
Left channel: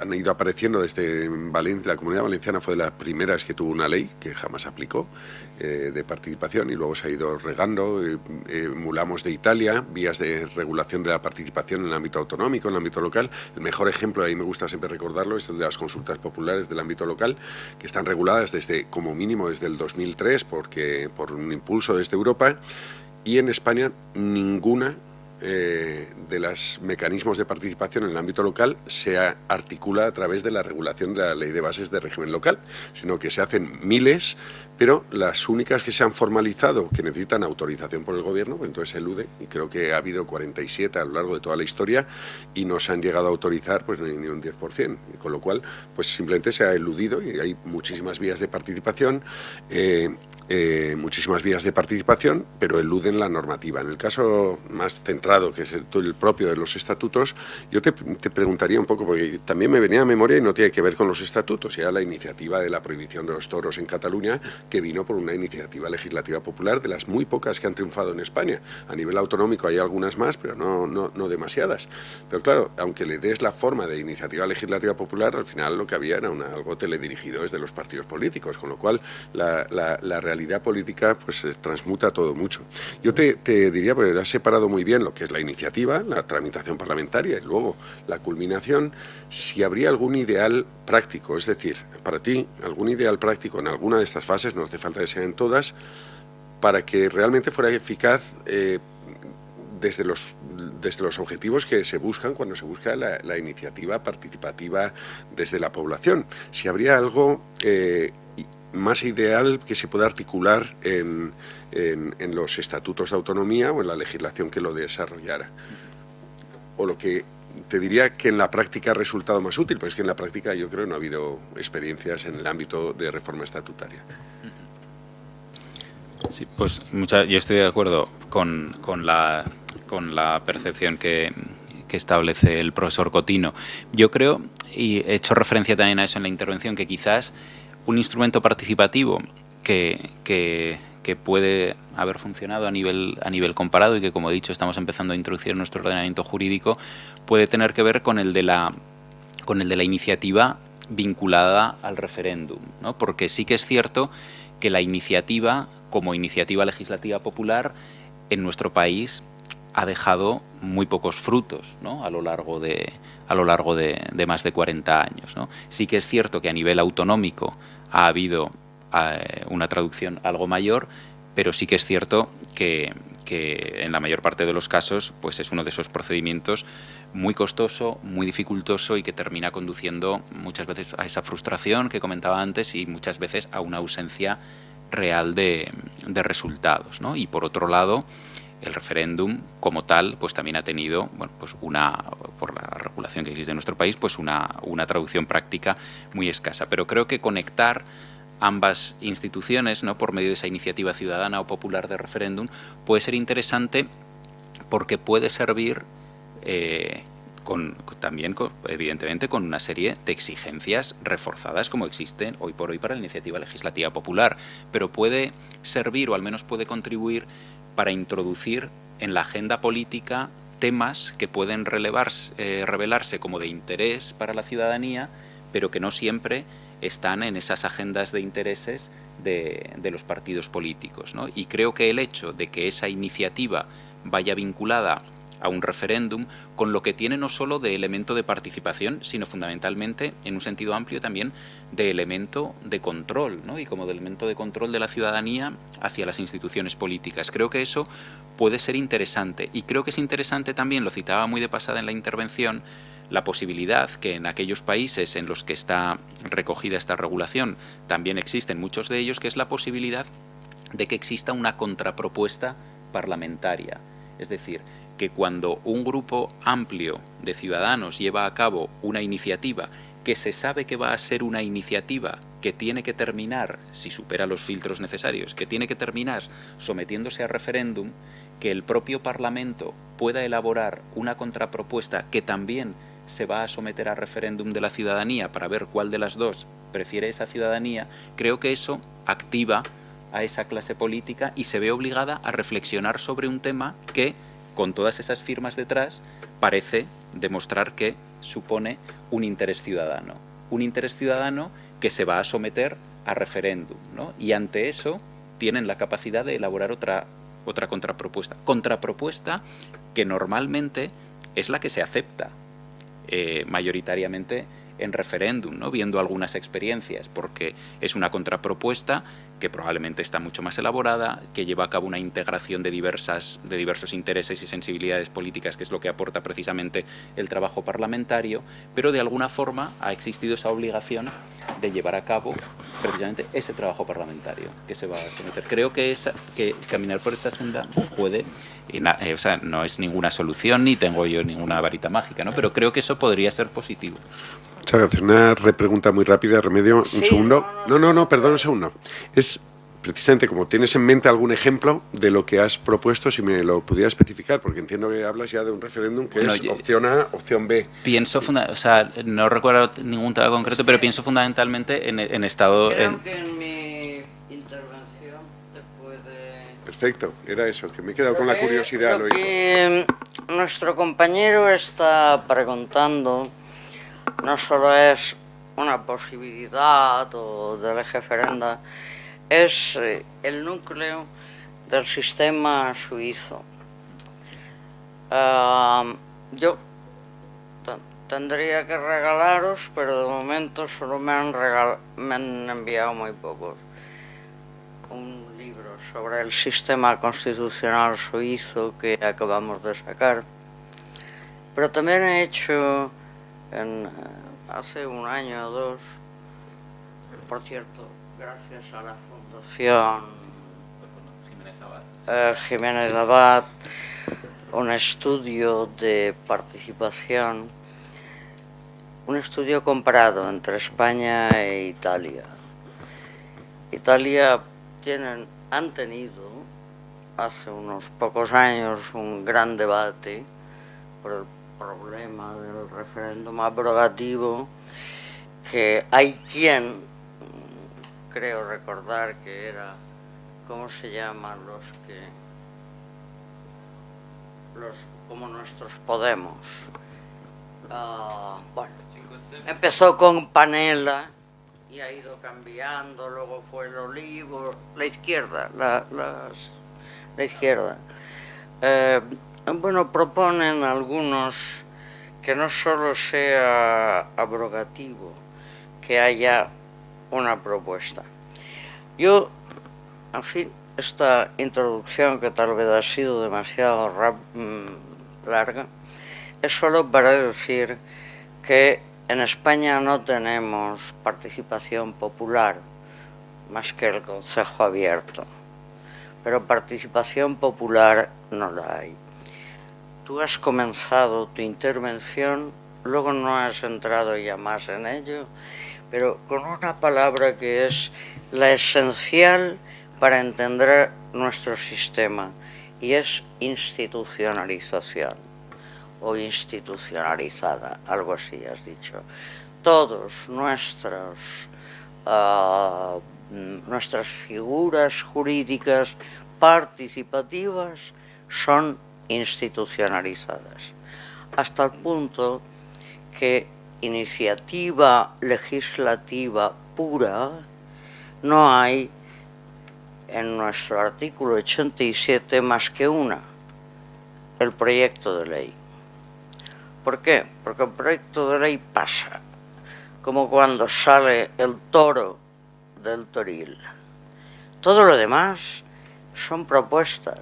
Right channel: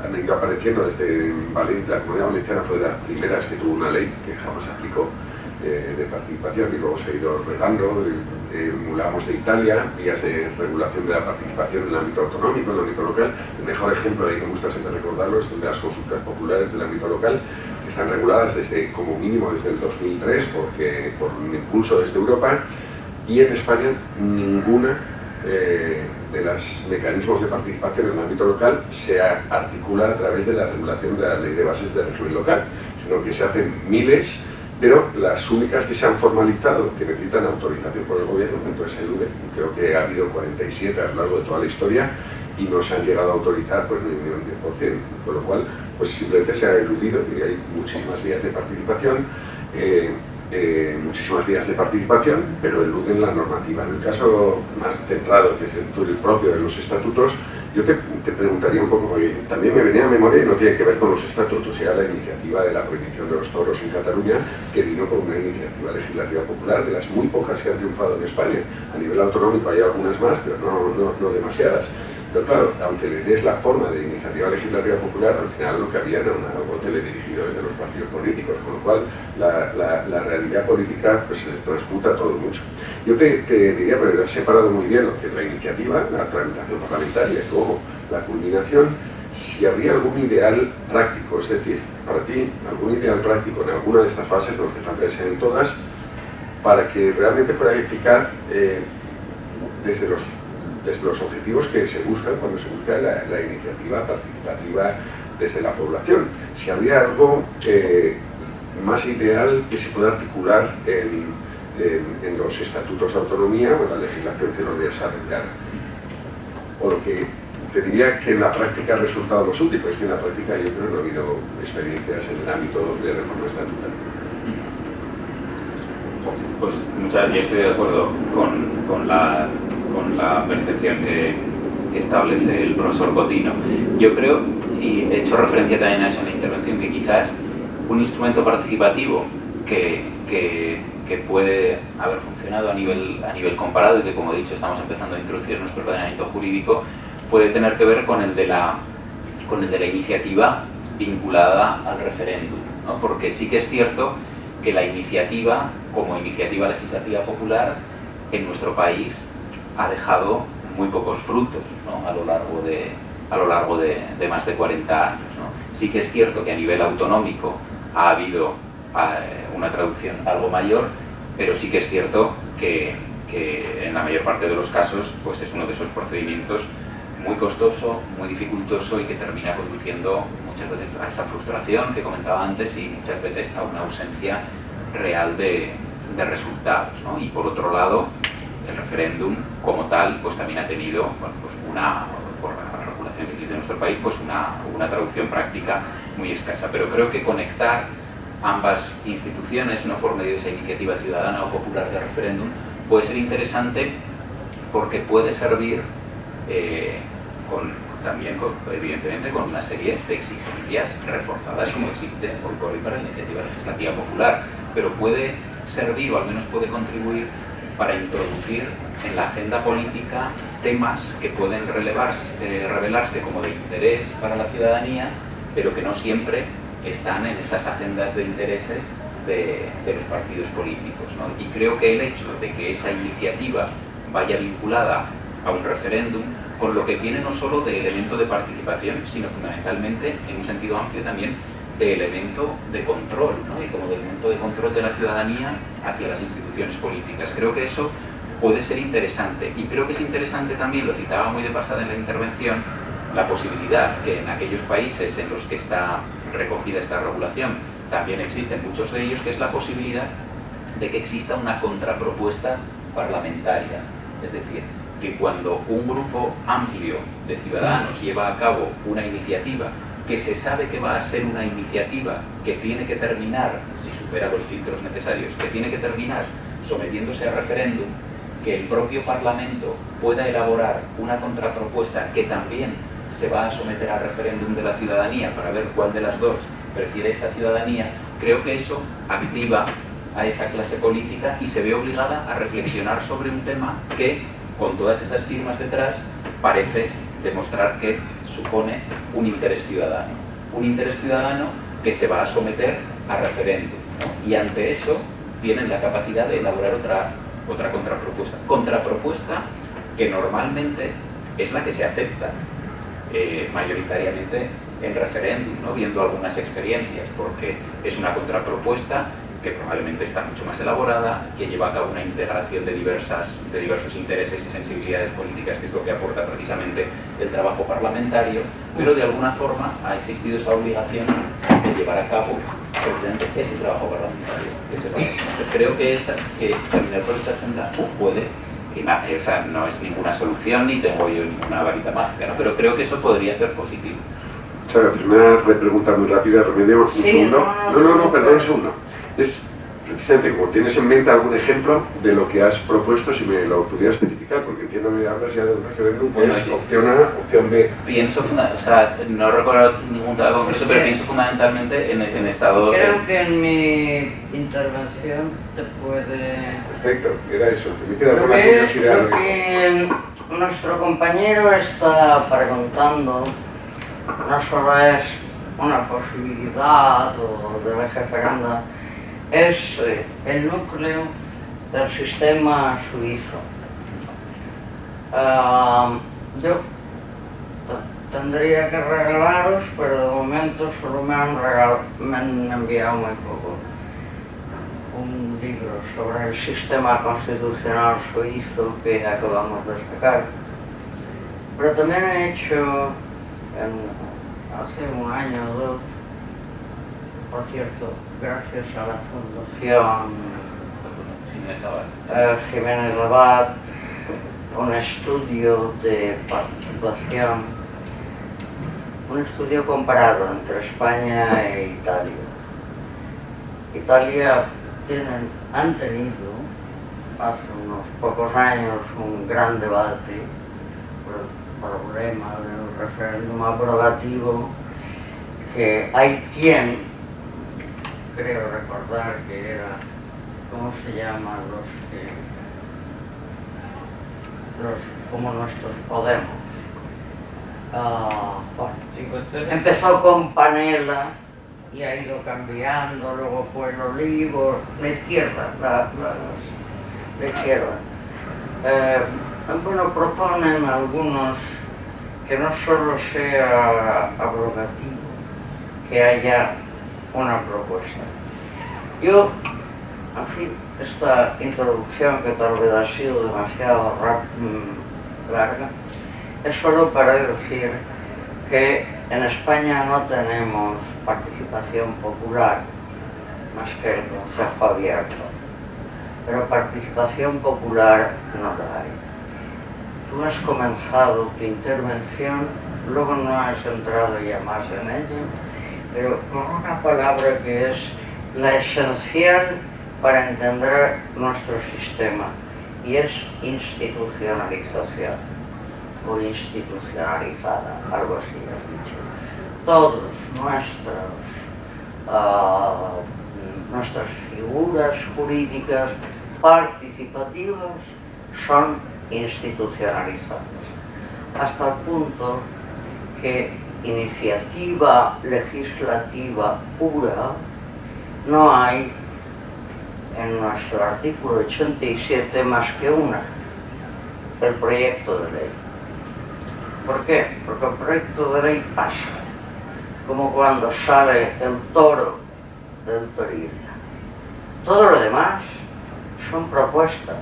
han ido apareciendo desde Valencia, la Comunidad Valenciana fue de las primeras que tuvo una ley que jamás aplicó de participación y luego se ha ido regando. Emulamos de Italia vías de regulación de la participación en el ámbito autonómico, en el ámbito local. El mejor ejemplo, ahí me gusta siempre recordarlo, es el de las consultas populares del ámbito local, que están reguladas como mínimo desde el 2003 por un impulso desde Europa, y en España ninguna de los mecanismos de participación en el ámbito local se articula a través de la regulación de la Ley de Bases de Régimen Local, sino que se hacen miles, pero las únicas que se han formalizado, que necesitan autorización por el gobierno, entonces se elude. Creo que ha habido 47 a lo largo de toda la historia y no se han llegado a autorizar pues, ni un 10%, con lo cual pues simplemente se ha eludido y hay muchísimas vías de participación, pero eluden la normativa. En el caso más centrado, que es el propio de los estatutos, yo te preguntaría un poco, porque también me venía a memoria y no tiene que ver con los estatutos, era la iniciativa de la prohibición de los toros en Cataluña, que vino con una iniciativa legislativa popular, de las muy pocas que han triunfado en España. A nivel autonómico hay algunas más, pero no demasiadas. Pero claro, aunque le des la forma de iniciativa legislativa popular, al final lo que había era algo teledirigido desde los partidos políticos, con lo cual la realidad política pues, se transmuta todo mucho. Yo te diría, pero has separado muy bien lo que es la iniciativa, la tramitación parlamentaria y luego la culminación, si habría algún ideal práctico, es decir, para ti, algún ideal práctico en alguna de estas fases, no hace falta que sean en todas, para que realmente fuera eficaz desde los objetivos que se buscan cuando se busca la iniciativa participativa desde la población. Si habría algo más ideal que se pueda articular en los estatutos de autonomía o en la legislación que lo desarrollara. O lo que te diría que en la práctica ha resultado más útil, porque es que en la práctica yo creo que no ha habido experiencias en el ámbito de reforma estatutaria. Sí, pues yo estoy de acuerdo con la percepción que establece el profesor Cotino. Yo creo, y he hecho referencia también a eso en la intervención, que quizás un instrumento participativo que puede haber funcionado a nivel comparado y que, como he dicho, estamos empezando a introducir en nuestro ordenamiento jurídico, puede tener que ver con el de la iniciativa vinculada al referéndum, ¿no? Porque sí que es cierto que la iniciativa, como iniciativa legislativa popular, en nuestro país ha dejado muy pocos frutos, ¿no? A lo largo de a lo largo de más de 40 años, ¿no? Sí que es cierto que a nivel autonómico ha habido una traducción algo mayor, pero sí que es cierto que en la mayor parte de los casos pues es uno de esos procedimientos muy costoso, muy dificultoso y que termina conduciendo muchas veces a esa frustración que comentaba antes y muchas veces a una ausencia real de resultados, ¿no? Y por otro lado, el referéndum como tal pues también ha tenido, bueno, pues por la regulación que existe en nuestro país, pues una traducción práctica muy escasa. Pero creo que conectar ambas instituciones, ¿no?, por medio de esa iniciativa ciudadana o popular de referéndum, puede ser interesante porque puede servir evidentemente con una serie de exigencias reforzadas como existe hoy por hoy para la iniciativa legislativa popular, pero puede servir o al menos puede contribuir para introducir en la agenda política temas que pueden revelarse como de interés para la ciudadanía, pero que no siempre están en esas agendas de intereses de los partidos políticos, ¿no? Y creo que el hecho de que esa iniciativa vaya vinculada a un referéndum, con lo que tiene no solo de elemento de participación, sino fundamentalmente, en un sentido amplio también, de elemento de control, ¿no? Y como de elemento de control de la ciudadanía hacia las instituciones políticas. Creo que eso puede ser interesante, y creo que es interesante también, lo citaba muy de pasada en la intervención, la posibilidad que en aquellos países en los que está recogida esta regulación, también existen muchos de ellos, que es la posibilidad de que exista una contrapropuesta parlamentaria. Es decir, que cuando un grupo amplio de ciudadanos lleva a cabo una iniciativa que se sabe que va a ser una iniciativa que tiene que terminar, si supera los filtros necesarios, que tiene que terminar sometiéndose a referéndum, que el propio Parlamento pueda elaborar una contrapropuesta que también se va a someter a referéndum de la ciudadanía para ver cuál de las dos prefiere esa ciudadanía, creo que eso activa a esa clase política y se ve obligada a reflexionar sobre un tema que, con todas esas firmas detrás, parece demostrar que supone un interés ciudadano que se va a someter a referéndum, ¿no? Y ante eso tienen la capacidad de elaborar otra contrapropuesta que normalmente es la que se acepta mayoritariamente en referéndum, ¿no?, viendo algunas experiencias, porque es una contrapropuesta que probablemente está mucho más elaborada, que lleva a cabo una integración de diversos intereses y sensibilidades políticas, que es lo que aporta precisamente el trabajo parlamentario, pero de alguna forma ha existido esa obligación de llevar a cabo precisamente ese trabajo parlamentario. Creo que caminar por esta senda puede, o sea, no es ninguna solución ni tengo yo ninguna varita mágica, ¿no?, pero creo que eso podría ser positivo. Muchas gracias. Una repregunta muy rápida, Remedio. Un segundo. No, perdón, un segundo. Es precisamente como tienes en mente algún ejemplo de lo que has propuesto, si me lo pudieras especificar, porque entiendo que hablas ya de un referéndum que es opción A, opción B. Pienso, o sea, no recuerdo ningún tema concreto, pero pienso fundamentalmente en estado... Creo que en mi intervención te puede... Perfecto, era eso. Me queda con la curiosidad. Lo que nuestro compañero está preguntando no solo es una posibilidad o de referenda, es el núcleo del sistema suizo. Yo tendría que regalaros, pero de momento solo me han enviado muy poco. Un libro sobre el sistema constitucional suizo que acabamos de sacar. Pero también he hecho hace un año o dos, por cierto, gracias a la Fundación Jiménez Abad, un estudio de participación, un estudio comparado entre España e Italia. Italia han tenido hace unos pocos años un gran debate por el problema del referéndum aprobativo, que hay quien, creo recordar que era, ¿cómo se llaman como nuestros Podemos? Empezó con Panela y ha ido cambiando, luego fue el Olivo, la izquierda, la izquierda. Bueno, proponen algunos que no solo sea abrogativo, que haya una propuesta. Yo, en fin, esta introducción, que tal vez ha sido demasiado larga, es solo para decir que en España no tenemos participación popular más que el Consejo Abierto, pero participación popular no la hay. Tú has comenzado tu intervención, luego no has entrado ya más en ello, pero con una palabra que es la esencial para entender nuestro sistema, y es institucionalización o institucionalizada, algo así has dicho. Todos nuestras figuras jurídicas participativas son institucionalizadas, hasta el punto que iniciativa legislativa pura no hay en nuestro artículo 87 más que una, el proyecto de ley. ¿Por qué? Porque el proyecto de ley pasa, como cuando sale el toro del toril. Todo lo demás son propuestas,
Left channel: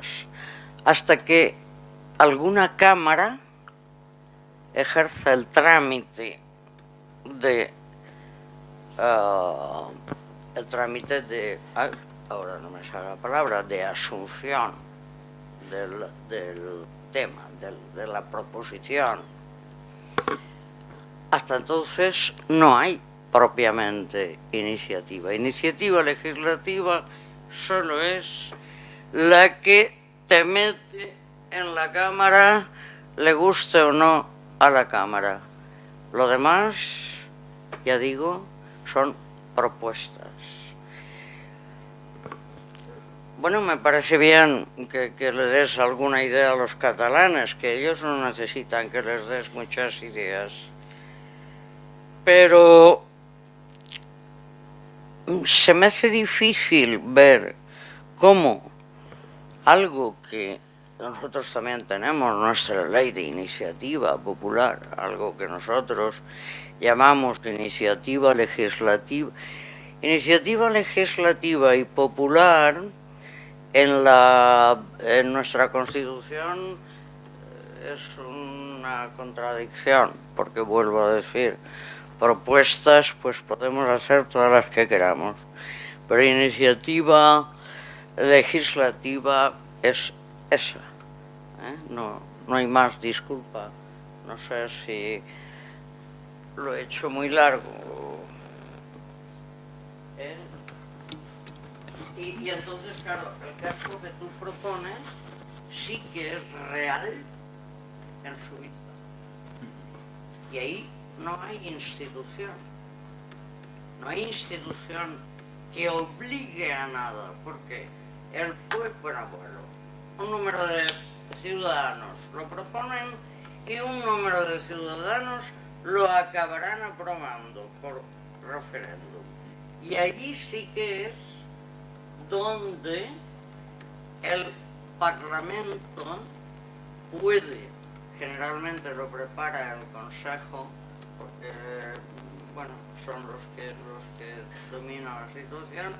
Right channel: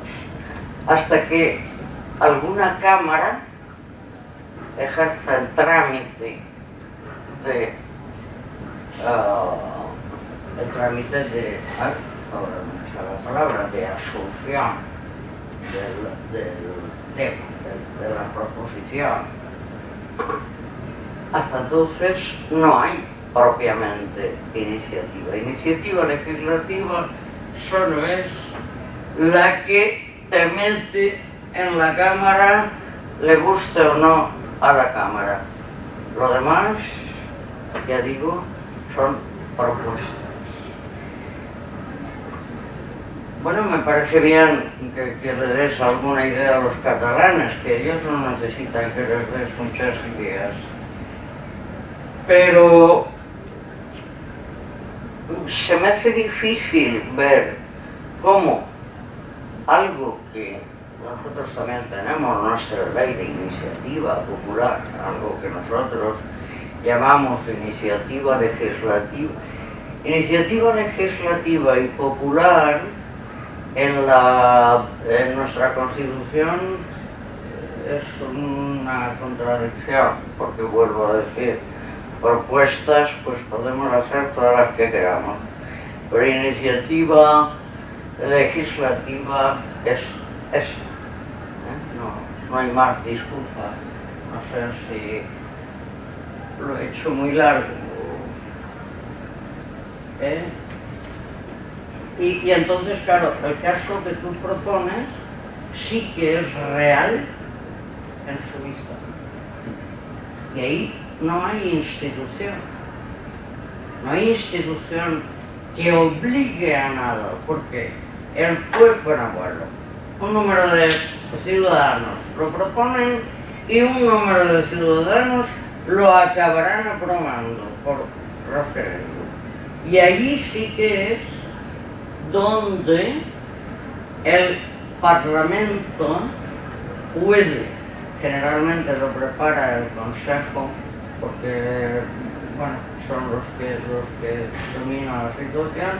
hasta que alguna cámara ejerce el trámite de ahora no me sale la palabra, de asunción del tema, de la proposición. Hasta entonces no hay propiamente iniciativa. Iniciativa legislativa solo es la que te mete en la Cámara, le guste o no a la Cámara. Lo demás, ya digo, son propuestas. Bueno, me parece bien que le des alguna idea a los catalanes, que ellos no necesitan que les des muchas ideas. Pero se me hace difícil ver cómo algo que nosotros también tenemos, nuestra ley de iniciativa popular, algo que nosotros llamamos de iniciativa legislativa. Iniciativa legislativa y popular en nuestra Constitución es una contradicción, porque vuelvo a decir, propuestas pues podemos hacer todas las que queramos, pero iniciativa legislativa es esa. No hay más, disculpa, no sé si lo he hecho muy largo. Y entonces, claro, el caso que tú propones sí que es real en su vista. Y ahí no hay institución. No hay institución que obligue a nada, porque el pueblo, un número de ciudadanos lo proponen y un número de ciudadanos lo acabarán aprobando por referéndum. Y allí sí que es donde el Parlamento puede, generalmente lo prepara el Consejo, porque bueno, son los que dominan la situación,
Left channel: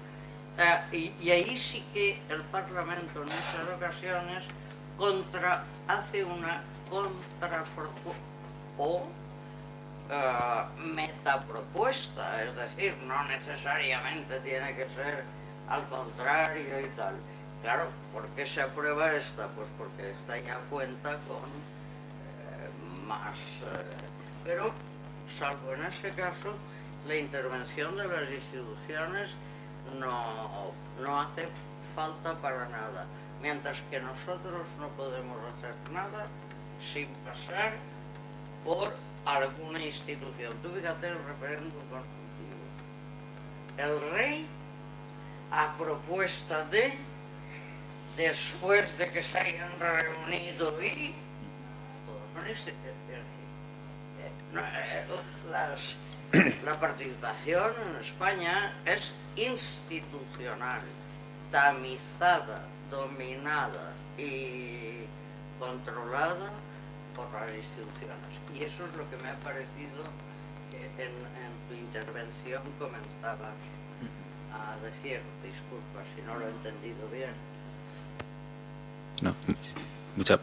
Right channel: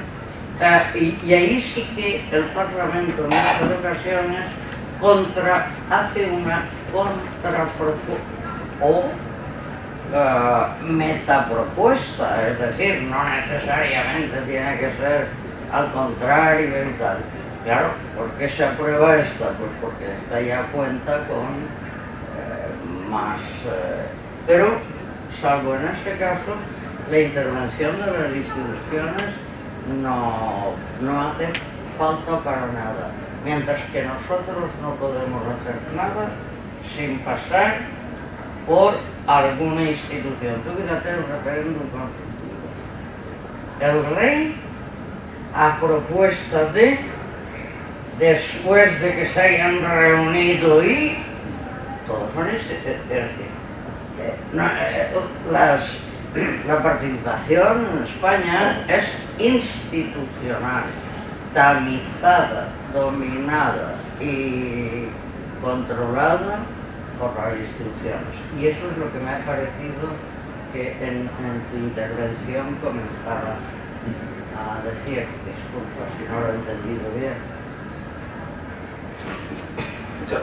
y ahí sí que el Parlamento en muchas ocasiones hace una contrapropuesta o metapropuesta, es decir, no necesariamente tiene que ser al contrario y tal. Claro, ¿por qué se aprueba esta? Pues porque esta ya cuenta con más... pero, salvo en este caso, la intervención de las instituciones no hace falta para nada. Mientras que nosotros no podemos hacer nada sin pasar por alguna institución. Tú fíjate el referéndum constitutivo. El rey, a propuesta después de que se hayan reunido y todos son la participación en España es institucional, tamizada, dominada y controlada por las instituciones. Y eso es lo que me ha parecido que en tu intervención comenzabas a decir. Disculpa si no lo he entendido bien.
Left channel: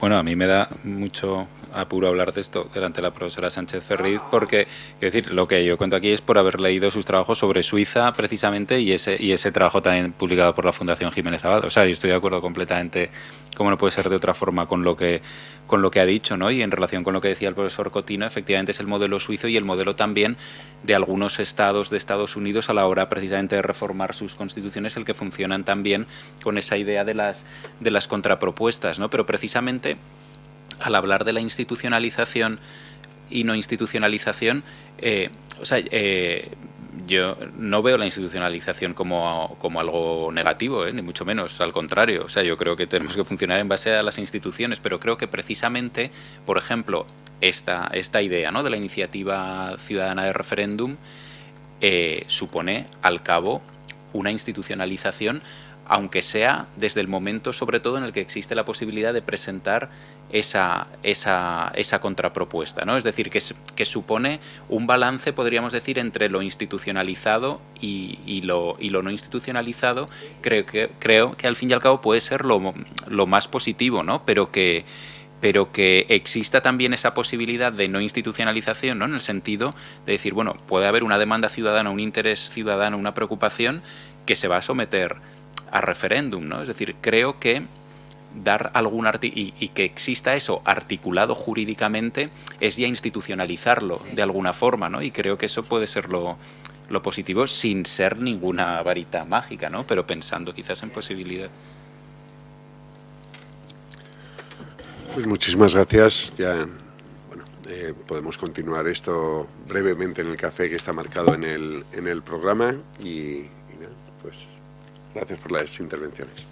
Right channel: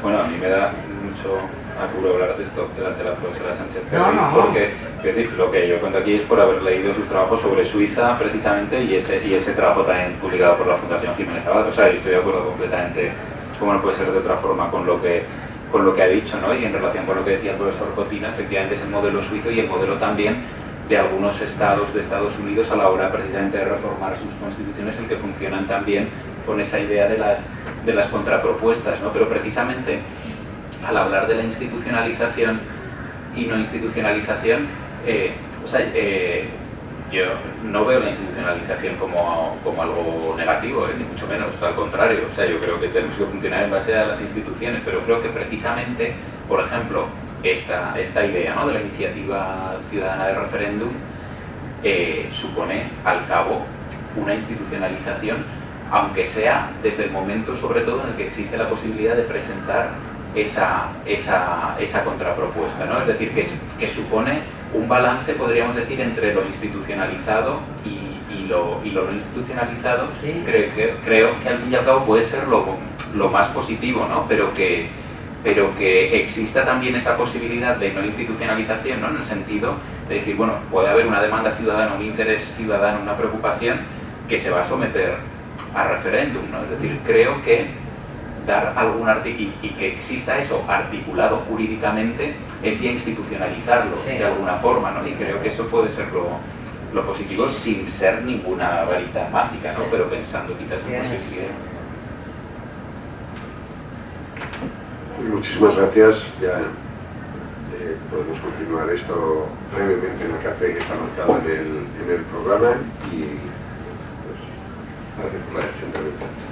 Bueno, a mí me da mucho apuro hablar de esto delante de la profesora Sánchez Ferri, porque es decir, lo que yo cuento aquí es por haber leído sus trabajos sobre Suiza precisamente y ese trabajo también publicado por la Fundación Jiménez Abad. O sea, estoy de acuerdo completamente, como no puede ser de otra forma, con lo que ha dicho, ¿no? Y en relación con lo que decía el profesor Cotino, efectivamente es el modelo suizo y el modelo también de algunos estados de Estados Unidos a la hora precisamente de reformar sus constituciones, el que funcionan también con esa idea de las contrapropuestas, ¿no? Pero precisamente al hablar de la institucionalización y no institucionalización, yo no veo la institucionalización como algo negativo, ni mucho menos, al contrario. O sea, yo creo que tenemos que funcionar en base a las instituciones, pero creo que precisamente, por ejemplo, esta idea, ¿no?, de la iniciativa ciudadana de referéndum supone al cabo una institucionalización, aunque sea desde el momento sobre todo en el que existe la posibilidad de presentar esa contrapropuesta, ¿no? Es decir, que supone un balance, podríamos decir, entre lo institucionalizado y lo no institucionalizado. Sí. Creo que al fin y al cabo puede ser lo más positivo, ¿no? Pero que exista también esa posibilidad de no institucionalización, ¿no? En el sentido de decir, bueno, puede haber una demanda ciudadana, un interés ciudadano, una preocupación que se va a someter a referéndum, ¿no? Es decir, creo que dar algún y que exista eso articulado jurídicamente es ya institucionalizarlo de alguna forma, ¿no? Y creo que eso puede ser lo positivo sin ser ninguna varita mágica, ¿no? Pero pensando quizás en posibilidades. Pues muchísimas gracias. Ya podemos continuar esto brevemente en el café que está marcado en el programa y pues gracias por las intervenciones.